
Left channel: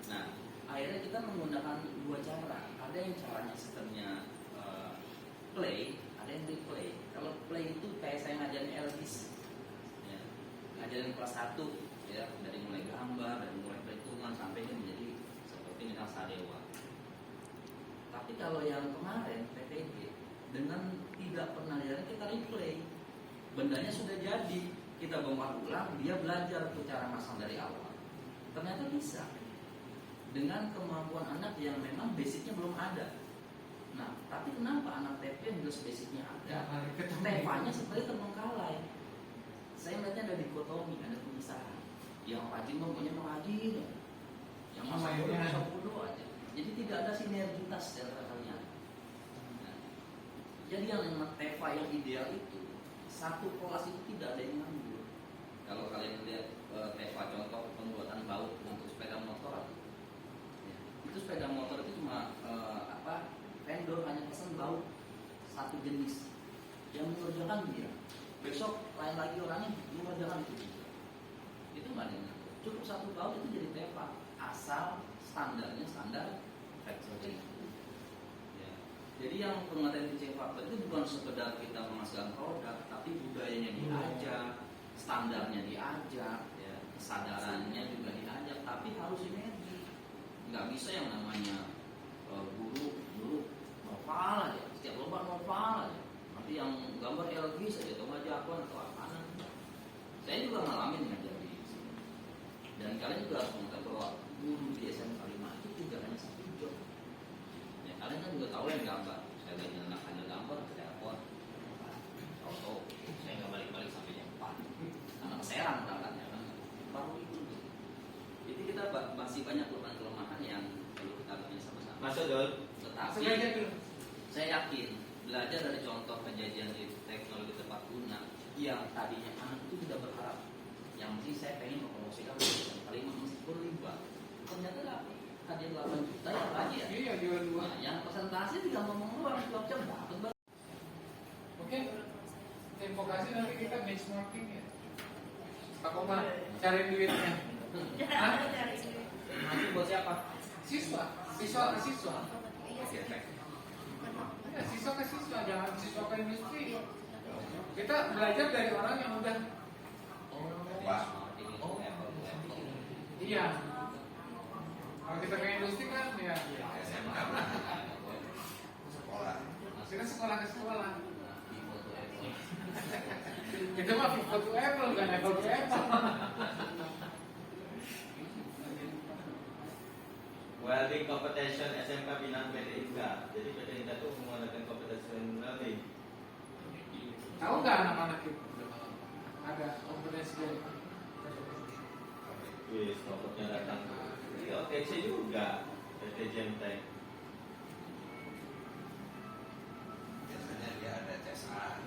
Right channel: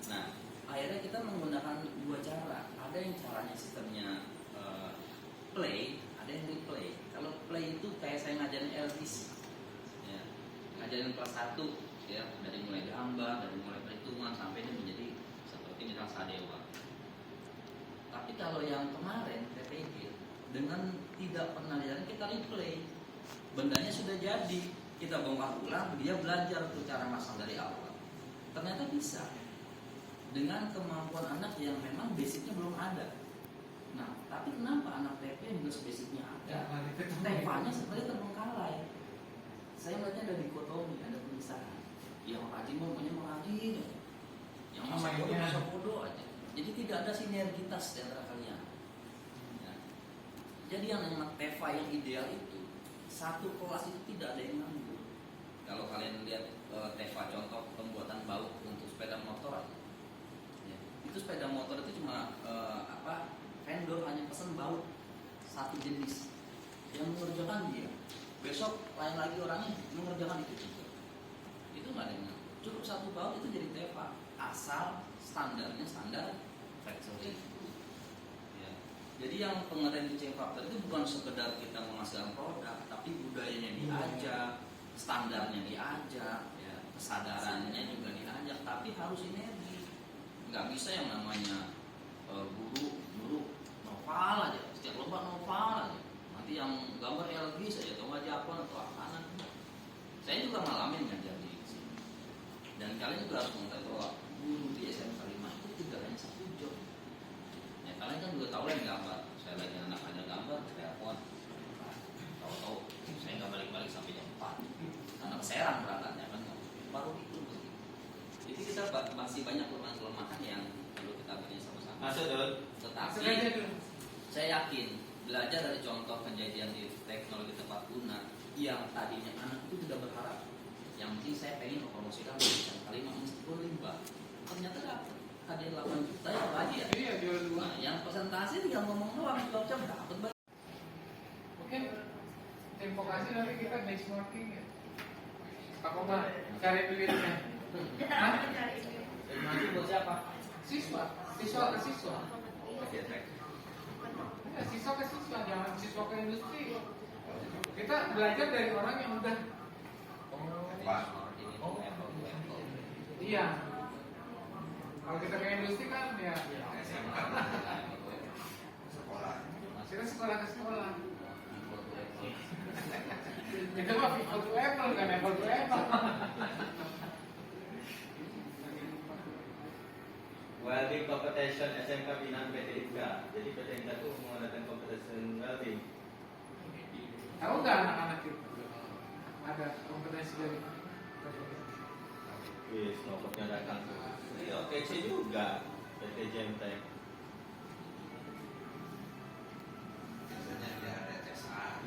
Nah, akhirnya kita menggunakan 2 cara. Ada yang caranya sistemnya play, ada yang replay. Kalau play itu kayak saya ngajarin LPC, ya, ngajarin kelas 1, ya, dari mulai gambar, dari mulai perhitungan sampai ini menjadi seperti misalnya Sadewa. Tapi kalau yang kemarin TPG dengan tidak pernah diajarin kita replay, bendanya sudah jadi, kita bongkar ulang, dia belajar tuh cara masang dari awal. Ternyata bisa dengan kemampuan anak yang memang basicnya belum ada. Nah, tapi kenapa anak TP yang jelas basicnya ada, TPA-nya sebenarnya terbengkalai. Saya melihatnya ada dikotomi, ada pemisahan. Yang rajin maunya merajin, yang masa bodoh aja. Jadi tidak ada sinergitas di antara kalian. Nah, Jadi yang namanya TEFA yang ideal itu satu kelas itu tidak ada yang nganggur. Kalau kalian lihat TEFA contoh pembuatan baut untuk sepeda motor aja. Ya, itu sepeda motor itu cuma vendor hanya pesan baut satu jenis yang mengerjakan dia. Besok lain lagi orangnya mengerjakan itu juga. Itu nggak ada yang ngatur. Cukup satu baut itu jadi TEFA asal standarnya standar factory. Ya. Jadi yang pengertian teaching factor itu bukan sekedar kita menghasilkan produk, tapi budayanya diajak, standarnya diajak, ya, kesadarannya juga diajak, tapi harus sinergi. Nggak bisa yang namanya guru novel aja, setiap lomba novel aja. Nanti yang gambar LG saja atau nggak Japon atau apa. Saya juga ngalamin ngajar di sini. Dan kalian juga harus mengetahui bahwa guru di SMK 5 itu tidak hanya satu job. Ya, kalian kan juga tahu yang gambar. Saya lagi anak-anak gambar ke telepon. Tahu-tahu saya nggak balik-balik sampai jam 4 karena keserang berangkatnya kan. Baru itu. Jadi kita masih banyak kelemahan yang perlu kita lihat sama-sama. Masuk dong. Tetapi saya yakin belajar dari contoh kejadian di teknologi tepat guna yang tadinya anak itu tidak berharap. Yang penting saya pengen mempromosikan yang paling meskipun limbah. Ternyata dapat hadiah 8 juta ya bahagia. Iya, jual dua. Nah, yang presentasi tidak ngomong doang, jawab dapat banyak. Oke, terima kasih, nanti kita benchmarking ya. Pak Komar, cari duitnya. Hah? Nanti buat siapa? Siswa ke siswa. Ya, siswa ke siswa, jangan siswa ke industri. Kita belajar dari orang yang udah. Iya. Kalau kita ke industri kan ya SMA. Kita sekolah ke sekolah. Kita mah people to apple kan apple to apple. Welding competition SMK Binaan PT Inka. Jadi PT Inka itu mengadakan competition welding. Tahu nggak anak-anak itu? Ada kompetensi dari Wis, robotnya datang. Iya, TC juga. PT Jemtek. Biasanya dia ada CSA.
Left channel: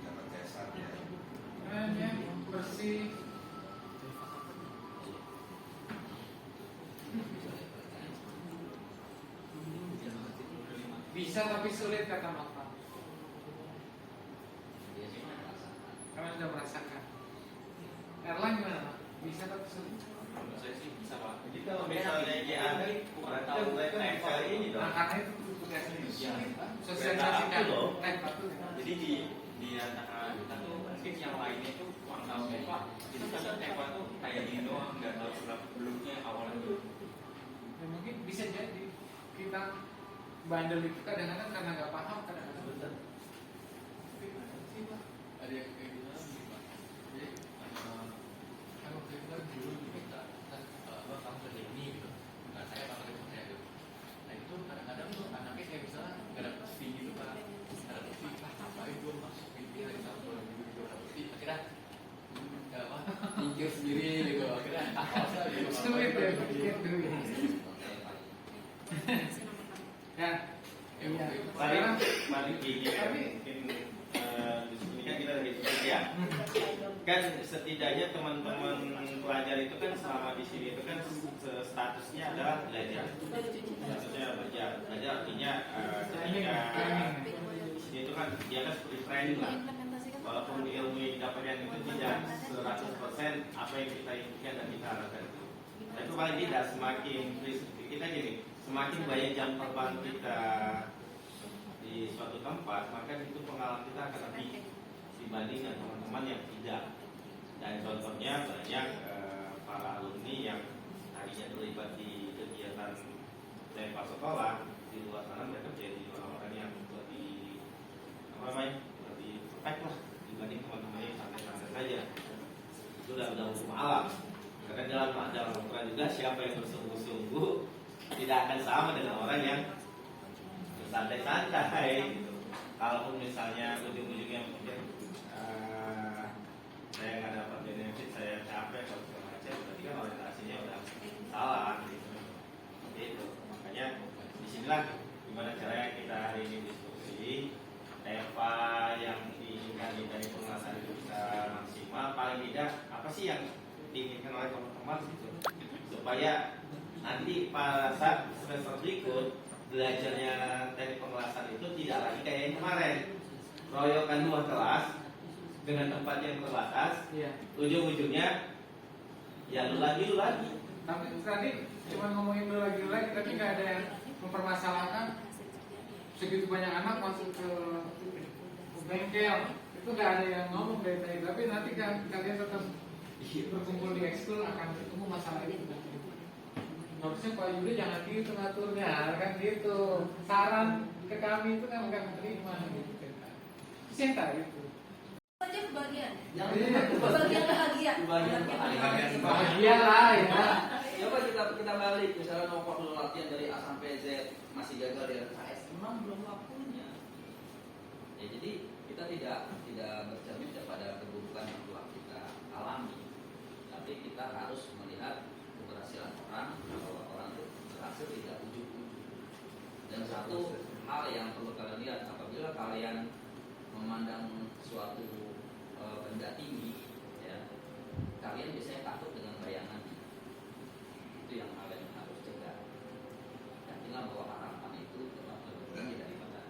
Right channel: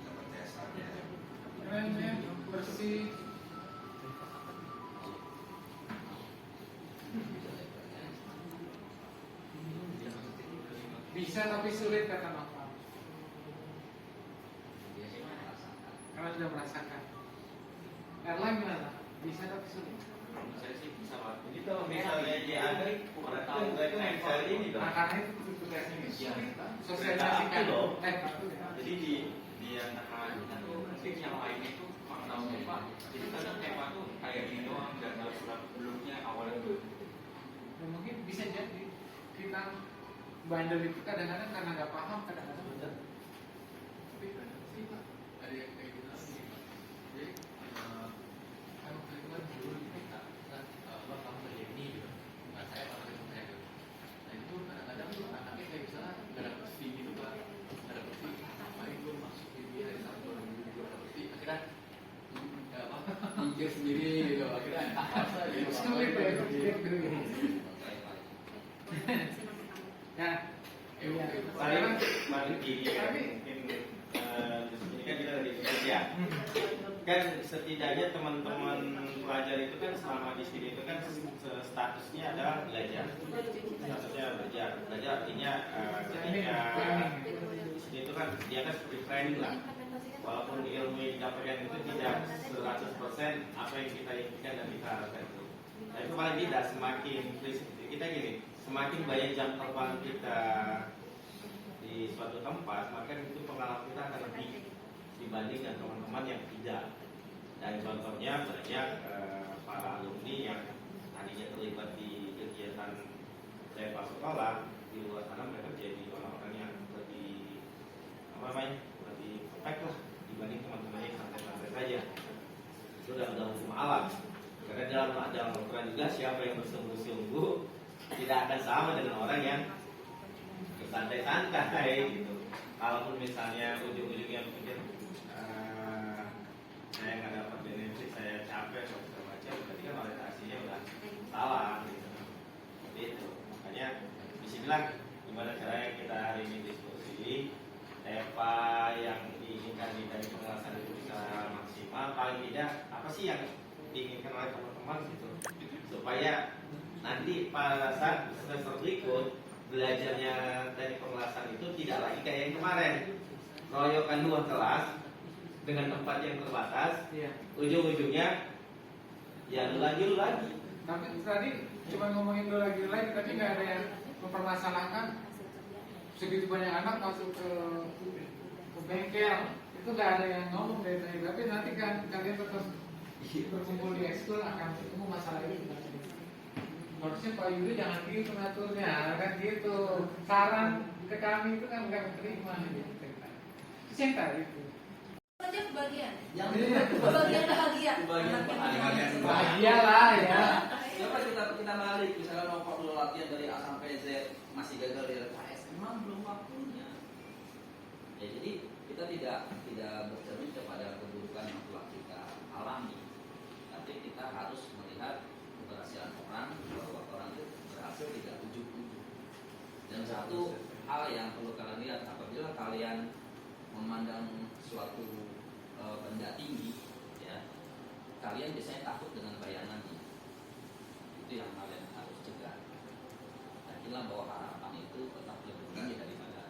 Dapat CSA nya. ya, bersih. Bisa tapi sulit kata Novel. Kalian sudah merasakan. Erlang gimana? Bisa tapi sulit. Saya sih bisa Pak. Jadi kalau misalnya dia ada, mereka mencari ini dong. Nah, karena itu tugasnya Iya. sosialisasikan. loh. Jadi Di antara Kita tuh mungkin yang lainnya itu kurang tahu Pak. Jadi kalian TEFA tuh kayak gini doang, nggak tahu surat belumnya awalnya tuh. ya mungkin bisa jadi kita bandel itu kadang-kadang karena nggak paham, kadang-kadang benar. Ada yang kayak gimana nih Pak? Jadi kan waktu itu kan dulu kita tahu kerja ini gitu. Nah saya apa kali saya gitu. Nah itu kadang-kadang tuh anaknya kayak misalnya nggak dapet fee gitu Pak. Nggak dapet fee, ngapain gue masukin dia di tahun 2020 dapet fee. Akhirnya apa? Mikir sendiri gitu. Akhirnya masa gitu. Sulit ya, pikir dulu. Ya, iya. paling gini ya, mungkin di sini kan kita lagi diskusi ya. Kan setidaknya teman-teman pelajar itu kan selama di sini itu kan statusnya adalah belajar. Statusnya belajar artinya ketika di sini itu kan dia kan seperti training lah. Walaupun ilmu yang didapatkan itu tidak 100% apa yang kita impikan dan kita harapkan itu. Tapi paling tidak semakin kita gini, semakin banyak jam terbang kita di suatu tempat, maka itu pengalaman kita akan lebih dibandingkan teman-teman yang tidak. Dan contohnya banyak para alumni yang tadinya terlibat di kegiatan TEFA sekolah, di luar sana mereka menjadi orang-orang yang lebih lebih perfect lah dibanding teman-teman yang santai-santai saja. Itu udah hukum alam. Karena dalam Al-Quran juga siapa yang bersungguh-sungguh tidak akan sama dengan orang yang bersantai-santai gitu. Kalaupun misalnya ujung-ujungnya mungkin saya nggak dapat benefit, saya capek kalau segala macam, berarti kan orientasinya udah salah gitu. Seperti itu. Makanya disinilah gimana caranya kita hari ini diskusi TEPA yang diinginkan dari pengawasan itu bisa maksimal. Paling tidak apa sih yang diinginkan oleh teman-teman gitu, supaya nanti pada saat semester berikut belajarnya teknik pengelasan itu tidak lagi kayak yang kemarin, royokan luar kelas dengan tempat yang terbatas, Iya. ujung-ujungnya ya lu lagi. Tapi tadi cuma ngomongin lu lagi, tapi nggak ada yang mempermasalahkan segitu banyak anak masuk ke bengkel. Itu nggak ada yang ngomong dari tadi. Tapi nanti kan kalian tetap berkumpul di ekskul akan ketemu masalah itu. Harusnya Pak Yudi jangan gitu ngaturnya, kan gitu. Saran ke kami itu kan nggak menerima gitu. Itu yang tadi itu. Aja kebagian. Yang Kebagian bahagia. Bahagia lah ya. coba kita balik, misalnya nongkrong dulu latihan dari A sampai Z masih gagal di RKS, memang belum waktunya. Ya, jadi kita tidak bercermin kepada keburukan yang telah kita alami, tapi kita harus melihat keberhasilan orang, bahwa orang itu berhasil tidak ujuk-ujuk. Dan satu hal yang perlu kalian lihat, apabila kalian memandang suatu benda tinggi, ya, kalian biasanya takut dengan bayangan tinggi. Itu yang kalian harus cegah. Dan bilang bahwa harapan itu tetap lebih tinggi daripada.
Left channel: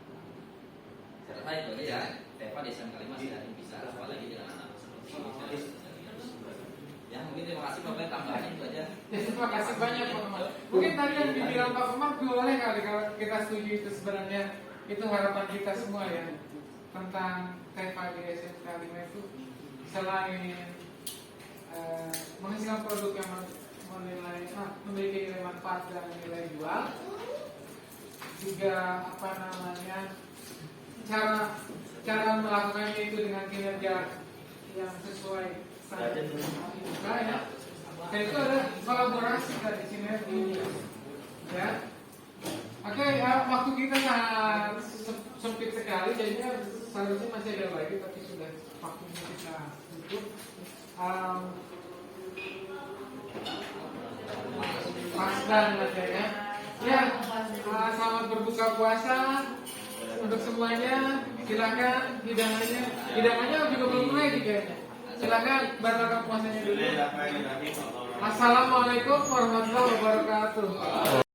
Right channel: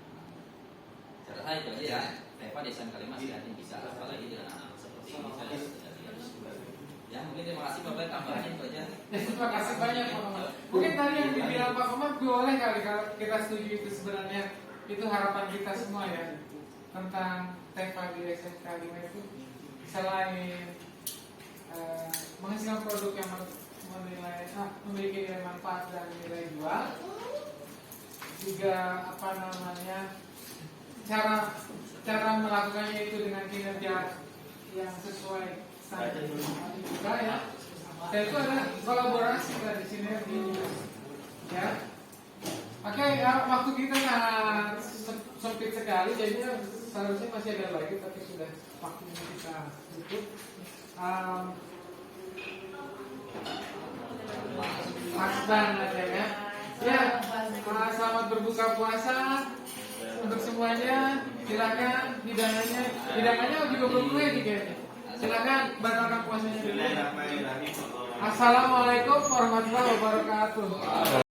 Cara saya itu aja ya. Teva desain kalimat tidak bisa, apalagi dengan anak seperti ini. Ya, mungkin terima kasih Bapak, tambahannya itu aja. Ya, terima kasih banyak Pak Komar. Mungkin tadi yang dibilang Pak Komar boleh kali kalau kita setuju itu sebenarnya itu harapan kita semua ya tentang TEPA di SMK 5 itu selain menghasilkan produk yang memiliki nilai manfaat dan nilai jual, juga apa namanya cara melakukannya itu dengan kinerja yang sesuai standar. Itu ada kolaborasi dari sinergi, ya. Oke, waktu kita sangat sempit sekali, jadi seharusnya masih ada lagi, tapi sudah waktunya kita tutup. Pas banget ya kan? Ya, selamat berbuka puasa untuk semuanya. Silakan hidangannya juga belum ready kayaknya. Silakan batalkan puasanya dulu. Assalamualaikum warahmatullahi wabarakatuh.